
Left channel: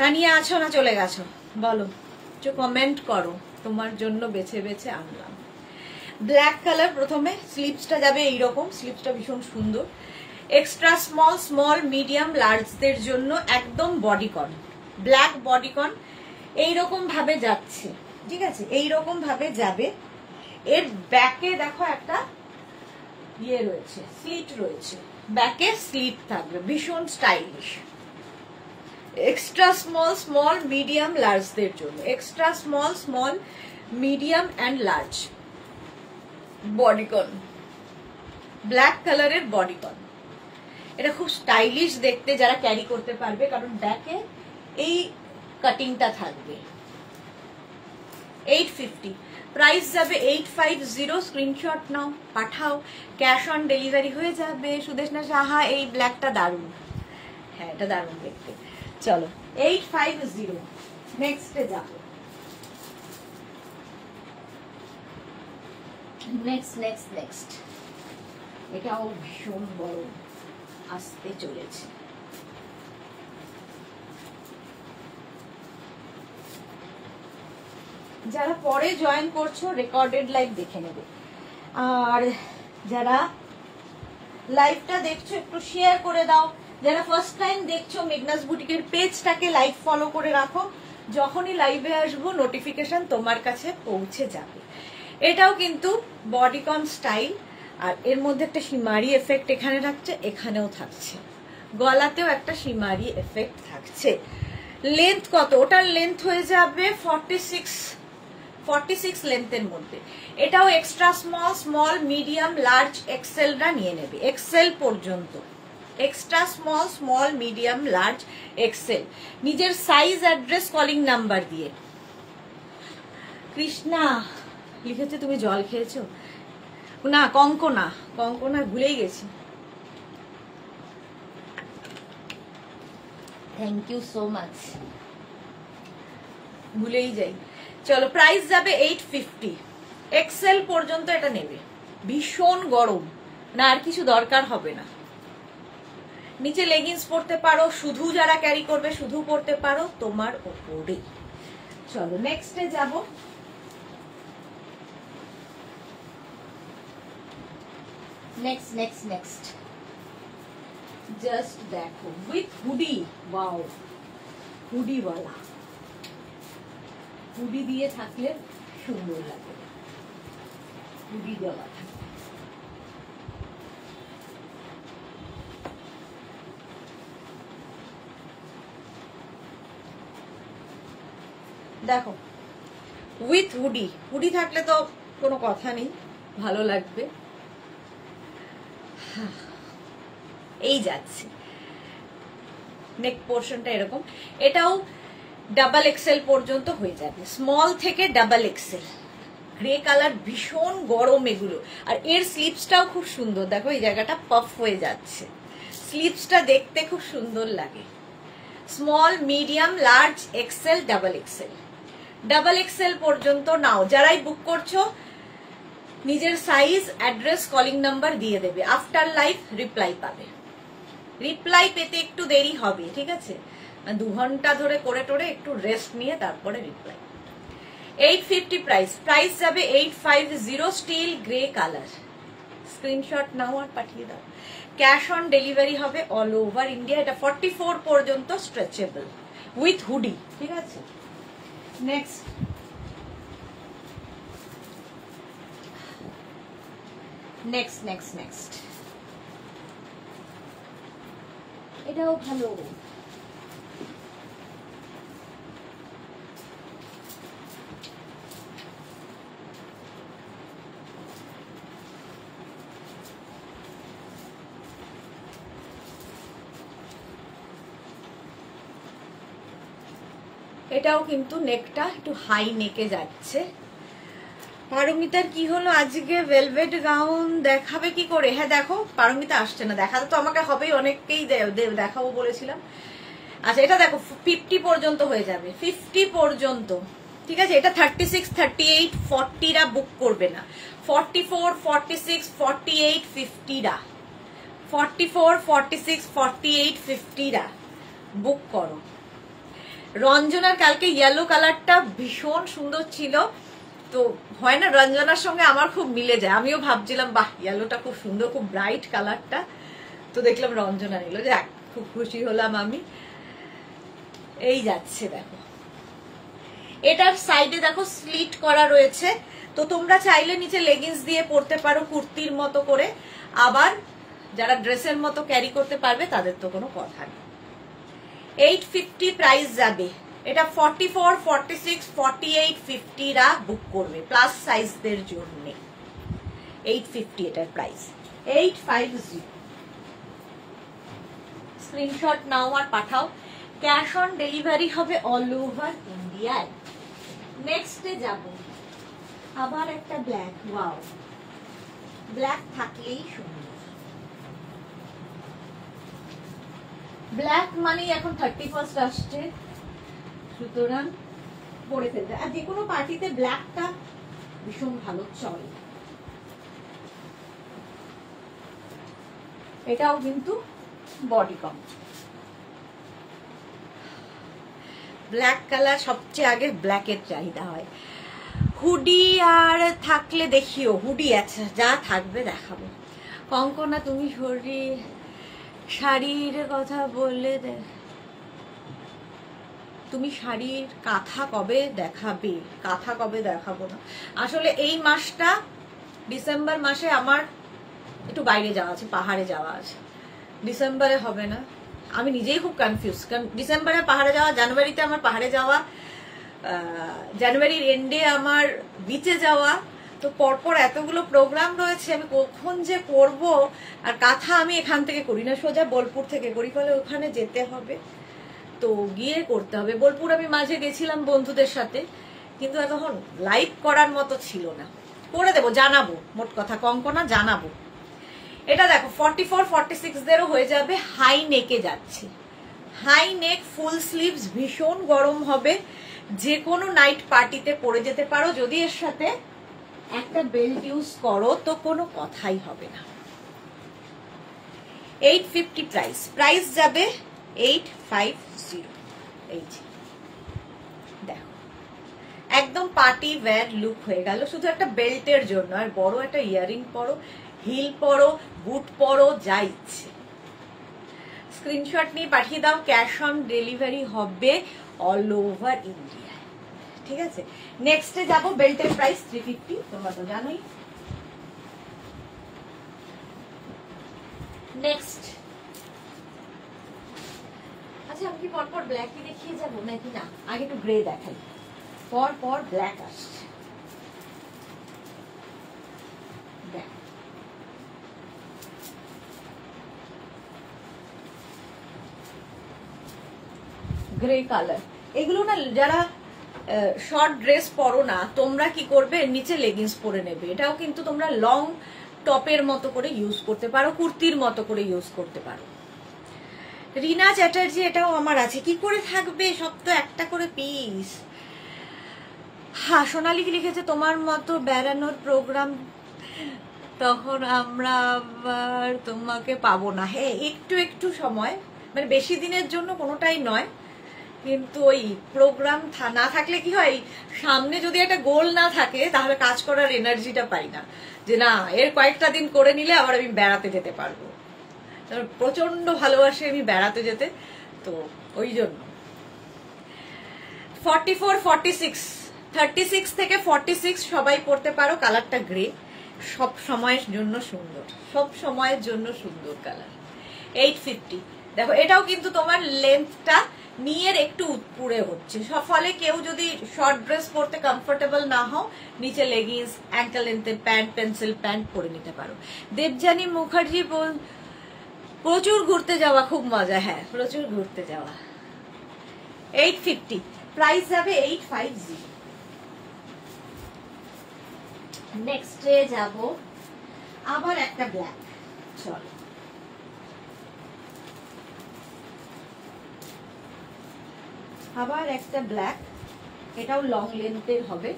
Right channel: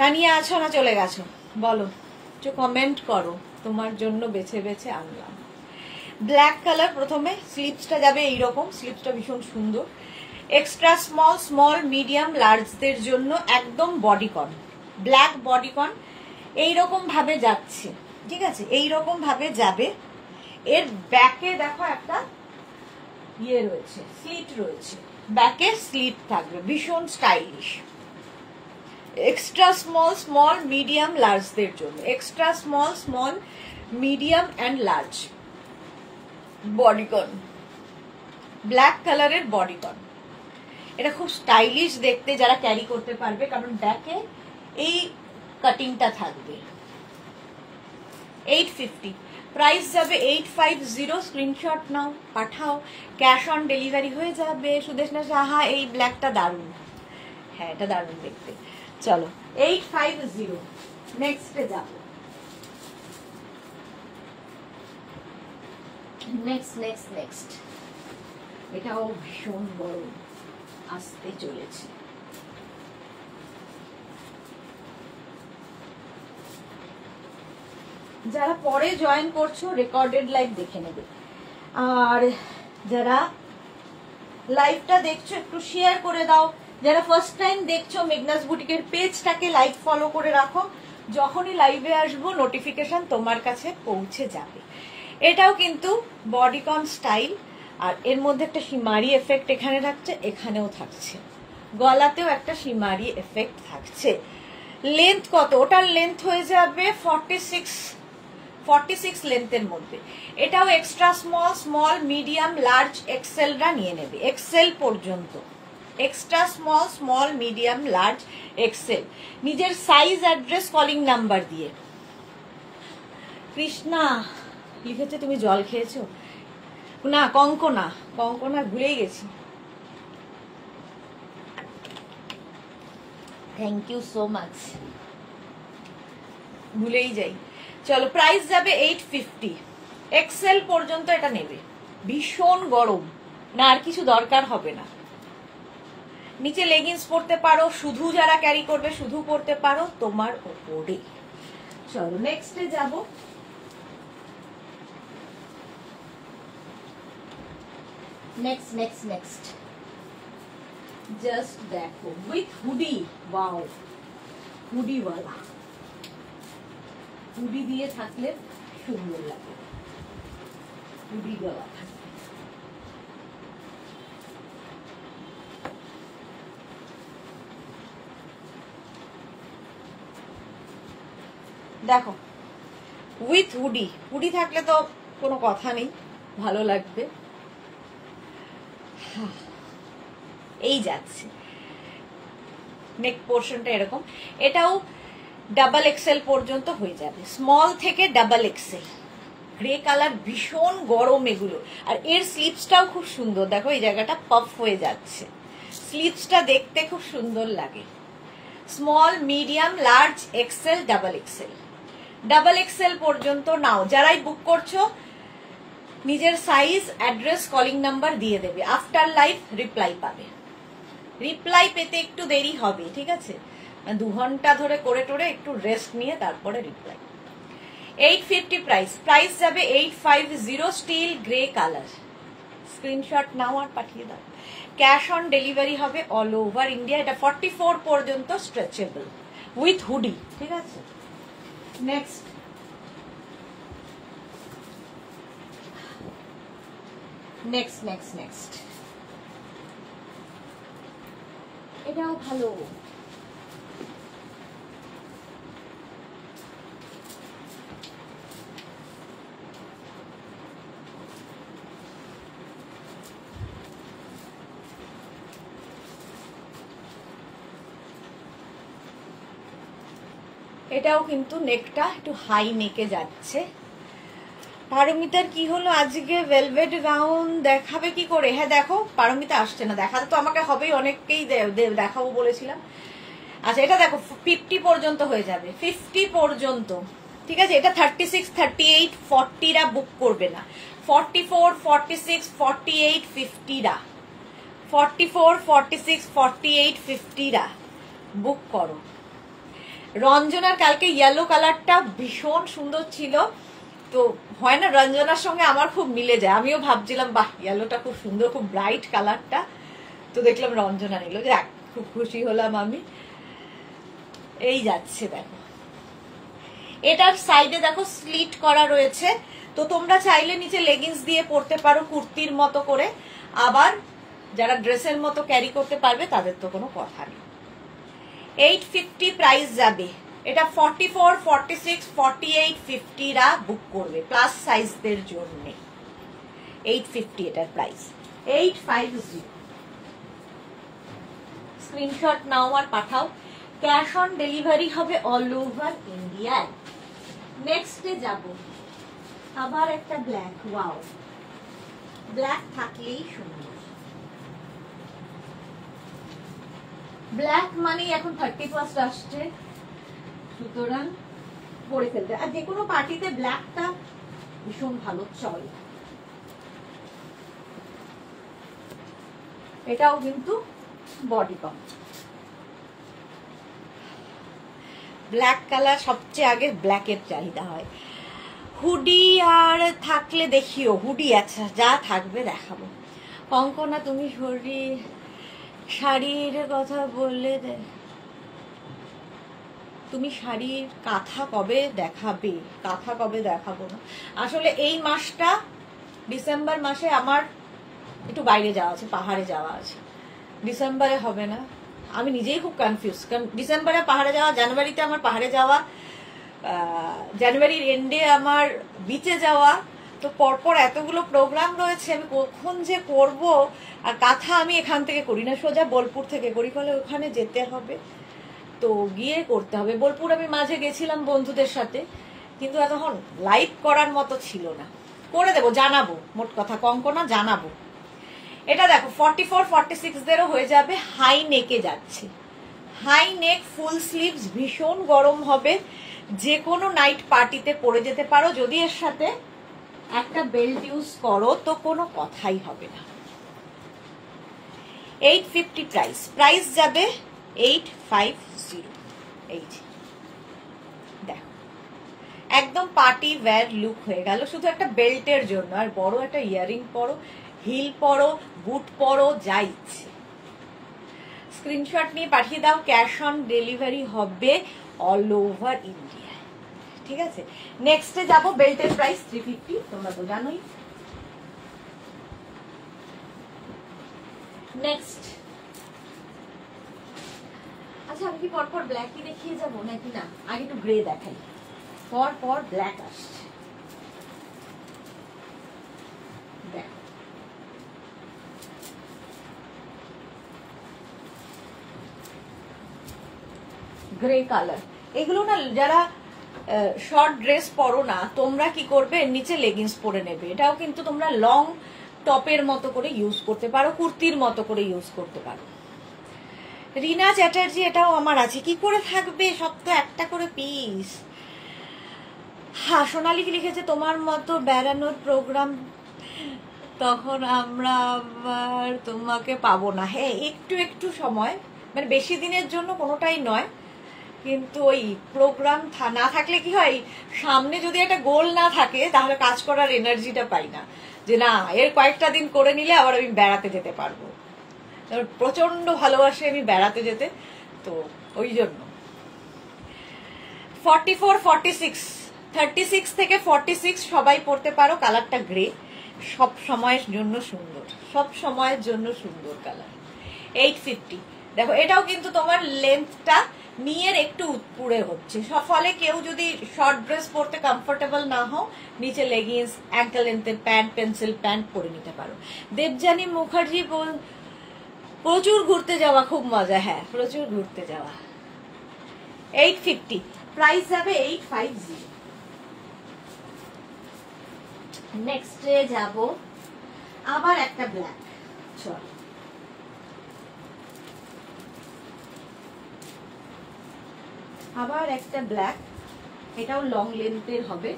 তানিয়া আছো না চলে গেছো বলো, একটু কমেন্ট করো। তোমার জন্য বেছে বেছে আনলাম। Black colour. প্রথমে স্লিভসটা যাবে এইরকম, স্লিভসটা ভীষণ সুন্দর। এক্সট্রা স্মল মিডিয়াম লার্জদের জন্য একদম বডিকন, ব্ল্যাক বডিকন এইরকম ভাবে যাচ্ছে। ঠিক আছে, এইরকম ভাবে যাবে। এর ব্যাকে দেখো একটা ইয়ে রয়েছে, স্লিট রয়েছে, ব্যাকে স্লিট থাকবে, ভীষণ স্টাইলিশ। এক্সট্রা স্মল মিডিয়াম লার্জদের জন্য। Extra small medium and large bodycon, black কালারের বডিকন। এটা খুব স্টাইলিশ দেখতে, যারা ক্যারি করতে পারবে, কারণ ব্যাকে এই কাটিংটা থাকবে। 850 প্রাইস যাবে। 850 স্ক্রিনশট নাও, পাঠাও। ক্যাশ অন ডেলিভারি হয়ে যাবে। সুদেশনা সাহা, এই ব্ল্যাকটা দারুণ। হ্যাঁ, এটা দারুণ দেখতে। চলো, 850 নেক্সটে যাব। নেক্সট এটাও ভীষণ বড় আসতে চলেছে। যারা পরে জয়েন করছো রেকর্ডেড লাইভ দেখে নেবে, আর যারা লাইভটা দেখছো একটু শেয়ার করে দাও, যারা ফার্স্ট টাইম দেখছো মেঘনাস বুটিকের পেজটাকে লাইক ফলো করে রাখো, যখনই লাইভে আসবো নোটিফিকেশন তোমার কাছে পৌঁছে যাবে। এটাও কিন্তু বডিকন স্টাইল, আর এর মধ্যে একটা সিমারি এফেক্ট এখানে থাকছে, এখানেও থাকছে, গলাতেও একটা সিমারি এফেক্ট থাকছে। লেন্থ কত? ওটার লেন্থ হয়ে যাবে 46 লেন্থের মধ্যে। এটাও extra small, small, medium, large, এক্সেলরা নিয়ে নেবে, এক্সেল পর্যন্ত। Extra small, small, medium, large, XL, নিজের সাইজ, অ্যাড্রেস, কলিং নাম্বার দিয়ে। কৃষ্ণা লিখেছে তুমি জল খেয়েছো? না, কঙ্কনা, কঙ্কনা ভুলেই গেছি। থ্যাংক ইউ সো মাচ, ভুলেই যাই। চলো, প্রাইস যাবে 850। এক্সেল পর্যন্ত এটা নেবে। ভীষণ গরম না, আর কিছু দরকার হবে না। নিচে লেগিংস পরতে পারো, শুধু যারা ক্যারি করবে শুধু পরতে পারো, তোমার ওপরে। চলো নেক্সটে যাব। নেক্সট জাস্ট দেখো, উইথ হুডি। ওয়াও, হুডিওয়ালা, হুডি দিয়ে থাকলে সুন্দর লাগে, হুডি দেওয়া থাকে। দেখো উইথ হুডি, হুডি থাকলে তো কোনো কথা নেই, ভালো লাগবে। এই যাচ্ছে নেক পোর্শনটা এরকম। এটাও ডাবল এক্সেল পর্যন্ত হয়ে যাবে, স্মল থেকে ডাবল এক্সেল। গ্রে কালার, ভীষণ গরম এগুলো। আর এর স্লিপসটাও খুব সুন্দর, দেখো এই জায়গাটা পফ হয়ে যাচ্ছে, স্লিপসটা দেখতে খুব সুন্দর লাগে। Small, medium, large, XL, double XL. Double XL পর্যন্ত নাও। যারাই বুক করছো নিজের সাইজ, অ্যাড্রেস, কলিং নাম্বার দিয়ে দেবে। আফটার লাইভ রিপ্লাই পাবে। রিপ্লাই পেতে একটু দেরি হবে, ঠিক আছে? 2 ঘন্টা ধরে করে টোরে একটু রেস্ট নিয়ে তারপরে রিপ্লাই। 850 প্রাইস যাবে 850। Still grey colour. স্ক্রিনশট নাও আর পাঠিয়ে দাও। ক্যাশ অন ডেলিভারি হবে অল ওভার ইন্ডিয়া। এটা 44 পর্যন্ত স্ট্রেচেবল উইথ হুডি, ঠিক আছে? নেক্সট এটাও ভালো। এটাও কিন্তু নেকটা একটু হাই নেকে যাচ্ছে। পারমিতার কি হলো আজকে? ভেলভেট গাউন দেখাবে কি করে? হ্যাঁ দেখো, পারমিতা আসছে না, দেখাতে তো আমাকে হবেই, অনেককেই দেখাবো বলেছিলাম। আচ্ছা এটা দেখো 50 পর্যন্ত হয়ে যাবে, 50 পর্যন্ত, ঠিক আছে? এটা 36, 38, 40রা বুক করবে না। 44, 46, 48, 50রা, 44, 46, 48, 50রা বুক করো। রঞ্জনার কালকে ইয়েলো কালারটা ভীষণ সুন্দর ছিল, তো হয় না রঞ্জনার সঙ্গে আমার খুব মিলে যায়। আমিও ভাবছিলাম বাহ ইয়েলোটা খুব সুন্দর, খুব ব্রাইট কালারটা, তো দেখলাম রঞ্জনা নিল, যে খুব খুশি হলাম আমি। এই যাচ্ছে দেখো, এটার সাইডে দেখো স্লিট করা রয়েছে, তো তোমরা চাইলে নিচে লেগিংস দিয়ে পরতে পারো কুর্তির মতো করে। আবার যারা ড্রেসের মতো ক্যারি করতে পারবে তাদের তো কোনো কথা নেই। 850 প্রাইস যাবে। এটা 44, 46, 48, 50রা বুক করবে প্লাস সাইজদের জন্য। 850 এটার প্রাইস। 850 স্ক্রিনশট নাও আর পাঠাও। ক্যাশ অন ডেলিভারি হবে অল ওভার ইন্ডিয়ায়। নেক্সটে যাব, আবার একটা ব্ল্যাক। ওয়াও, ব্ল্যাক থাকলেই সুন্দর। ব্ল্যাক মানেই এখন 31st আসছে, সুতরাং পরে ফেলতে, আর যে কোনো পার্টিতে ব্ল্যাকটা ভীষণ ভালো চলে। এটাও কিন্তু বডিকন। ব্ল্যাক কালার সবচেয়ে আগে ব্ল্যাকের চাহিদা হয়। হুডি আর থাকলে দেখিও, হুডি আচ্ছা যা থাকবে দেখাবো। কঙ্কনা তুমি শরীর শাড়ির কথা বললে তুমি শাড়ির কাঁথা কবে দেখাবে? কাঁথা কবে দেখাবো না, আসলে এই মাসটা ডিসেম্বর মাসে আমার একটু বাইরে যাওয়া আছে, পাহাড়ে যাওয়া আছে, ডিসেম্বরে হবে না। আমি নিজেই খুব কনফিউজ, কারণ ডিসেম্বরে পাহাড়ে যাওয়া, জানুয়ারিতে আমার পাহাড়ে যাওয়া, জানুয়ারির এন্ডে আমার বিচে যাওয়া, তো পরপর এতগুলো প্রোগ্রাম রয়েছে, আমি কখন যে করব। আর কাঁথা আমি এখান থেকে করি না, সোজা বোলপুর থেকে করি, ফলে ওখানে যেতে হবে, তো গিয়ে করতে হবে। বোলপুর আমি মাঝে গেছিলাম বন্ধুদের সাথে, কিন্তু তখন লাইভ করার মতো ছিল না। করে দেবো, জানাবো, মোট কথা কঙ্কনা জানাবো। এটা দেখো 44 46 দেরও হয়ে যাবে, হাই নেকে যাচ্ছে, হাই নেক ফুল স্লিভস, ভীষণ গরম হবে, যে কোনো নাইট পার্টিতে পরে যেতে পারো, যদি এর সাথে একটা বেল্ট ইউজ করো তো কোনো কথাই হবে না। 850 প্রাইস, প্রাইস যাবে 850। এই যে দেখো একদম পার্টি ওয়্যার লুক হয়ে গেল, শুধু একটা বেল্টের জন্য। আর বড় একটা ইয়ারিং পরো, হিল পরো, বুট পরো, যা ইচ্ছে। স্ক্রিনশট নিয়ে পাঠিয়ে দাও, ক্যাশ অন ডেলিভারি হবে অল ওভার ইন্ডিয়া, ঠিক আছে। নেক্সটে যাবো, বেল্টের প্রাইস 350, তোমরা তো জানোই। নেক্সট, আচ্ছা আমি কি পরপর ব্ল্যাকই দেখিয়ে যাবো নাকি না, আগে একটু গ্রে দেখাই, পর ব্ল্যাক আসছে। গ্রে কালার, এগুলো না যারা শর্ট ড্রেস পরো না, তোমরা কি করবে, নিচে লেগিংস পরে নেবে। এটাও কিন্তু তোমরা লং টপের মতো করে ইউজ করতে পারো, কুর্তির মতো করে ইউজ করতে পারো। রিনা চ্যাটার্জি, এটাও আমার আছে, কি করে থাকবে, সব তো একটা করে পিস। হ্যাঁ, সোনালি কি লিখেছে, তোমার মতো বেড়ানোর প্রোগ্রাম, তখন আমরা আবার তোমাকে পাবো না। হ্যাঁ, একটু একটু সময়, মানে বেশি দিনের জন্য কোনোটাই নয়, কিন্তু ওই প্রোগ্রাম না থাকলে কি হয়, সামনে যদি একটা গোল না থাকে তাহলে কাজ করার এনার্জিটা পাই না, যে না এর কয়েকটা দিন করে নিলে আবার আমি বেড়াতে যেতে পারবো। প্রচন্ড ভালোবাসি আমি বেড়াতে যেতে, তো ওই জন্য। 44 46 36 থেকে 46 সবাই পড়তে পারো, কালারটা গ্রে, সব সময়ের জন্য সুন্দর, সব সময়ের জন্য সুন্দর কালার। 850, দেখো এটাও কিন্তু তোমার লেন্থটা নিয়ের একটু উপরে হচ্ছে, ফলে কেউ যদি শর্ট ড্রেস পরতে কমফোর্টেবল না হও, নিচে লেগিংস, অ্যাঙ্কেল লেন্থের প্যান্ট, পেন্সিল প্যান্ট পরে নিতে পারো। দেবজানী মুখার্জি, প্রচুর ঘুরতে যাওয়া, খুব মজা। হ্যাঁ, প্রচুর ঘুরতে যাওয়া। 850, প্রাইস যাবে 850। নেক্সটে যাব, আবার একটা ব্ল্যাক, চলো আবার একটা ব্ল্যাক, এটাও লং লেন্থের হবে।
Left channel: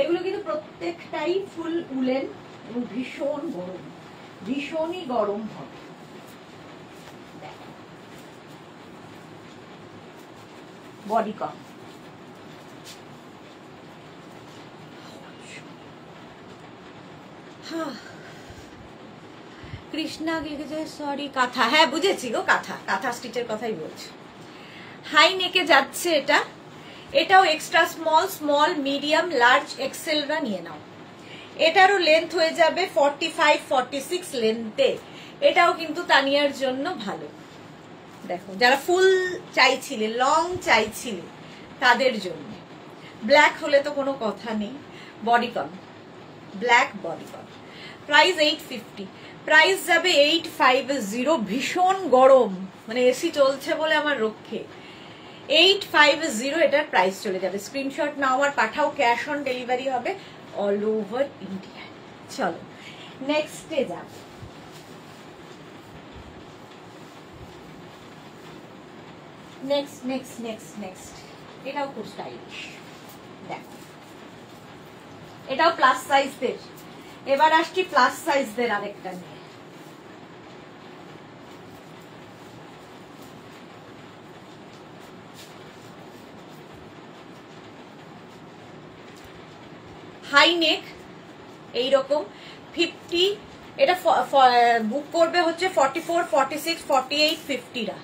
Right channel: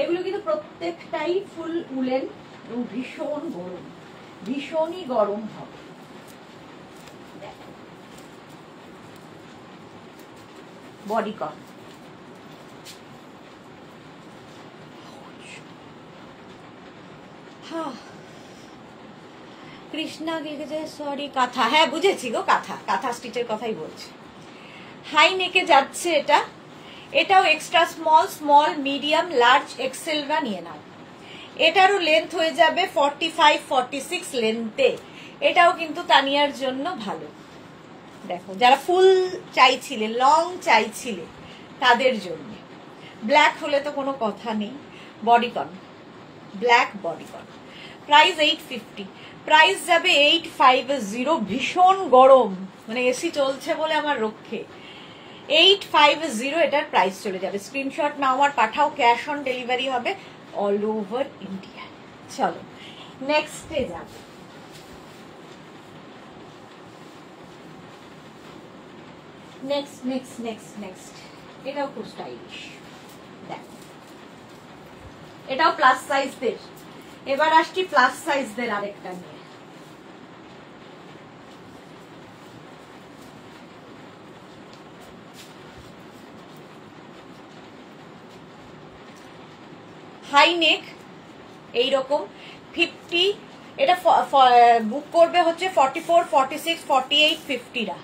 এগুলো কিন্তু প্রত্যেকটাই ফুল উলেন এবং ভীষণ গরম, ভীষণই গরম হবে। বডি কম, কৃষ্ণা লিখেছে সরি কাঁথা, হ্যাঁ বুঝেছি গো, কাঁথা, কাঁথা স্টিচের কথাই বলছি। হাই নেকে যাচ্ছে এটা, এটাও extra small, small, medium, large, এক্সেলরা নিয়ে নাও। এটারও লেন্থ হয়ে যাবে 45 46 লেন্থে, এটাও কিন্তু তানিয়ার জন্য ভালো। দেখো যারা ফুল চাইছিলে, লং চাইছিলে, তাদের জন্য। ব্ল্যাক হলে তো কোনো কথা নেই, বডি কম, ব্ল্যাক বডি কম। প্রাইস 850, প্রাইস যাবে 850, ভীষণ গরম, মানে এসি চলছে বলে আমার রক্ষে। 850 এটার প্রাইস চলে যাবে। স্ক্রিনশট নাও আর পাঠাও, ক্যাশ অন ডেলিভারি হবে অল ওভার ইন্ডিয়া। চলো নেক্সটে যাবে, নেক্সট নেক্সট নেক্সট নেক্সট, এটাও খুব স্টাইলিশ। দেখো এটাও প্লাস সাইজদের, এবার আসছি প্লাস সাইজদের আরেকটা নিয়ে। হাই নেক, এইরকম 50 এটা বুক করবে হচ্ছে 44, 46, 48, 50রা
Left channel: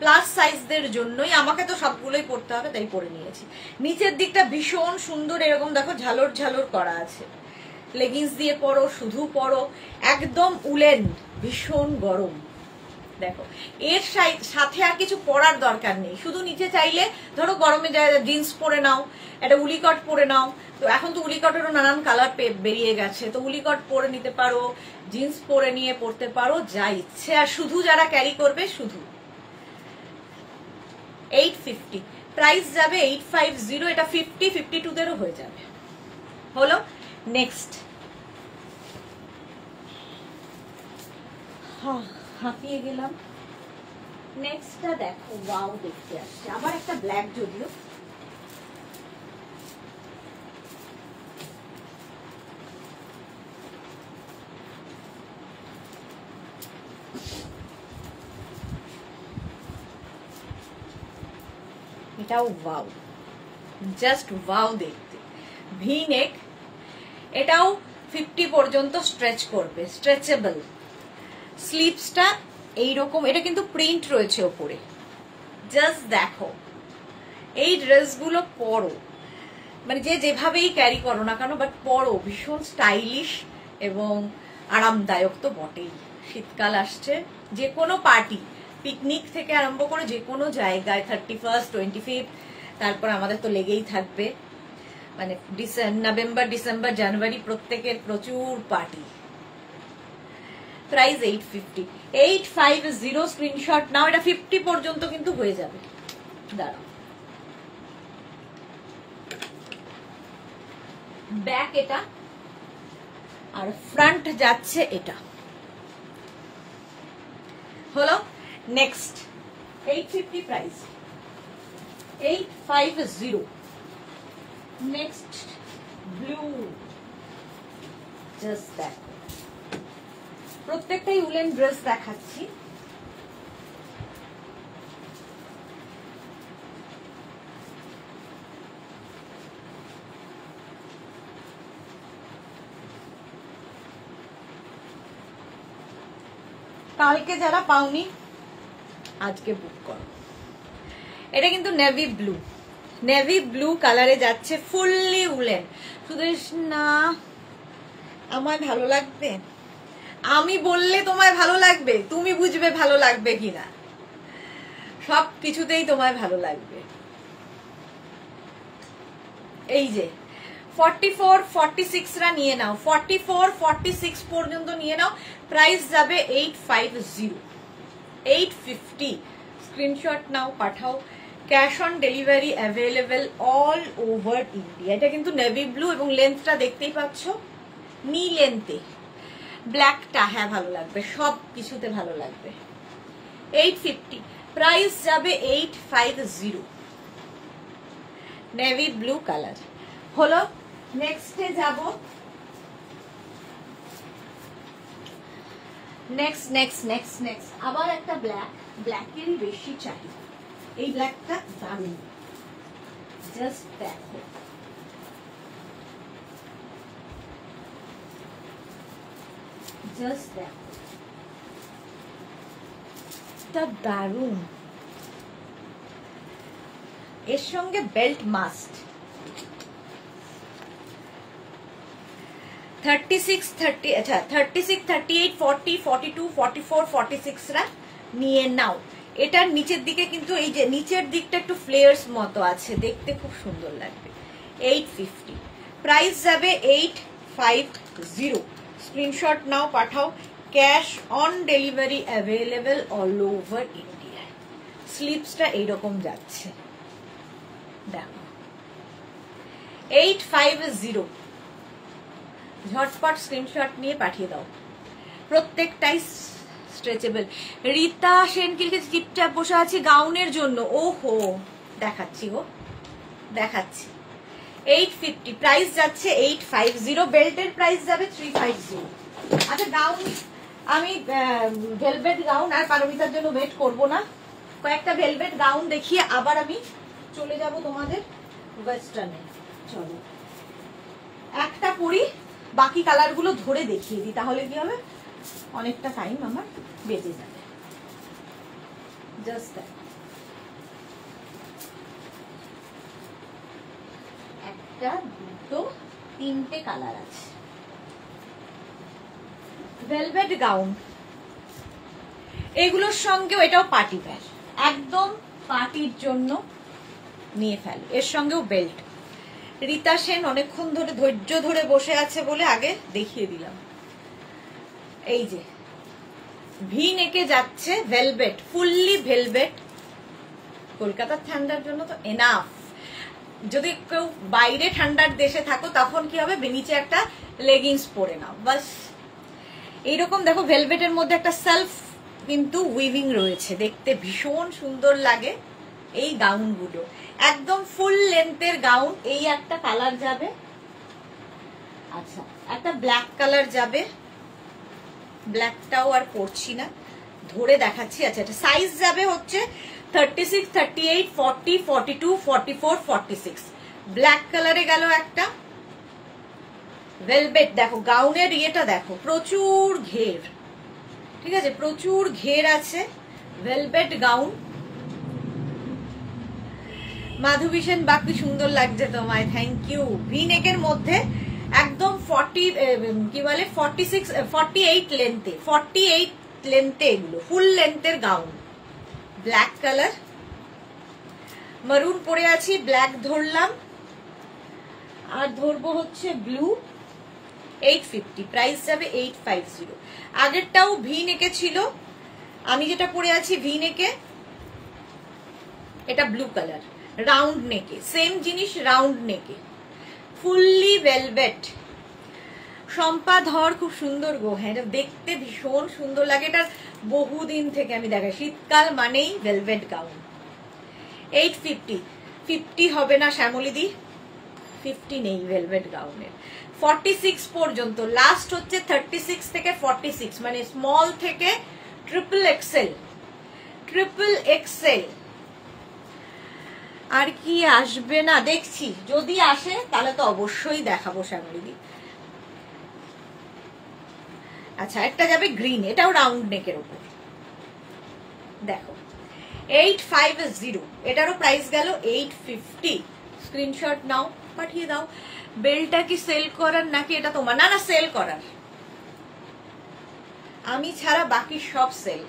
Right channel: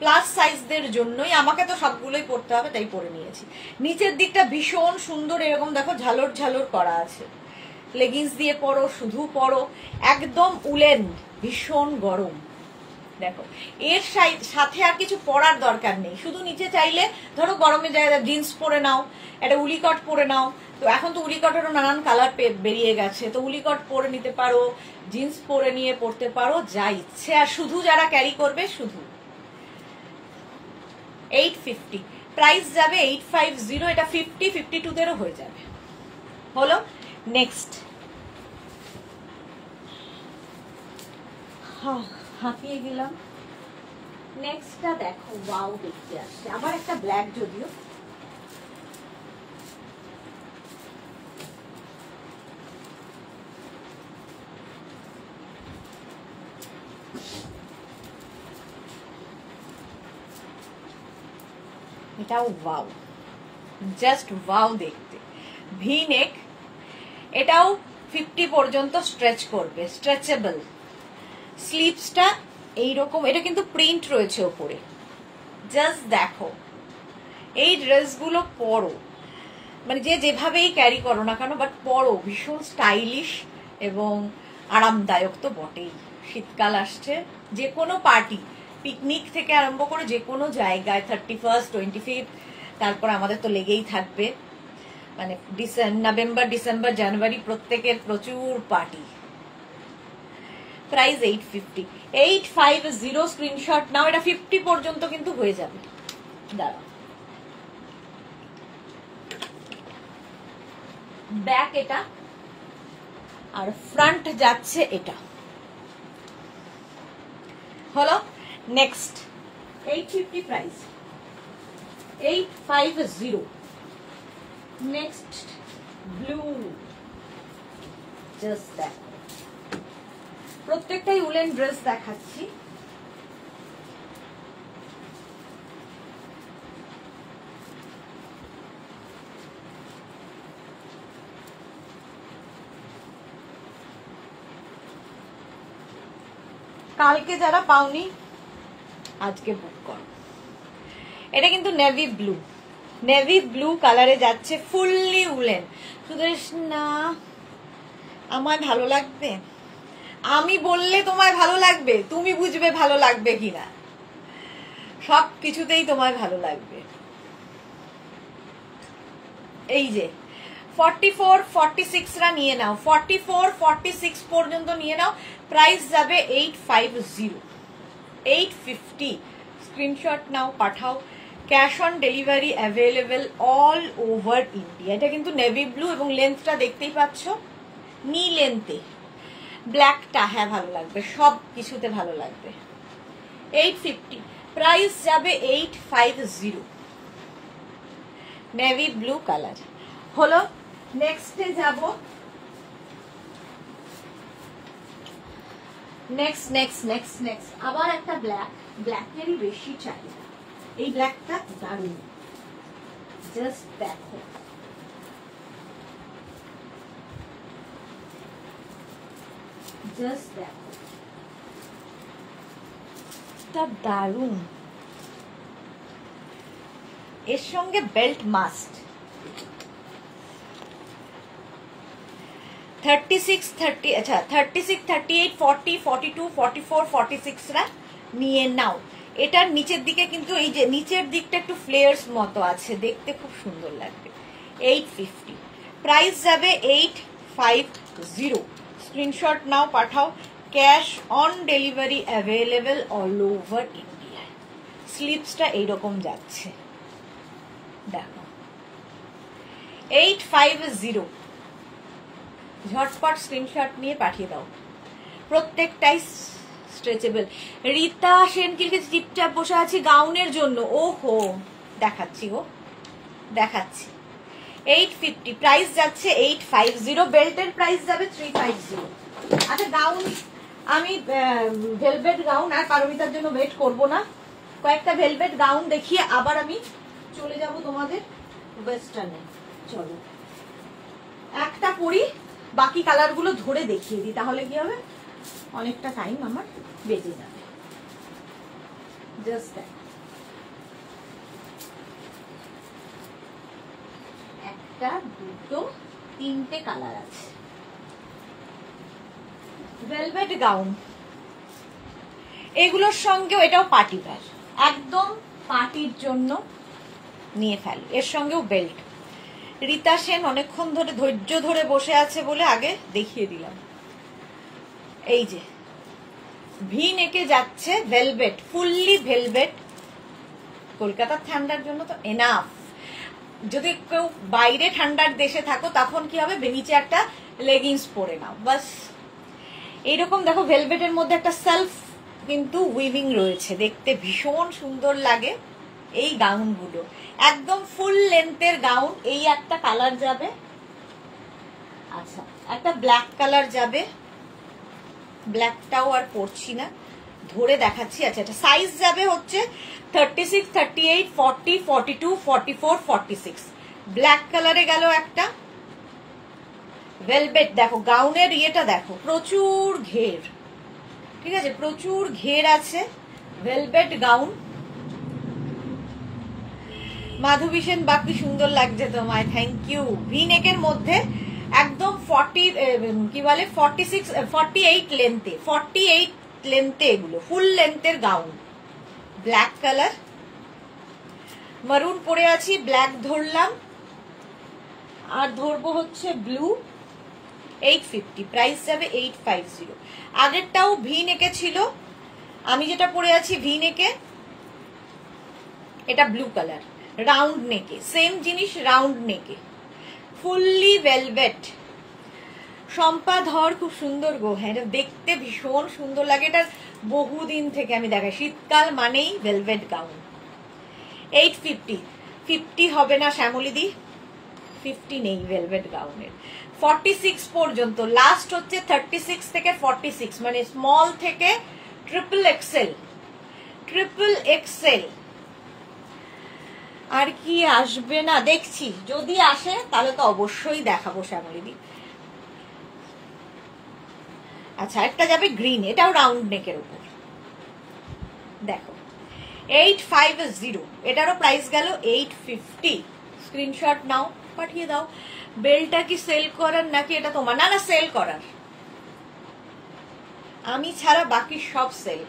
প্লাস সাইজদের জন্যই। আমাকে তো সবগুলোই পরতে হবে, তাই পরে নিয়েছি। নিচের দিকটা ভীষণ সুন্দর, এরকম দেখো ঝালর ঝালর করা আছে। লেগিংস দিয়ে পরো, শুধু পরো, একদম উলেন, ভীষণ গরম। দেখো এর সাথে আর কিছু পরার দরকার নেই, শুধু নিচে চাইলে ধরো গরমে জিন্স পরে নাও, একটা উলিকট পরে নাও। তো এখন তো উলিকটেরও নানান কালার বেরিয়ে গেছে, তো উলিকট পরে নিতে পারো, জিন্স পরে নিয়ে পরতে পারো, যা ইচ্ছে। আর শুধু যারা ক্যারি করবে শুধু 850, প্রাইস যাবে 850। এটা 50, 52দেরও হয়ে যাবে। হলো নেক্সট, হাঁপিয়ে গেলাম। নেক্সটটা দেখো, ওয়াও দেখতে আসছে, আবার একটা ব্ল্যাক, যদিও এটাও ওয়াও, জাস্ট ওয়াও দেখতে। ভি নেক, এটাও 50 পর্যন্ত স্ট্রেচ করবে, স্ট্রেচেবল। স্লিভসটা এইরকম, এটা কিন্তু প্রিন্ট রয়েছে ওপরে। জাস্ট দেখো, এই ড্রেসগুলো পরো, মানে যে যেভাবেই ক্যারি করো না কেন, বাট পরো, ভীষণ স্টাইলিশ এবং আরামদায়ক তো বটেই। শীতকাল আসছে, যে কোনো পার্টি, পিকনিক থেকে আরম্ভ করে যে কোনো জায়গায়, 31, 25, তারপর আমাদের তো লেগেই থাকবে, মানে নভেম্বর, ডিসেম্বর, জানুয়ারি প্রত্যেকের প্রচুর পার্টি। প্রাইস 850, 850, স্ক্রিনশট নাও। এটা 50 পর্যন্ত কিন্তু হয়ে যাবে। দাঁড়াও, ব্যাক এটা, আর ফ্রন্ট যাচ্ছে এটা। হলো next, 850 price, 850। Next blue, just দেখো, প্রত্যেকটাই উলেন ড্রেস দেখাচ্ছি। কালকে যারা পাওনি আজকে বুক করো। এটা কিন্তু নেভি ব্লু, নেভি ব্লু কালারে যাচ্ছে, ফুললি উলেন। শুধু না আমার ভালো লাগবে, আমি বললে তোমায় ভালো লাগবে, তুমি বুঝবে ভালো লাগবে কিনা, সব কিছুতেই তোমায় ভালো লাগবে। এই যে 44, 46রা নিয়ে নাও, 44, 46 পর্যন্ত নিয়ে নাও। প্রাইস যাবে 850, 850। স্ক্রিনশট নাও, পাঠাও। Cash on delivery available all over India. এটা কিন্তু নেভি ব্লু এবং লেন্থটা দেখতেই পাচ্ছ, নি লেন্থে। ব্ল্যাকটা হ্যাঁ ভালো লাগবে, সব কিছুতে ভালো লাগবে। 850, প্রাইস যাবে 850, নেভি ব্লু কালার। হলো নেক্সটে যাব, নেক্সট আবার একটা ব্ল্যাক, ব্ল্যাকেরই বেশি চাহিদা। এই ব্ল্যাকটা দারুণ, জাস্ট দেখো, জাস্ট দেখো, এটা দারুণ। এর সঙ্গে বেল্ট মাস্ট। 36, 30, আচ্ছা 36, 38, 40, 42, 44, 46রা নিয়ে নাও। এটার নিচের দিকে কিন্তু এই যে নিচের দিকটা একটু ফ্লেয়ার্স মতো আছে, দেখতে খুব সুন্দর লাগবে। 850, প্রাইস যাবে 850। স্ক্রিনশট নাও, পাঠাও। Cash on delivery available all over India. স্লিপসটা এইরকম যাচ্ছে, দেখো 850। ঝটপট স্ক্রিনশট নিয়ে পাঠিয়ে দাও, প্রত্যেকটাই স্ট্রেচেবল। রীতা সেন কিলকে চিপচাপ বসে আছে গাউনের জন্য, ওহো দেখাচ্ছি গো, দেখাচ্ছি। 850, প্রাইস যাচ্ছে 850, বেল্টের প্রাইস যাবে 350। আচ্ছা গাউন, আমি ভেলভেট গাউন আর পারমিতার জন্য ওয়েট করব না, কয়েকটা ভেলভেট গাউন দেখিয়ে আবার আমি চলে যাব তোমাদের ওয়েস্টার্নে। চলো একটা পরি, বাকি কালার গুলো ধরে দেখিয়ে দিই, তাহলে কি হবে অনেকটা টাইম আমার বেঁচে যাবে। জাস্ট একটা, দুটো, তিনটে কালার আছে। ভেলভেট গাউন, এগুলোর সঙ্গেও এটাও পার্টি ওয়্যার, একদম পার্টির জন্য নিয়ে ফেলো। এর সঙ্গেও বেল্ট। রীতা সেন অনেকক্ষণ ধরে ধৈর্য ধরে বসে আছে বলে আগে দেখিয়ে দিলাম। এই যে ভি নেকে যাচ্ছে ভেলভেট, ফুললি ভেলভেট। কলকাতার ঠান্ডার জন্য তো এনাফ। যদি কেউ বাইরে ঠান্ডার দেশে থাকো তখন কি হবে, নিচে একটা লেগিংস পরে নাও বাস। এইরকম দেখো ভেলভেটের মধ্যে একটা সেলফ কিন্তু উইভিং রয়েছে, দেখতে ভীষণ সুন্দর লাগে এই গাউনগুলো। একদম ফুল লেন্থের গাউন। এই একটা কালার যাবে, আচ্ছা একটা ব্ল্যাক কালার যাবে, ব্ল্যাকটাও আর পরছি না, ধরে দেখাচ্ছি। আচ্ছা এটা সাইজ যাবে হচ্ছে 36, 38, 40, 42, 44, 46। ব্ল্যাক কালারে গেল একটা। ভেলভেট দেখো, গাউনের ইয়েটা দেখো, প্রচুর ঘের, ঠিক আছে, প্রচুর ঘের আছে। Velvet gown. মাধবী সেন, বাকি সুন্দর লাগছে তোমায়, থ্যাংক ইউ। ভি নেকের মধ্যে একদম 40 কি বলে 46, 48 লেন্থে, 48 লেন্থে এগুলো ফুল লেন্থের গাউন। ব্ল্যাক কালার, মারুন পরে আছি, ব্ল্যাক ধরলাম, আর ধরবো হচ্ছে ব্লু। 850, প্রাইস যাবে 850। আগেরটাও ভি নেকে ছিল, আমি যেটা পরে আছি ভি নেকে, এটা ব্লু কালার, রাউন্ড নেকে, সেম জিনিস রাউন্ড নেকে, ফুললি ভেলভেট। শম্পা ধর, খুব সুন্দর গো। হ্যাঁ দেখতে ভীষণ সুন্দর লাগে, এটার বহুদিন থেকে আমি দেখাই। শীতকাল মানেই ভেলভেট গাউন। 850, 50 হবে না শ্যামলিদি, 50 নেই ভেলভেট গাউনের। 46 পর্যন্ত, লাস্ট হচ্ছে 36 থেকে 46, মানে স্মল থেকে ট্রিপল এক্সেল। ট্রিপল এক্সেল আর কি আসবে না দেখছি, যদি আসে তাহলে তো অবশ্যই দেখাবো শ্যামলিদি। আচ্ছা একটা যাবে গ্রিন, এটাও রাউন্ড নেকের উপর, দেখো 850। এটারও প্রাইস গেল 850। স্ক্রিনশট নাও, পাঠিয়ে দাও। বেলটা কি সেল করার নাকি এটা তোমার? না না, সেল করার, আমি ছাড়া বাকি সব সেল।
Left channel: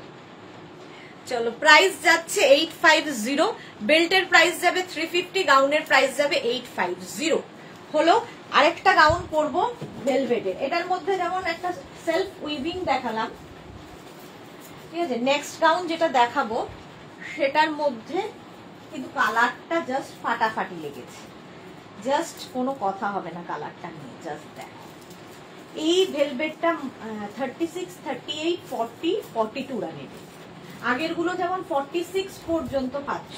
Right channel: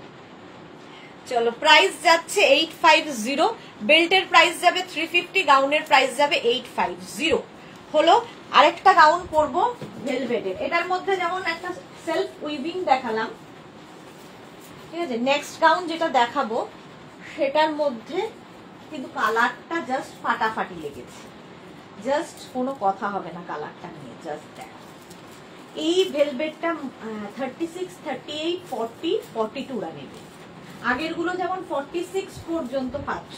চলো প্রাইস যাচ্ছে 850, বেল্টের প্রাইস যাবে 350, গাউনের প্রাইস যাবে 850। হলো আরেকটা গাউন পরবো ভেলভেটের। এটার মধ্যে যেমন একটা সেলফ উইভিং দেখালাম, ঠিক আছে, নেক্সট গাউন যেটা দেখাবো সেটার মধ্যে কিন্তু কালারটা জাস্ট ফাটাফাটি লেগেছে, জাস্ট কোনো কথা হবে না কালারটা নিয়ে। জাস্ট দেখো এই ভেলভেটটা 36, 38, 40, 42 রা নেবে। আগের গুলো যেমন 46 পর্যন্ত পাচ্ছ,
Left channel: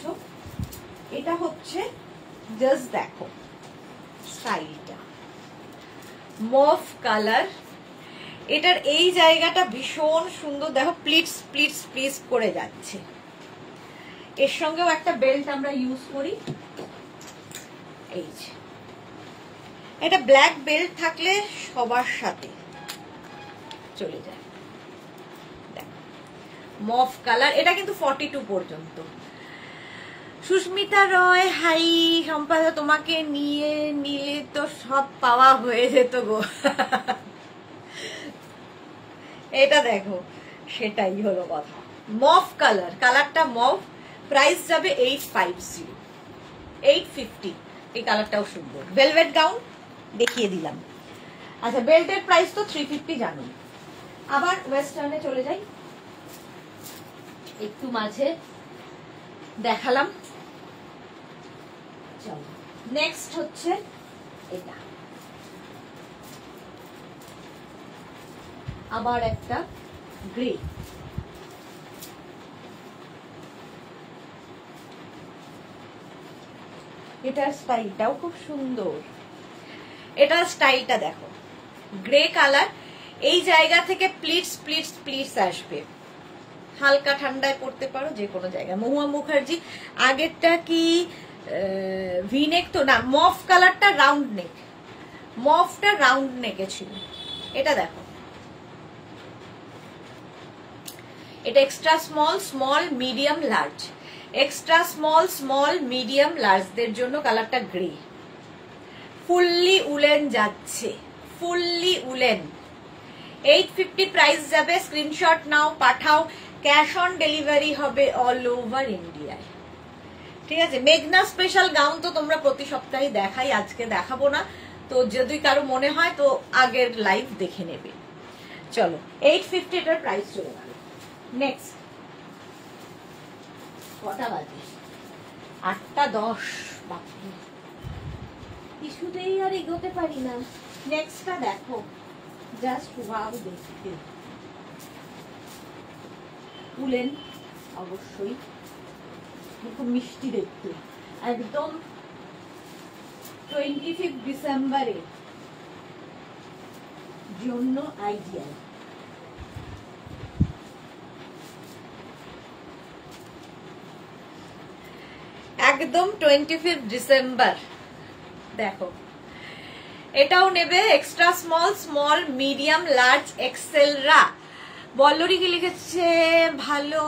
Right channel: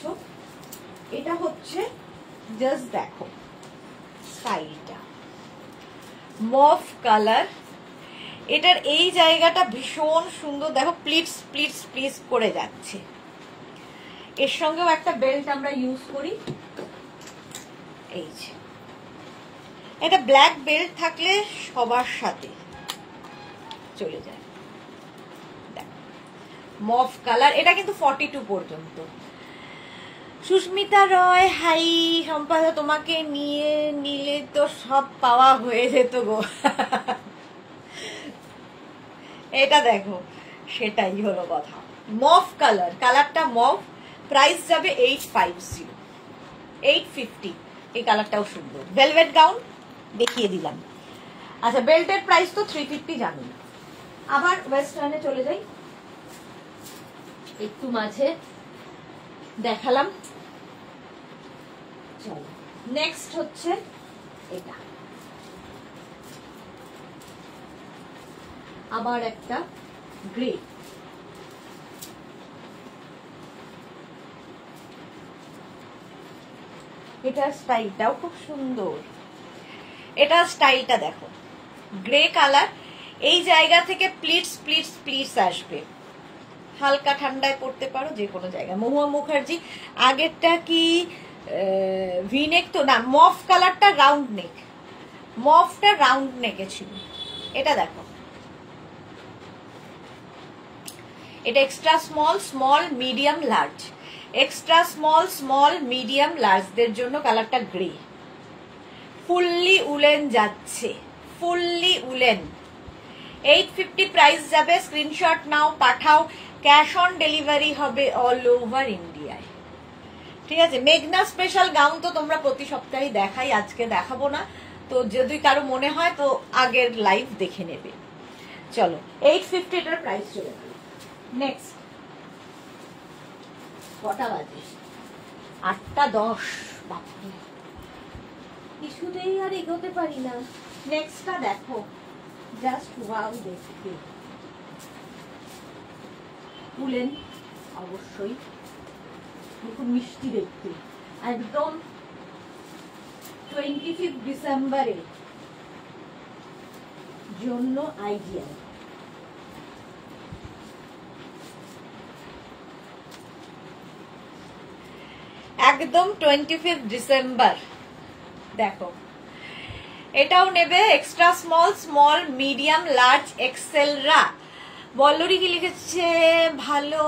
এটা হচ্ছে জাস্ট দেখো স্টাইলটা, মফ কালার। এটার এই জায়গাটা ভীষণ সুন্দর, দেখো প্লিটস প্লিটস প্লিটস করে যাচ্ছে। এর সঙ্গেও একটা বেল্ট আমরা ইউজ করি, এই যে এটা ব্ল্যাক বেল্ট থাকলে সবার সাথে চলে যায়। মফ কালার, এটা কিন্তু 42 পর্যন্ত। সুস্মিতা রয়, হাই সম্পাদা, তোমাকে নিয়ে নিলে তো সব পাওয়া হয়ে যেত গো। এটা দেখো, সেটাই হলো কথা। মফ কালার, কালারটা মফ, প্রাইস যাবে 850, 850। এই কালারটাও সুন্দর, ভেলভেট গাউন দেখিয়ে দিলাম। আচ্ছা বেল্টের প্রাইস তো 350 জানুন। আবার ওয়েস্টার্নে চলে যাই, একটু মাঝে দেখালাম। চলো নেক্সট হচ্ছে এটা, আবার একটা গ্রে। এটার স্টাইলটাও খুব সুন্দর, এটার স্টাইলটা দেখো, গ্রে কালার। এই জায়গা থেকে প্লিটস প্লিটস প্লিটস আসবে, হালকা ঠান্ডায় পড়তে পারো যে কোনো জায়গায়। মহুয়া মুখার্জি, আগেরটা কি ভিনেক তো না, মফ কালারটা রাউন্ড নেক, মফটা রাউন্ড নেকে ছিল। এটা দেখো এটা extra small, small, medium, large. Extra small, small, medium, লার্জদের জন্য কালারটা গ্রে। ফুললি উলেন যাচ্ছে, ফুললি উলেন। 850 প্রাইস যাবে। স্ক্রিনশট নাও, পাঠাও। ক্যাশ অন ডেলিভারি হবে অল ওভার ইন্ডিয়ায়। ঠিক আছে। মেঘনা স্পেশাল গাউন তো তোমরা প্রতি সপ্তাহে দেখাই, আজকে দেখাবো না। তো যদি কারো মনে হয় তো আগের লাইভ দেখে নেবে। চলো 850 এটার প্রাইস চলে গেল। নেক্সট কটা বাজে? 8:10। বাপরে, কিছুতেই আর এগোতে পারি না। নেক্সটটা দেখো, জাস্ট ওয়াও দেখতে। উলেন অবশ্যই, খুব মিষ্টি দেখতে। একদম 25 ডিসেম্বরে জন্য আইডিয়া। একদম 25 ডিসেম্বর। দেখো এটাও নেবে extra small, small, medium, large, এক্সেলরা। বল্লরি কি লিখেছে? ভালো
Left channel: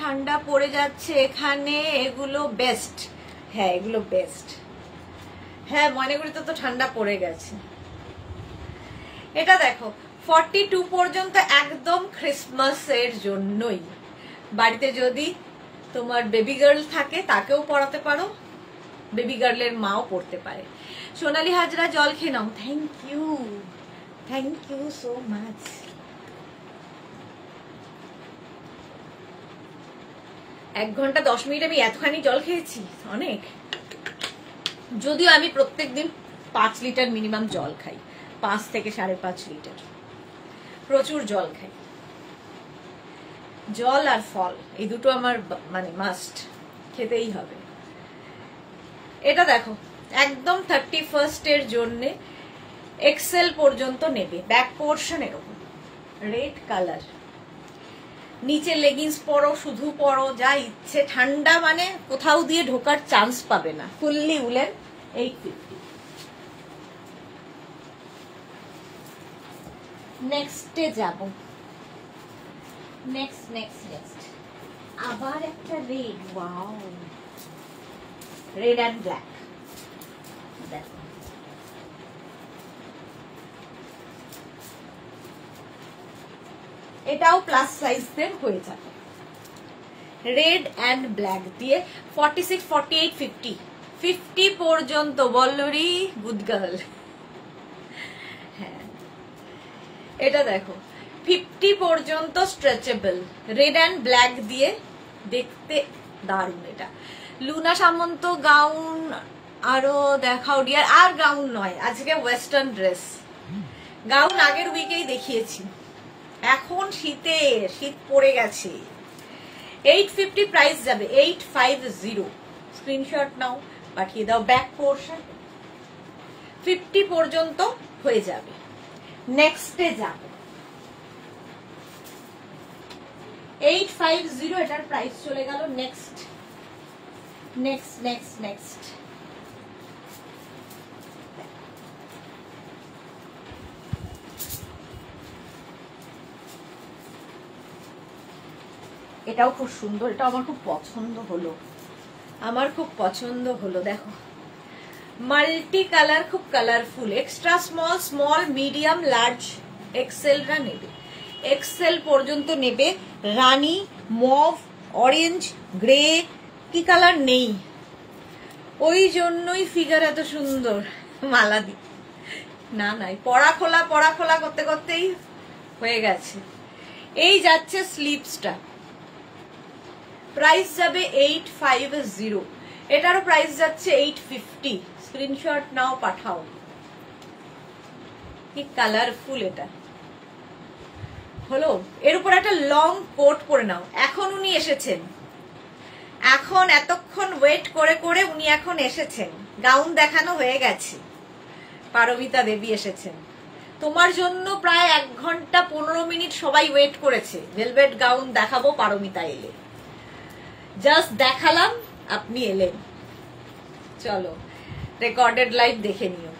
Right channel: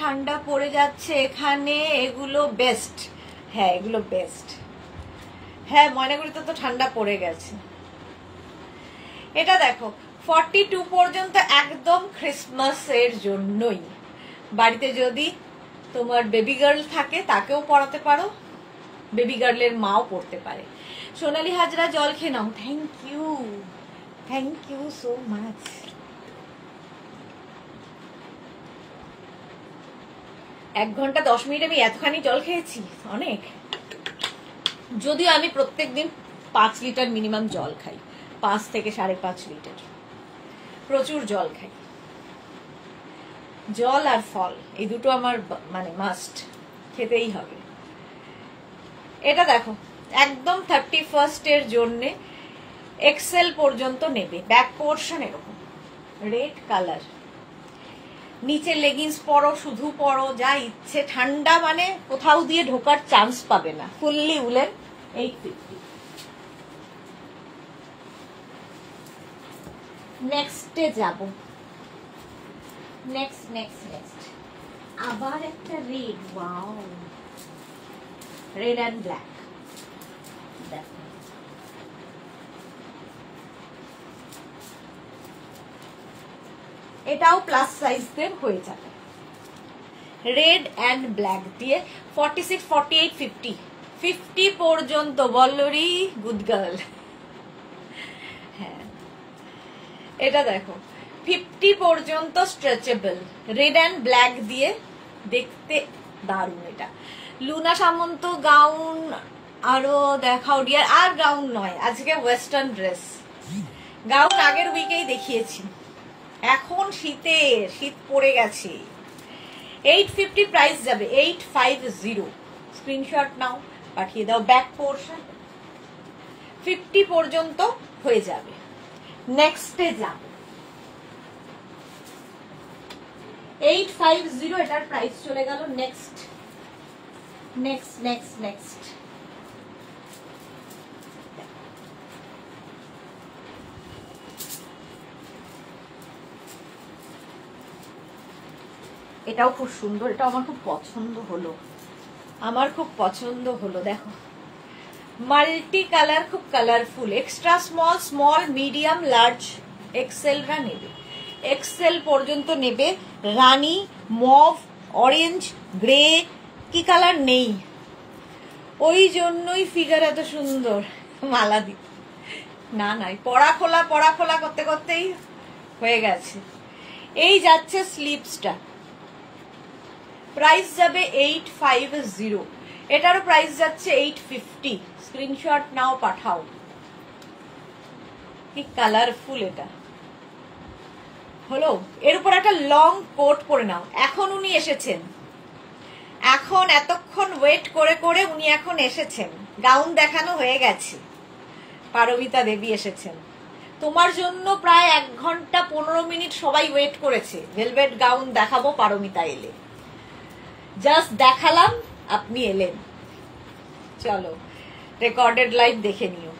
ঠান্ডা পড়ে যাচ্ছে এখানে, এগুলো বেস্ট। হ্যাঁ এগুলো বেস্ট। হ্যাঁ ময়নাগুড়িতে তো ঠান্ডা পড়ে গেছে। এটা দেখো 42 পর্যন্ত একদম ক্রিসমাস এর জন্যই। বাড়িতে যদি তোমার বেবি গার্ল থাকে তাকেও পড়াতে পারো, বেবি গার্লের মাও পড়তে পারে। সোনালী হাজরা জল খেয়ে নাও। Thank you, thank you so much. এক ঘন্টা 10 মিনিট আমি এতখানি জল খেয়েছি, অনেক। যদিও আমি প্রত্যেকদিন 5 লিটার মিনিমাম জল খাই, 5 থেকে 5.5 লিটার। প্রচুর জল খাই। জল আর ফল এই দুটো আমার মানে মাস্ট, খেতেই হবে। এটা দেখো একদম 31st এর জন্য এক্সেল পর্যন্ত নেবে। ব্যাক পোর্শন এরকম রেড কালার, নিচে লেগিংস পরো, শুধু পরো, যা ইচ্ছে। ঠান্ডা মানে কোথাও দিয়ে ঢোকার চান্স পাবে না। Fully woollen 850। নেক্সটে যাব। নেক্সট নেক্সট নেক্সট আবার একটা red. Wow, red and black. দেখো এটাও প্লাস সাইজদের হয়ে যাবে। রেড অ্যান্ড ব্ল্যাক দিয়ে 46, 48, 50, 50 পর্যন্ত। বল্লরি গুড গার্ল। হ্যাঁ এটা দেখো 50 পর্যন্ত স্ট্রেচেবল, রেড অ্যান্ড ব্ল্যাক দিয়ে, দেখতে দারুণ। এটা লুনা সামন্ত গাউন আরো দেখাও ডিয়ার। আর গাউন নয়, আজকে ওয়েস্টার্ন ড্রেস। গাউন আগের উইকেই দেখিয়েছি। এখন শীত পড়ে গেছে। 850 প্রাইস যাবে। 850। স্ক্রিনশট নাও, পাঠিয়ে দাও। ব্যাক পোর্শন 50 পর্যন্ত হয়ে যাবে। নেক্সটে যাবে 850। এটার প্রাইস চলে গেল। নেক্সট নেক্সট নেক্সট নেক্সট এটাও খুব সুন্দর। এটা আমার খুব পছন্দ হলো, আমার খুব পছন্দ হলো। দেখো মাল্টি কালার, খুব colourful. Extra small, small, medium, large, এক্সেলরা নেবে। এক্সেল পর্যন্ত নেবে। রানী, মভ, অরেঞ্জ, গ্রে, কি কালার নেই। ওই জন্যই ফিগার এত সুন্দর। মালা দি না নাই, পড়া খোলা করতে করতেই হয়ে গেছে। এই যাচ্ছে স্লিপসটা। প্রাইস যাবে 850। এটারও প্রাইস যাচ্ছে 850। স্ক্রিনশট নাও, পাঠাও। কি কালারফুল এটা হলো। এর উপর একটা লং কোট পরে নাও। এখন উনি এসেছেন, এখন এতক্ষণ ওয়েট করে করে উনি এখন এসেছেন। গাউন দেখানো হয়ে গেছে। পারমিতা দেবী এসেছেন। তোমার জন্য প্রায় 1 ঘন্টা 15 মিনিট সবাই ওয়েট করেছে। ভেলভেট গাউন দেখাবো, পারমিতা এলে। জাস্ট দেখালাম, আপনি এলেন। চলো রেকর্ডেড লাইভ দেখে নিও।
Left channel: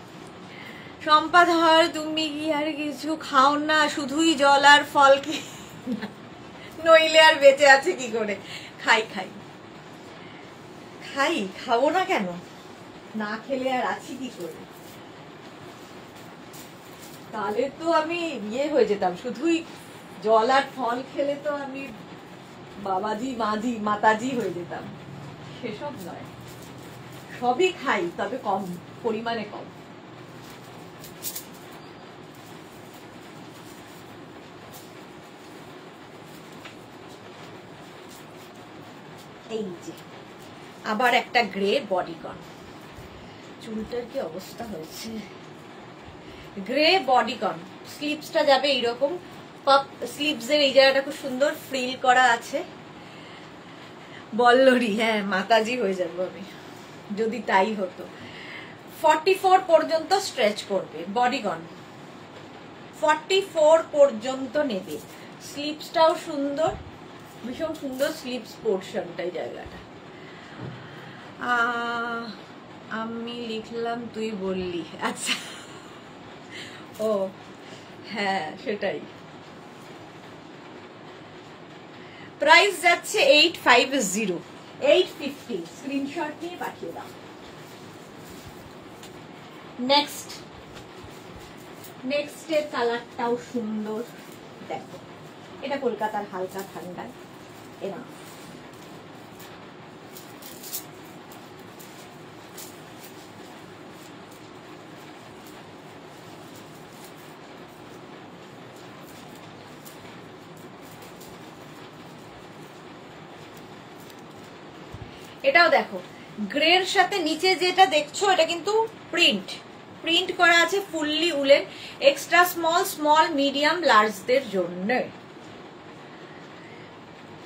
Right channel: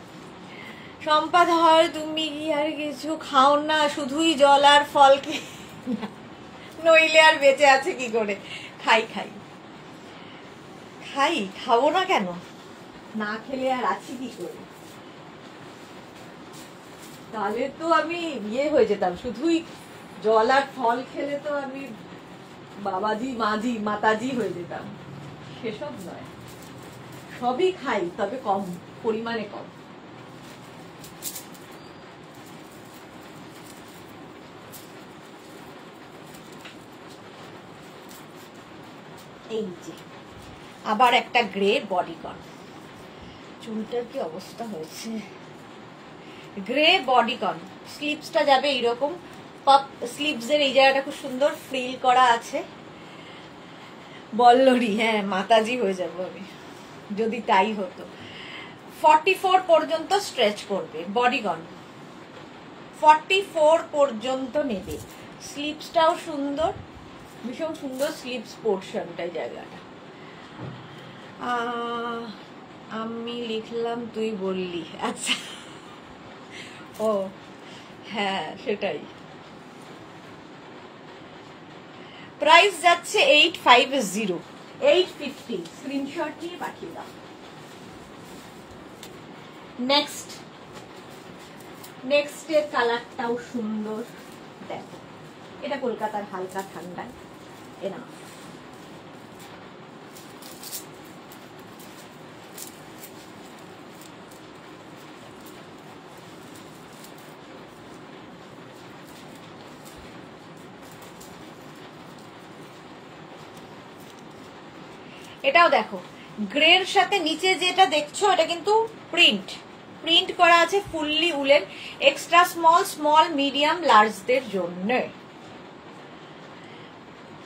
সম্পা ধর, তুমি কি আর কিছু খাও না? শুধুই জল আর ফল নইলে আর বেঁচে আছে কি করে। খাই খাই খাই, খাবো না কেন, না খেলে আর আছি কি করে। তাহলে তো আমি ইয়ে হয়ে যেতাম, শুধুই জল আর ফল খেলে তো আমি বাবাজি মাজি মাতাজি হয়ে যেতাম। সেসব নয়, সবই খাই, তবে কম পরিমাণে কম। এই যে আবার একটা গ্রে বডিকন, চুলটার কি অবস্থা হয়েছে। গ্রে বডিকন, স্লিভসটা যাবে এইরকম, পাপ স্লিভস এর এই জায়গাটা খুব সুন্দর ফ্রিল করা আছে। বল্লরি, হ্যাঁ মাতাজি হয়ে যাবো আমি যদি তাই হতো। 44 পর্যন্ত স্ট্রেচ করবে বডিকন, 44 পর্যন্ত নেবে। স্লিভসটাও সুন্দর, ভীষণ সুন্দর স্লিভস পোর্শনটাই জায়গাটা। আমি লিখলাম তুই বললি, আচ্ছা ও হ্যাঁ সেটাই। প্রাইস যাচ্ছে 850, 850, স্ক্রিনশট নিয়ে পাঠিয়ে দাও। নেক্সট এর কালারটাও সুন্দর, দেখো এটা কলকাতার হালকা ঠান্ডায় এনা। এটাও দেখো, গ্রের সাথে নিচে যেটা দেখছো এটা কিন্তু প্রিন্ট করা আছে, fully woollen, extra small, small, medium, লার্জদের জন্য।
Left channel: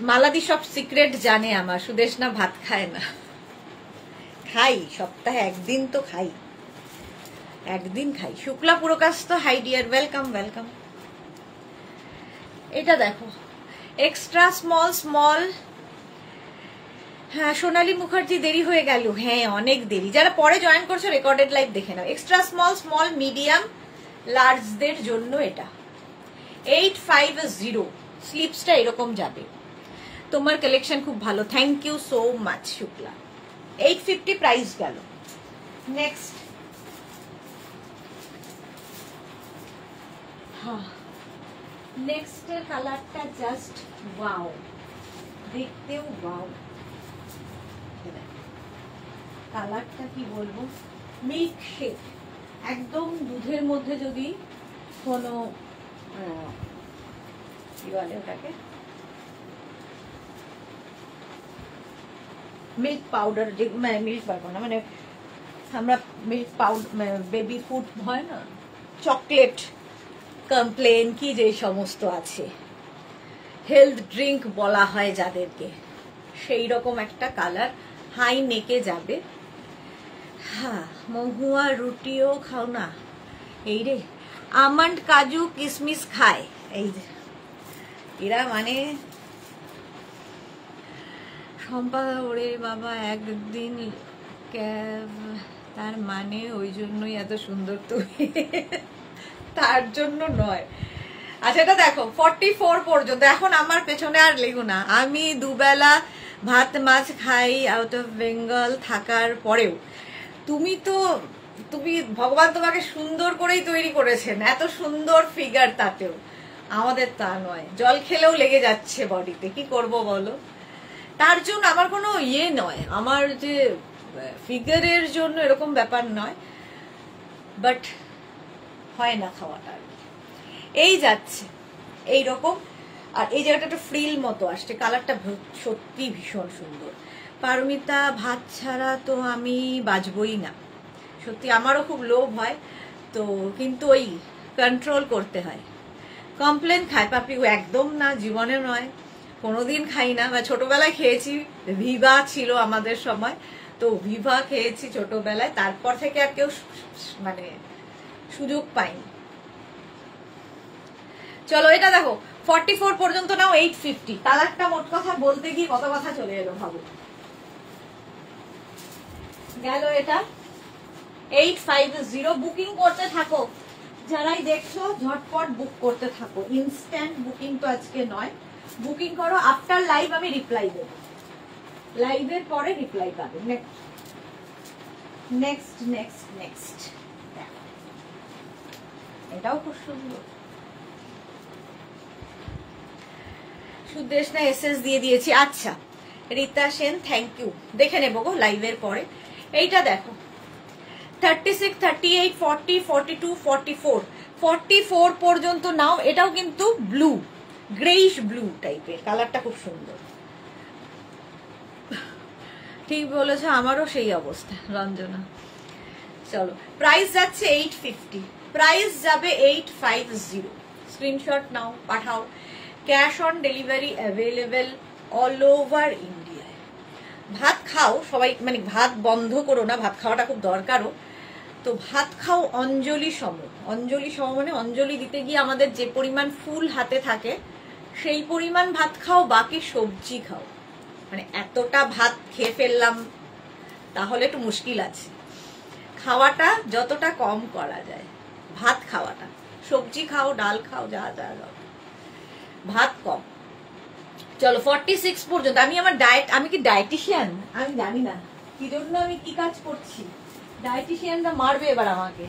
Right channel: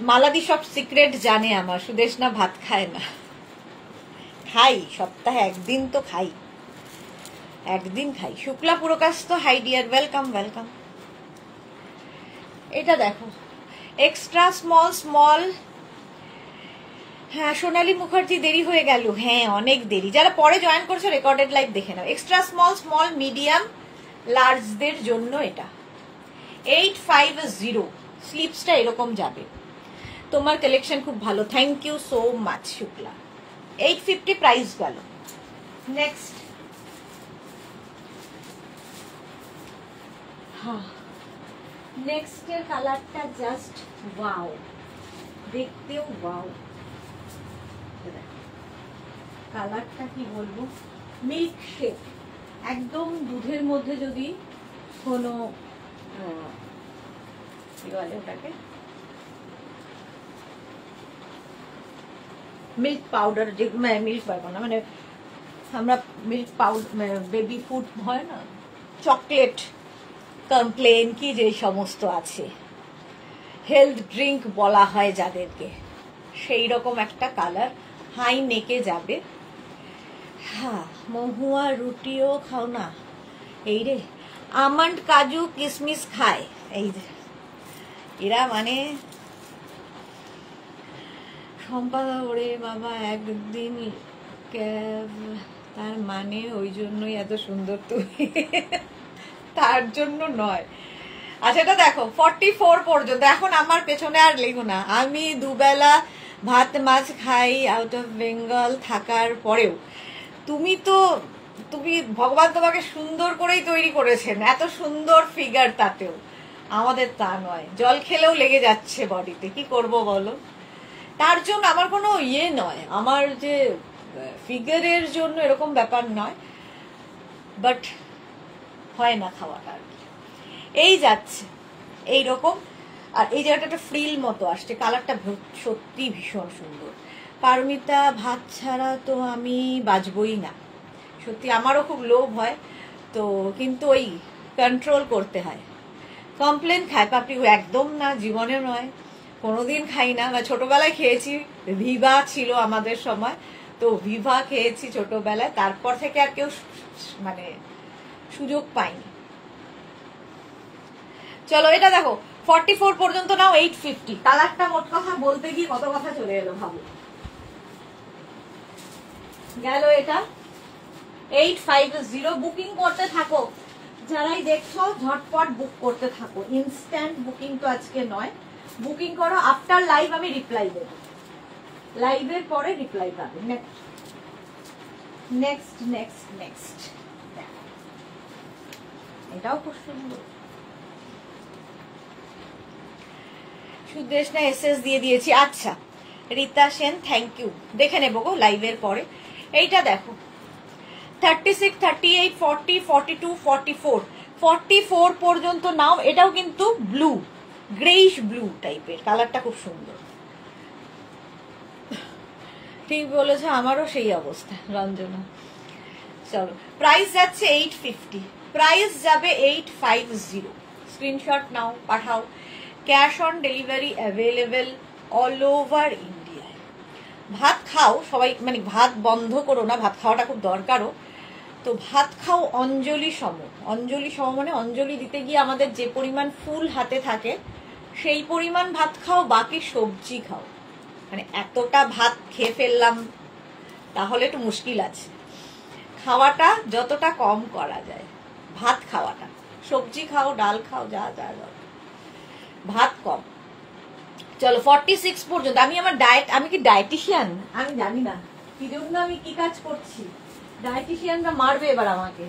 মালাদি সব সিক্রেট জানে আমার, সুদেশনা ভাত খায় না, খাই সপ্তাহে একদিন তো খাই, একদিন খাই। শুক্লা পুরকাশ তো হাই ডিয়ার, ওয়েলকাম ওয়েলকাম। এটা দেখো এক্সট্রা স্মল স্মল, হ্যাঁ সোনালী মুখার্জি দেরি হয়ে গেল, হ্যাঁ অনেক দেরি। যারা পরে জয়েন করছো রেকর্ডেড লাইভ দেখে নাও। এক্সট্রা স্মল স্মল, মিডিয়াম, লার্জদের জন্য এটা 850, স্লিপসটা এরকম যাবে। তোমার কালেকশন খুব ভালো, thank you so much Shukla. 850 price গেল। নেক্সট, হ্যাঁ নেক্সট এর কালারটা জাস্ট ওয়াও, দেখতেও ওয়াও। কালারটা কি বলবো, মিল্ক শেক, একদম দুধের মধ্যে যদি কোনো কি বলে ওটাকে, মিল্ক পাউডার, যে মিল্ক পাউডার না, মানে আমরা মিল্ক পাউডার বেবি ফুড হয় না, চকলেট কমপ্লেন কি যে সমস্ত আছে, হেলথ ড্রিঙ্ক বলা হয় যাদেরকে, সেই রকম একটা কালার, হাই নেকে যাবে। হ্যাঁ মহুয়া রুটিও খাও না, এই রে আমন্ড কাজু কিশমিশ খায়, এই যে এরা মানে সম্পাদা ওরে বাবা একদিন ক্যাব, তার মানে ওই জন্যই এত সুন্দর তুমি, তার জন্য নয়। আচ্ছা এটা দেখো 44 পর্যন্ত, এখন আমার পেছনে আর লেগো না, আমি দুবেলা ভাত মাছ খাই আউট অফ বেঙ্গল থাকার পরেও তুমি ভগবান তোমাকে সুন্দর করেই তৈরি করেছেন, এত সুন্দর ফিগার, তাতেও আমাদের তা নয়, জল খেলেও লেগে যাচ্ছে বডিতে, কি করব বলো। তার জন্য আমার কোনো ইয়ে নয়, আমার যে ফিগারের জন্য এরকম ব্যাপার নয়, বাট হয় না খাওয়াটা আর কি। এই যাচ্ছে এইরকম, আর এই জায়গাটা একটা ফ্রিল মতো আসছে, কালারটা সত্যি ভীষণ সুন্দর। পারমিতা ভাত ছাড়া তো আমি বাঁচবই না, সত্যি আমারও খুব লোভ হয় তো, কিন্তু ওই কন্ট্রোল করতে হয়। কমপ্লেন খায় পাপড়ি, একদম না, জীবনে নয়, কোনোদিন খাই না, বা ছোটবেলায় খেয়েছি, ভিভা ছিল আমাদের সময়, তো ভিভা খেয়েছি ছোটবেলায়, তারপর থেকে আর কেউ মানে সুযোগ পাইনি। চলো এটা দেখো 44 পর্যন্ত নাও, 850, কালারটা মোট কথা বলতে গিয়ে কত কথা চলে এলো ভাবো, গেল এটা 850। বুকিং করতে থাকো, যারাই দেখছো ঝটপট বুক করতে থাকো, ইনস্ট্যান্ট বুকিং তো আজকে নয়, বুকিং করো, আফটার লাইভ আমি রিপ্লাই দেব, লাইভের পরে রিপ্লাই পাবে। নেক্সট নেক্সট নেক্সট এটাও খুব সুন্দর। সুদেশ না এসএস দিয়ে দিয়েছি। আচ্ছা রীতা সেন থ্যাংক ইউ, দেখে নেবো গো লাইভের পরে। এইটা দেখো 36, 38, 40, 42, 44, 44 পর্যন্ত নাও। এটাও কিন্তু ব্লু, গ্রেইশ ব্লু টাইপের, কালারটা খুব সুন্দর। ঠিক বলেছো, আমারও সেই অবস্থা রঞ্জনা। চলো প্রাইস যাচ্ছে 850, প্রাইস যাবে 850। স্ক্রিনশট নাও, পাঠাও। Cash on delivery available all over ইন্ডিয়ায়। ভাত খাও সবাই, মানে ভাত বন্ধ করো না, ভাত খাওয়াটা খুব দরকারও। তো ভাত খাও অঞ্জলি সম। অঞ্জলি সম মানে অঞ্জলি দিতে গিয়ে আমাদের যে পরিমাণ ফুল হাতে থাকে সেই পরিমাণ ভাত খাও, বাকি সবজি খাও। মানে এতটা ভাত খেয়ে ফেললাম তাহলে একটু মুশকিল আছে। খাওয়াটা যতটা কম করা যায়, ভাত খাওয়াটা, সবজি খাও, ডাল খাও, যা যা যা, ভাত কম। চলো 46 পর্যন্ত। আমি আমার ডায়েট, আমি কি ডায়েটিশিয়ান আমি জানি না কি জন্য আমি কি কাজ করছি, ডায়েটিশিয়ানরা মারবে এবার আমাকে।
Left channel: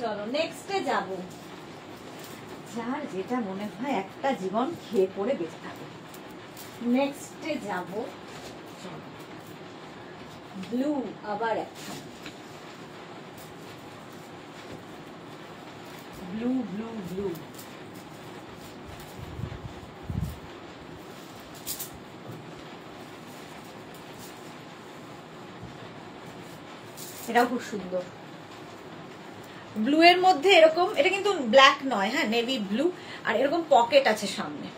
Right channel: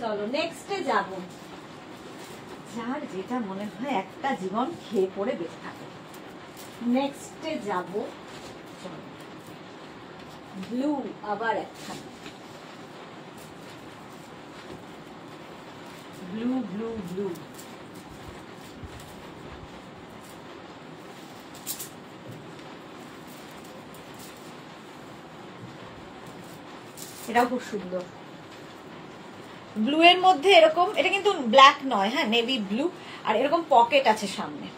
চলো নেক্সটে যাব, যার যেটা মনে হয় একটা জীবন খেয়ে পড়ে বেঁচে থাকো। নেক্সটে যাব, ব্লু, আবার একটা ব্লু ব্লু ব্লু। এটাও খুব সুন্দর, ব্লু এর মধ্যে এরকম, এটা কিন্তু ব্ল্যাক নয়, হ্যাঁ নেভি ব্লু, আর এরকম পকেট আছে সামনে।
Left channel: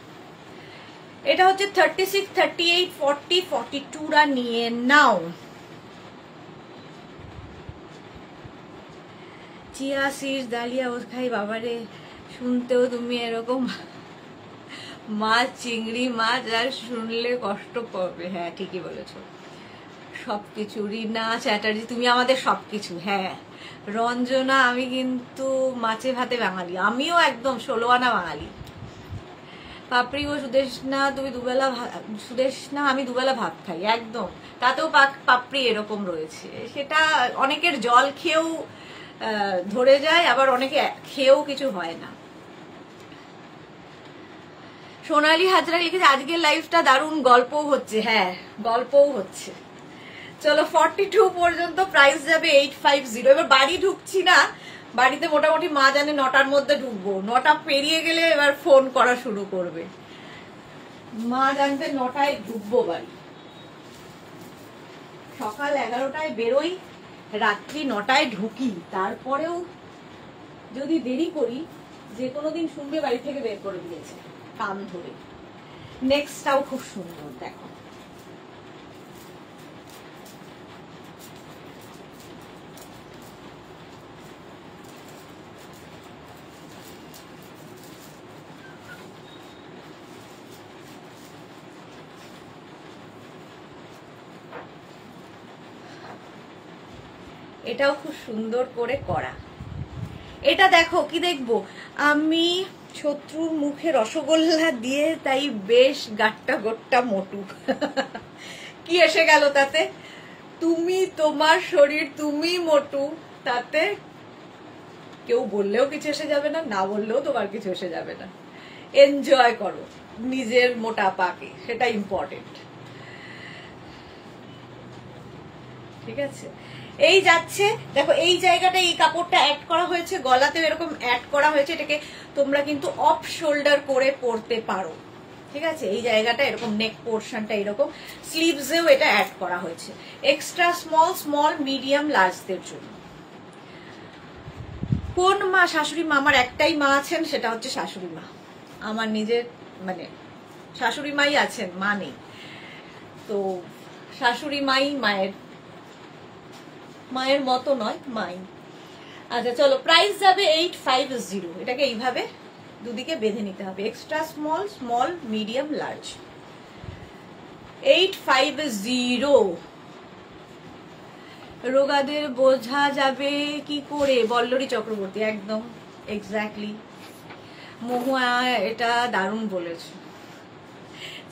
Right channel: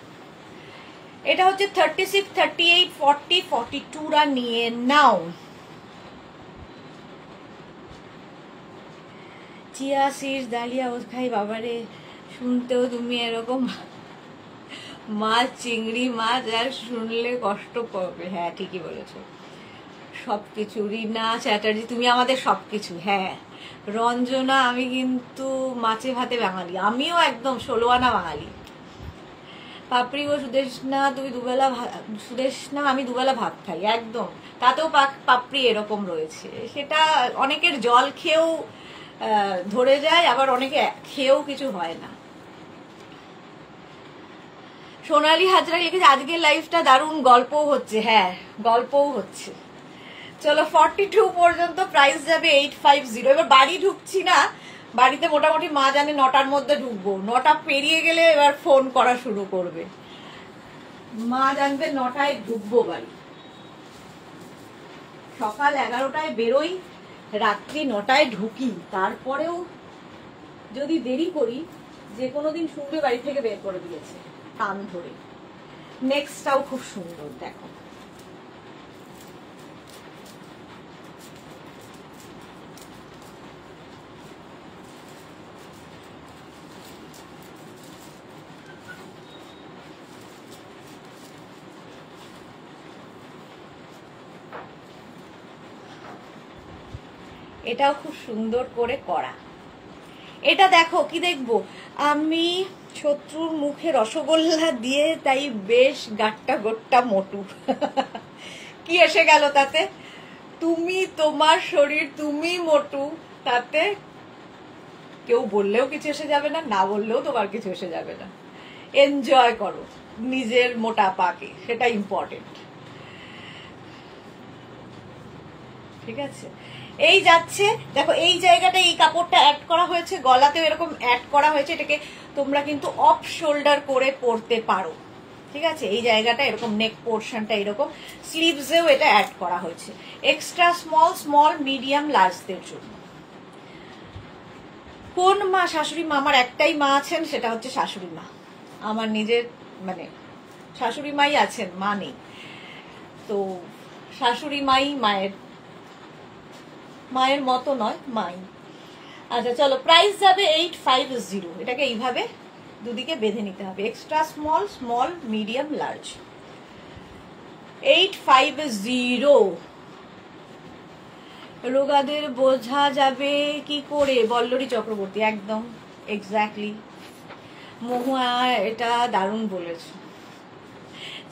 এটা হচ্ছে 36, 38, 40, 42রা নিয়ে নাও। চিয়া সিডস, ডালিয়া ওস খাই, বাবারে শুনতেও তুমি এরকম মাছ, চিংড়ি মাছ, আর শুনলে কষ্ট করবে। হ্যাঁ ঠিকই বলেছো, সবকিছু। রিনা চ্যাটার্জি তুমি আমাদের সবকিছু। হ্যাঁ রঞ্জনা, আমি কিন্তু মাছে ভাতে বাঙালি, আমিও একদম 16 আনা বাঙালি। পাপড়ি ও সুদেশ না, তুমি দুবেলা, সুদেশ না আমি দুবেলা ভাত খাই একদম, তাতেও পাপড়ি এরকম রয়েছে। সেটা অনেকের জল খেয়েও ধরে যায়, আবার অনেকে খেয়েও কিছু হয় না। সোনালী হাজরা লিখেছে আজকের লাইফটা দারুণ, গল্পও হচ্ছে। হ্যাঁ গল্পও হচ্ছে। চলো 42 পর্যন্ত, প্রাইস যাবে 850। এবার বাড়ি ঢুকছি না, বাড়িতে মোটামুটি মা জানে 9টার মধ্যে ঢুকবো, 9টা পেরিয়ে গেলে এবার ফোন করা শুরু করবে। মা জানবে 9টায় ঢুকবো বাড়ি, সকাল 11টায় বেরোই, রাত্রি 9টায় ঢুকি। তারপরেও যদি দেরি করি, যে কোনো দিন শুনবে বাড়ি থেকে বের করে দিয়েছে কান ধরে। নেক্সটটাও খুব সুন্দর, দেখো এটাও খুব সুন্দর করে করা। এটা দেখো কি দেখবো, আমি শত্রুর মুখে রসগোল্লা দিয়ে তাই বেশ গাট্টা গোট্টা মোটু। কি এসে গেল তাতে? তুমি, তোমার শরীর, তুমি মোটু, তাতে কেউ বললেও কিছু এসে যাবে না, না বললেও তোমার কিছু এসে যাবে না। এনজয় করো নিজের মোটাপাকে, সেটা ইম্পর্টেন্ট। ঠিক আছে, এই যাচ্ছে দেখো, এই জায়গাটা এই কাপড়টা অ্যাড করা হয়েছে, গলাতেও এরকম অ্যাড করা হয়েছে। এটাকে তোমরা কিন্তু অফ শোল্ডার করে পরতে পারো। ঠিক আছে, এই জায়গাটা এরকম, নেক পোর্শনটা এরকম, স্লিভসেও এটা অ্যাড করা হয়েছে। এক্সট্রা স্মল, স্মল, মিডিয়াম, লার্জদের জন্য। কোন মা? শাশুড়ি মা। আমার একটাই মা আছেন, সেটা হচ্ছে শাশুড়ি মা। আমার নিজের মানে শাশুড়ি মাই আছেন, মা নেই। তো শাশুড়ি মাই মায়ের মতো নয়, মাই। আচ্ছা চলো, প্রাইস যাবে 850। এটাকে এইভাবে দুদিকে বেঁধে নিতে হবে, extra small, small, medium, large. 850। রোগাদের বোঝা যাবে কি করে? বল্লরী চক্রবর্তী, একদম এক্স্যাক্টলি। মহুয়া এটা দারুণ বলেছো।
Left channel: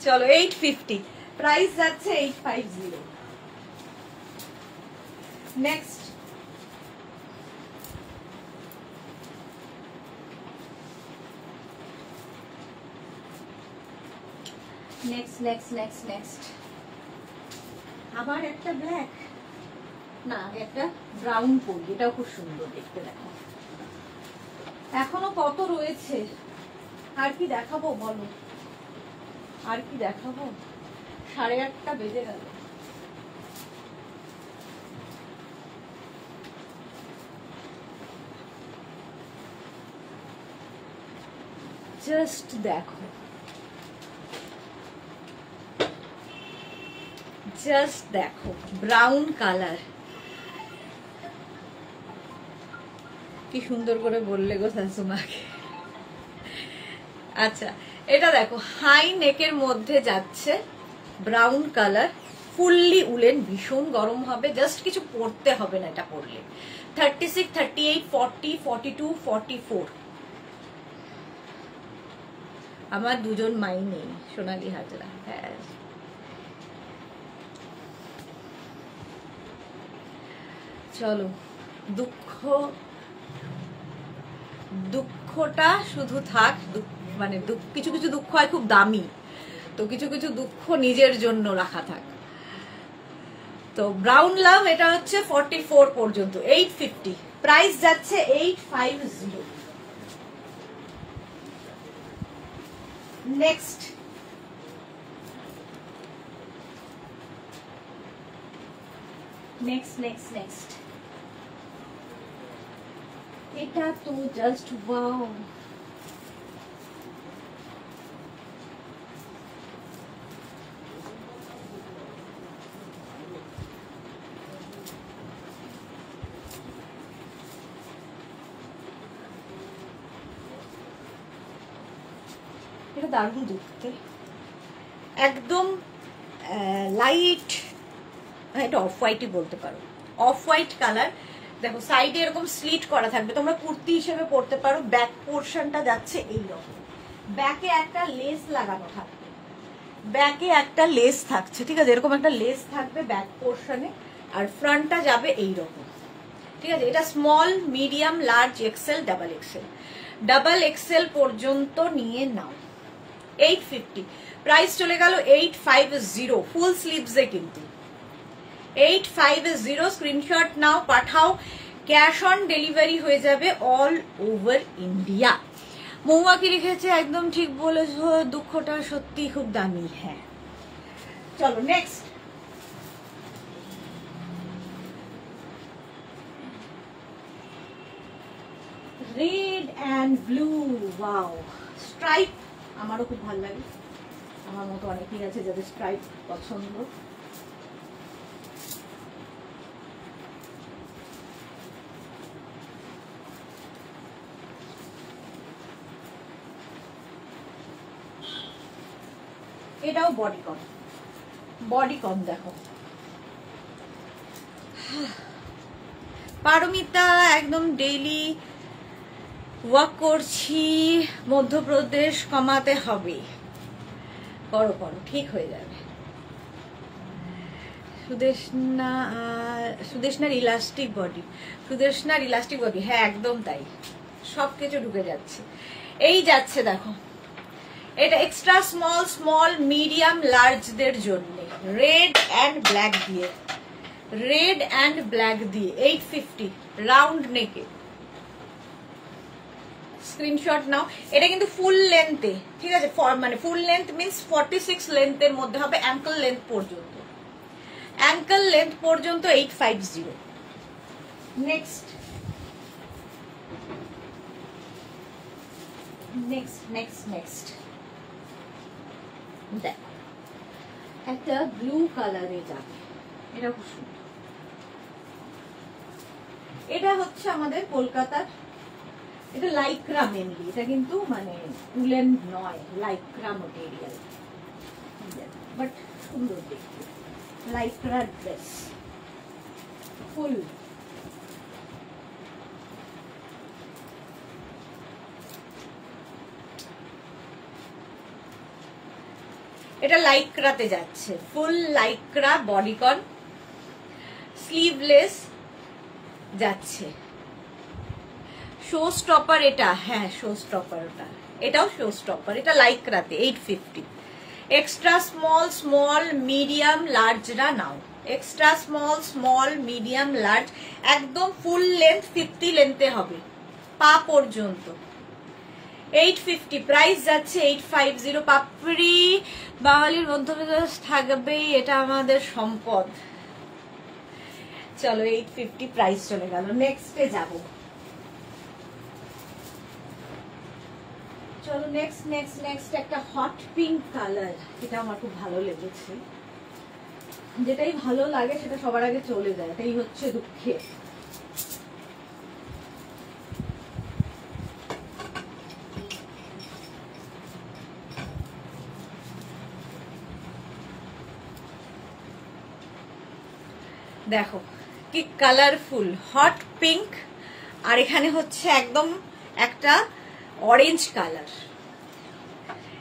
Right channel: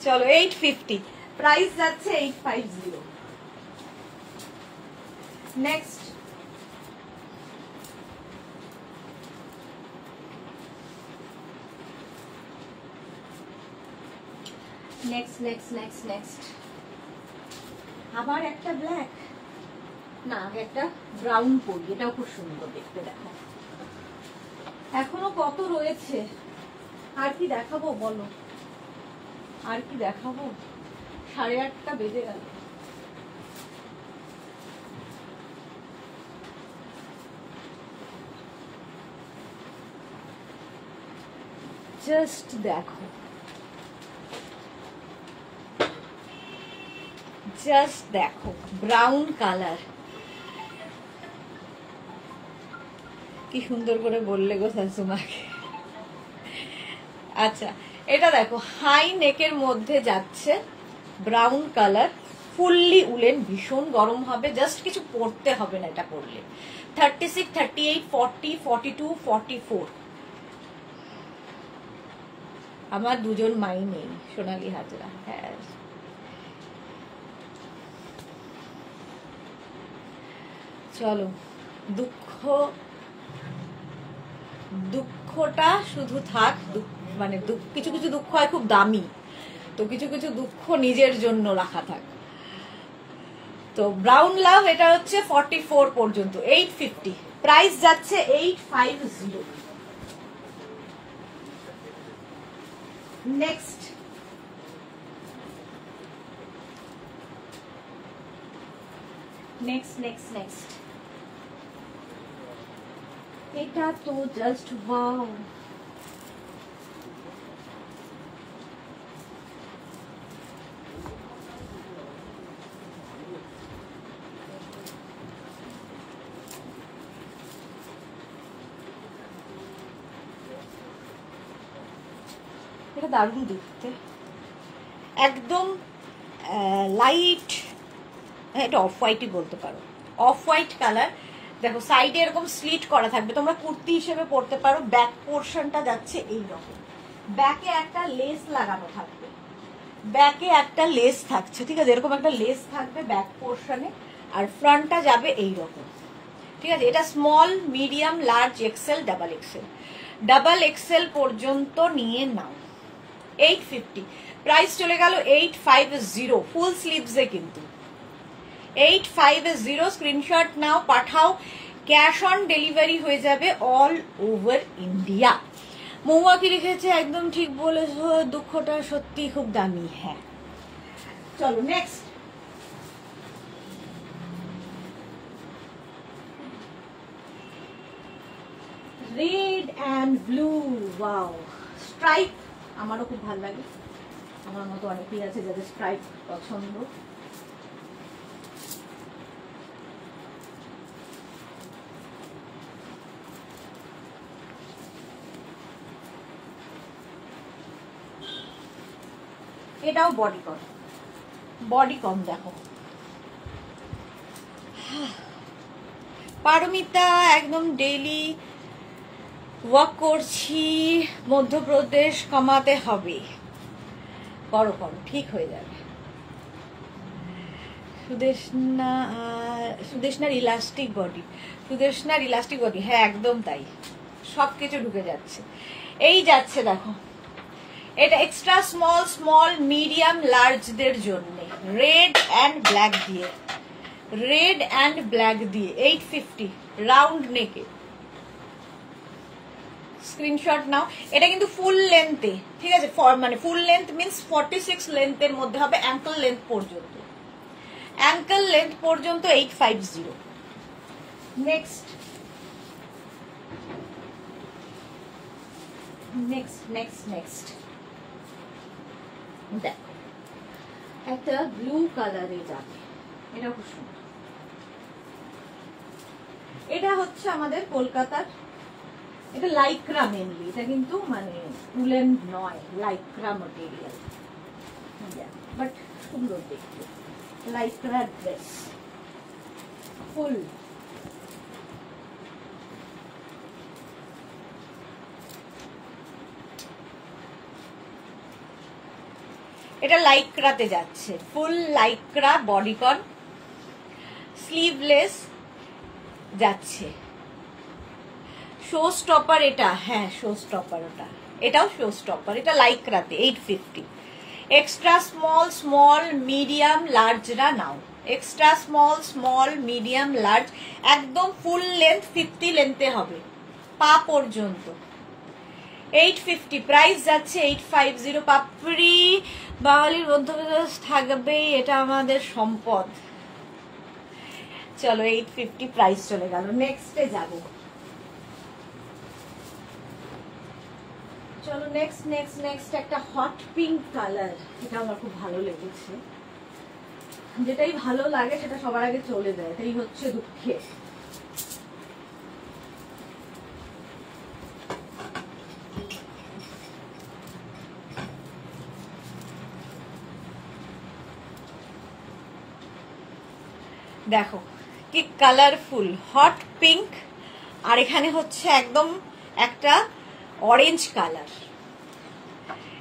চলো 850, প্রাইস যাচ্ছে 850। Next next next next next আবার একটা ব্ল্যাক, না আগে একটা ব্রাউন পরি, এটাও খুব সুন্দর দেখতে। দেখো এখনো কত রয়েছে, আর কি দেখাবো বলো, আর কি দেখাবো? 8:30 বেজে গেল। জাস্ট দেখো, জাস্ট দেখো ব্রাউন কালার, কি সুন্দর করে বললে গো শাশুমাকে। আচ্ছা এটা দেখো হাই নেকের মধ্যে যাচ্ছে, ব্রাউন কালার, ফুললি উলেন, ভীষণ গরম হবে, জাস্ট কিছু পরতে হবে না এটা পরলে। 36, 38, 40, 42, 44। আমার দুজন মাই নেই, সোনালী হাজরা। হ্যাঁ চলো, দুঃখটা শুধু থাক, মানে কিছু কিছু দুঃখ হয় খুব দামি, তো কিছু কিছু দুঃখ নিজের জন্য রাখা থাক। তো ব্রাউন লাভ এটা হচ্ছে 44 পর্যন্ত, 850, প্রাইস যাচ্ছে 850। নেক্সট নেক্সট নেক্সট নেক্সট এটা তো জাস্ট ওয়াও, এটা দারুণ দেখতে, একদম লাইট, এটা অফ হোয়াইটই বলতে পারো, অফ হোয়াইট কালার। দেখো সাইডে এরকম স্লিট করা থাকবে, তোমরা কুর্তি হিসেবে পরতে পারো। ব্যাক পোর্শনটা যাচ্ছে এইরকম, ব্যাকে একটা লেস লাগানো থাকবে, ব্যাকে একটা লেস থাকছে, ঠিক আছে, এরকম একটা লেস থাকবে ব্যাক পোর্শনে, আর ফ্রন্টটা যাবে এইরকম, ঠিক আছে। এটা small, medium, large, XL, double XL, double XL পর্যন্ত নিয়ে নাও। 850, প্রাইস চলে গেল 850, ফুল স্লিভসে কিন্তু 850। স্ক্রিনশট নাও, পাঠাও, ক্যাশ অন ডেলিভারি হয়ে যাবে অল ওভার ইন্ডিয়া। মহুয়া কি লিখেছে, একদম ঠিক বলেছো, দুঃখটা সত্যি খুব দামি। হ্যাঁ চলো next, red and blue, wow, stripe আমারও খুব ভালো লাগে, আমার মতো অনেকেই আছে যাদের স্ট্রাইপ পছন্দ। এটাও বডি কম, বডি কম। দেখো পারমিতা, একদম ডেইলি ওয়াক করছি, মধ্যপ্রদেশ কমাতে হবে, করো করো, ঠিক হয়ে যাবে। সুদেশনার ইলাস্টিক বডি, সুদেশনার ইলাস্টিক বডি, হ্যাঁ একদম তাই, সবকিছু ঢুকে যাচ্ছে। এই যাচ্ছে দেখো, এটা এক্সট্রা স্মল, স্মল, মিডিয়াম, লার্জদের জন্য, রেড অ্যান্ড ব্ল্যাক দিয়ে, রেড অ্যান্ড ব্ল্যাক দিয়ে 850, রাউন্ড নেকে। স্ক্রিনশট নাও, এটা কিন্তু ফুল লেন্থে, ঠিক আছে, মানে ফুল লেন্থ মিন্স 46 লেন্থের মধ্যে হবে, অ্যাঙ্কল লেন্থ পর্যন্ত, অ্যাঙ্কল লেন্থ পর্যন্ত 850। নেক্সট নেক্সট নেক্সট নেক্সট দেখো একটা ব্লু কালারে যাবে, এটা খুব সুন্দর। এটা হচ্ছে আমাদের কলকাতার, এটা লাইক্রা মেনলি, এটা কিন্তু মানে উলেন নয়, লাইক্রা মেটেরিয়াল, বাট সুন্দর দেখতে, লাইক্রা ড্রেস ফুল। এটা লাইক্রাতে যাচ্ছে, ফুল লাইক্রা বডিকন, স্লিভলেস যাচ্ছে। শো স্টপার এটা, হ্যাঁ শো স্টপার ওটা, এটাও শো স্টপার, এটা লাইক্রাতে 850। এক্সট্রা স্মল, স্মল, মিডিয়াম, লার্জরা নাও। Extra small, small, medium, large, একদম ফুল লেন্থ 50 লেন্থে হবে পা পর্যন্ত। 850 প্রাইস যাচ্ছে 850। পাপড়ি বাঙালির মধ্যবিত্ত থাকবেই, এটা আমাদের সম্পদ। চলো 850 প্রাইস চলে গেল, নেক্সটে যাব। চলো নেক্সট নেক্সট নেক্সট একটা হট পিঙ্ক কালার, এটা আমার খুব ভালো লেগেছে। যেটাই ভালো লাগে সেটা সবার আগে চলে যায়, এটাই হচ্ছে দুঃখের। দেখো কি কালারফুল, হট পিঙ্ক, আর এখানে হচ্ছে একদম একটা অরেঞ্জ কালার।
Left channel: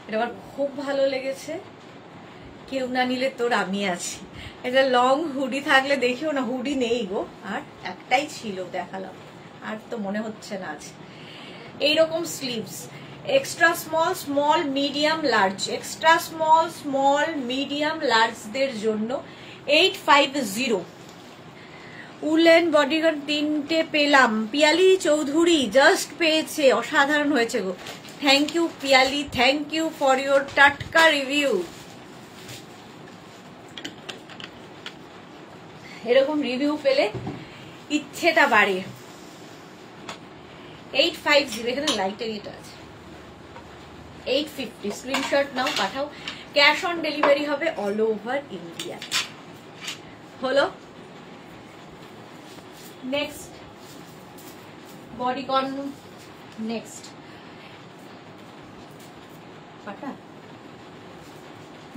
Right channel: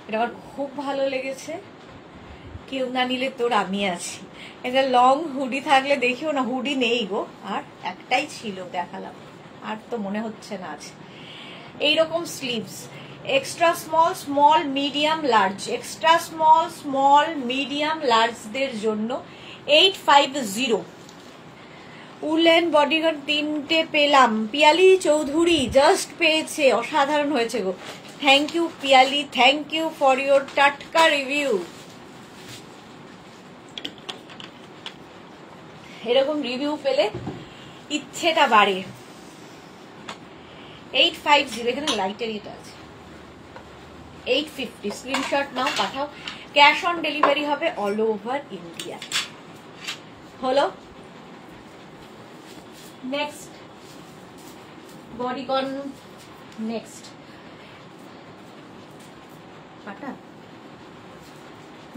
এটা আমার খুব ভালো লেগেছে। কেউ না নিলে তোর আমি আছি। এটা লং হুডি থাকলে দেখিও না, হুডি নেই গো, আর একটাই ছিল দেখালাম, আর তো মনে হচ্ছে না আছে। এইরকম sleeves, extra small, small, medium, large, extra small, small, medium, লার্জদের জন্য 850। উলেন বডিগার্ড 3টে পেলাম, পিয়ালি চৌধুরী জাস্ট পেয়েছে, অসাধারণ হয়েছে গো। Thank you Piyali, thank you for your টাটকা রিভিউ। এরকম রিভিউ পেলে ইচ্ছেটা বাড়ে। 850, এখানে লাইটের এটা আছে। 850 স্ক্রিনশট নাও, পাঠাও। ক্যাশ অন ডেলিভারি হবে অল ওভার ইন্ডিয়া। হলো নেক্সট বডিকন, নেক্সট পাটা।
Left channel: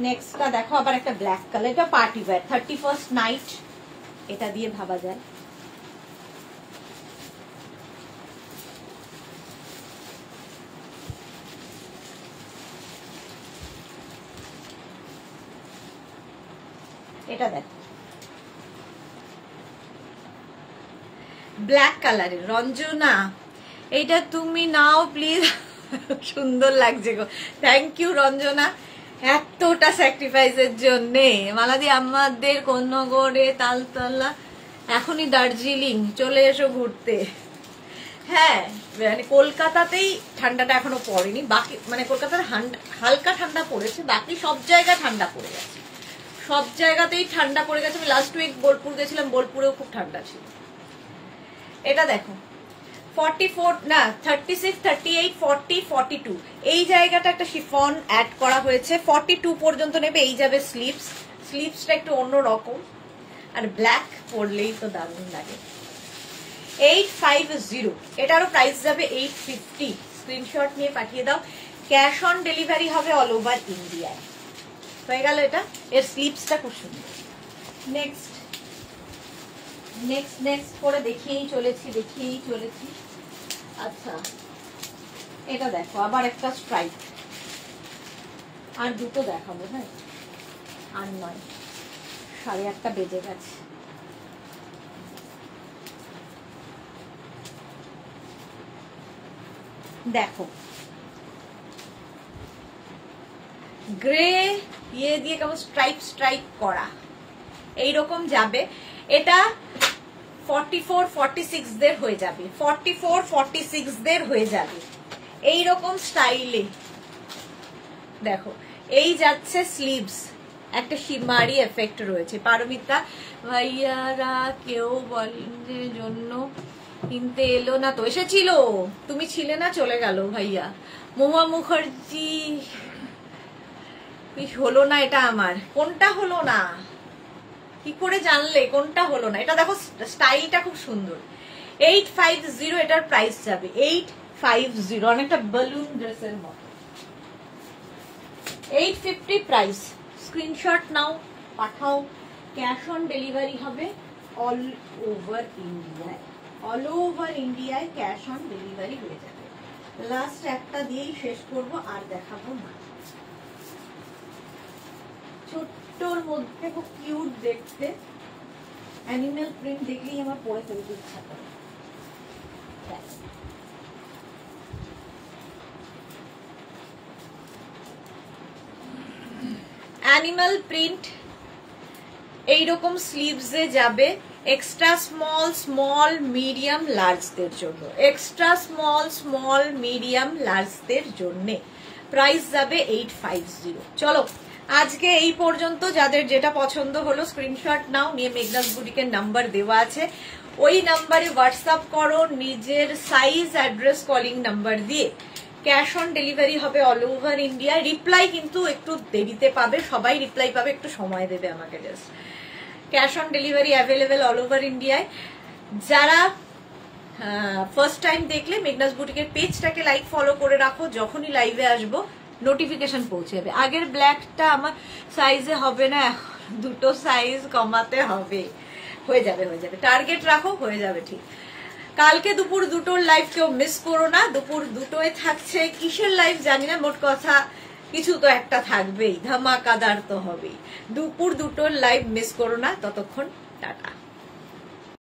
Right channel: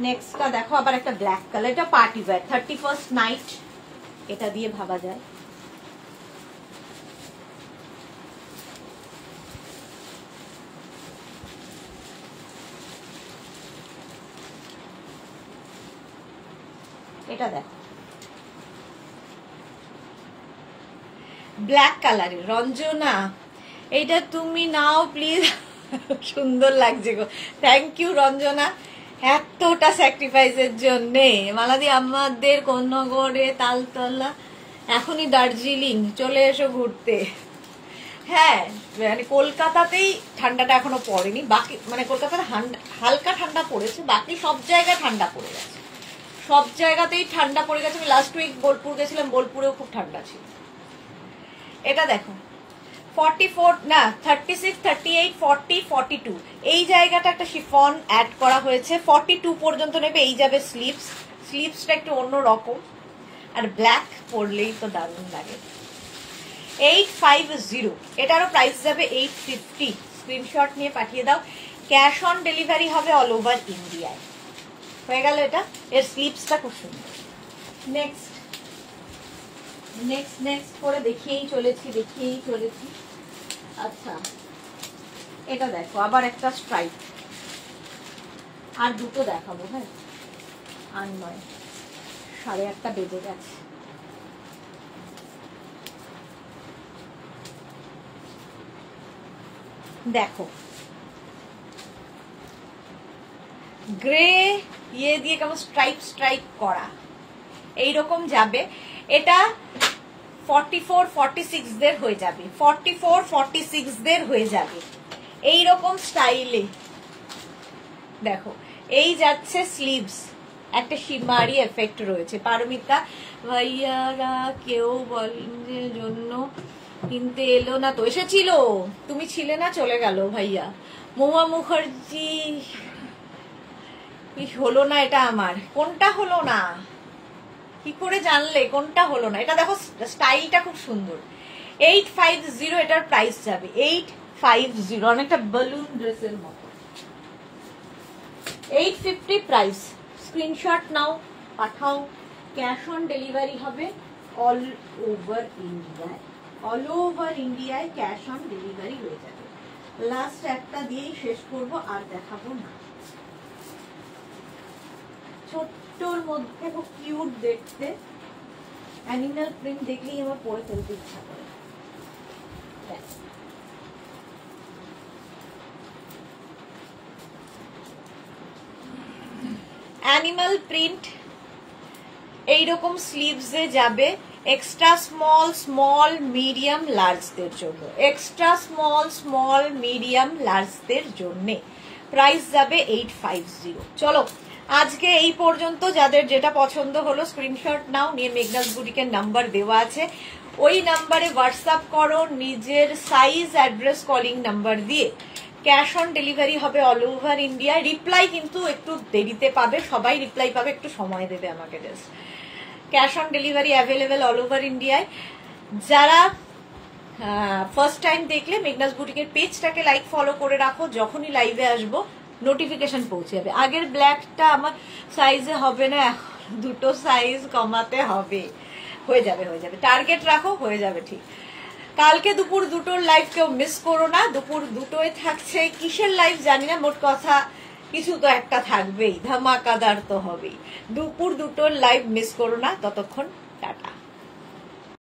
নেক্সটটা দেখো আবার একটা ব্ল্যাক কালার, এটা পার্টি ওয়্যার, 31st নাইট এটা দিয়ে ভাবা যায়। এটা দেখো ব্ল্যাক কালারের, রঞ্জনা এইটা তুমি নাও প্লিজ, সুন্দর লাগছে গো। থ্যাংক ইউ রঞ্জনা, এতটা স্যাক্রিফাইসের জন্যে। মালাদি আমাদের কোন্নগরে তালতলা, এখনই দার্জিলিং চলে এসো ঘুরতে। হ্যাঁ মানে কলকাতাতেই ঠান্ডাটা এখনো পড়েনি, বাকি মানে কলকাতার হালকা ঠান্ডা পড়েছে, বাকি সব জায়গায় ঠান্ডা পড়ে গেছে, সব জায়গাতেই ঠান্ডা পড়ে গেছে। আমি লাস্ট উইক বোলপুর গেছিলাম, বোলপুরেও খুব ঠান্ডা ছিল। এটা দেখো 44 না 36, 38, 40, 42 এই জায়গাটা একটা শিফন অ্যাড করা হয়েছে। 42 পর্যন্ত নেবে, এই যাবে স্লিভস, স্লিভসটা একটু অন্য রকম, আর ব্ল্যাক পরলেই তো দারুণ লাগে। 850, এটারও প্রাইস যাবে 850। স্ক্রিনশট নিয়ে পাঠিয়ে দাও। ক্যাশ অন ডেলিভারি হবে অল ওভার ইন্ডিয়ায়। হয়ে গেল এটা, এর স্লিভসটা খুব সুন্দর। নেক্সট নেক্সট নেক্সট করে দেখিয়েই চলেছি। আচ্ছা এটা দেখো আবার একটা স্ট্রাইপ, আর দুটো দেখাবো, হ্যাঁ আর নয়, 8:30 বেজে গেছে। দেখো গ্রে ইয়ে দিয়ে কেমন স্ট্রাইপ করা এইরকম যাবে। এটা 44, 46 দের হয়ে যাবে, 44, 46 দের হয়ে যাবে এইরকম স্টাইলে। দেখো এই যাচ্ছে স্লিভস, একটা শিমারি এফেক্ট রয়েছে। পারমিতা ভাইয়ারা কেউ বলের জন্য কিনতে এলো না তো, এসেছিল, তুমি ছিলে না, চলে গেল ভাইয়া। মহুয়া মুখার্জি হলো না, এটা আমার কোনটা হলো না, কি করে জানলে কোনটা হলো না? এটা দেখো স্টাইলটা খুব সুন্দর। 850 এটার প্রাইস যাবে, 850, অনেকটা বেলুন ড্রেসের মতো। 850 প্রাইস, স্ক্রিনশট নাও, পাঠাও। ক্যাশ অন ডেলিভারি হবে অল ওভার ইন্ডিয়ায়, অল ওভার ইন্ডিয়ায় ক্যাশ অন ডেলিভারি হয়ে যাবে। লাস্ট একটা দিয়েই শেষ করব, আর দেখাবো না। ছোট্টর মধ্যে খুব কিউট দেখতে, অ্যানিমাল প্রিন্ট দেখলেই আমার পরে ফেলতে ইচ্ছা করে। অ্যানিমাল প্রিন্ট এইরকম স্লিভসে যাবে এক্সট্রা স্মল, স্মল, মিডিয়াম, লার্জদের জন্য, এক্সট্রা স্মল, স্মল, মিডিয়াম, লার্জদের জন্য। প্রাইস যাবে 850। চলো আজকে এই পর্যন্ত। যাদের যেটা পছন্দ হলো স্ক্রিনশট নাও, নিয়ে মেঘনাস বুটিকের নাম্বার দেওয়া আছে, ওই নাম্বারে হোয়াটসঅ্যাপ করো নিজের সাইজ, অ্যাড্রেস, কলিং নাম্বার দিয়ে। ক্যাশ অন ডেলিভারি হবে অল ওভার ইন্ডিয়ায়। রিপ্লাই কিন্তু একটু দেরিতে পাবে, সবাই রিপ্লাই পাবে, একটু সময় দেবে আমাকে just. Cash on delivery available all over ইন্ডিয়ায়। যারা ফার্স্ট টাইম দেখলে মেঘনাস বুটিকের পেজটাকে লাইক ফলো করে রাখো, যখনই লাইভে আসবো নোটিফিকেশন পৌঁছে যাবে। আগের ব্ল্যাকটা আমার সাইজে হবে না, দুটো সাইজ কমাতে হবে। হয়ে যাবে, হয়ে যাবে, টার্গেট রাখো, হয়ে যাবে ঠিক। কালকে দুপুর 2টোর লাইভ কেউ মিস করো না। দুপুর 2টোয় থাকছে কিসের লাইভ জানি না, মোট কথা কিছু তো একটা থাকবেই, ধামাকাদার তো হবেই। দুপুর 2টোর লাইভ মিস করো না। ততক্ষণ টাটা।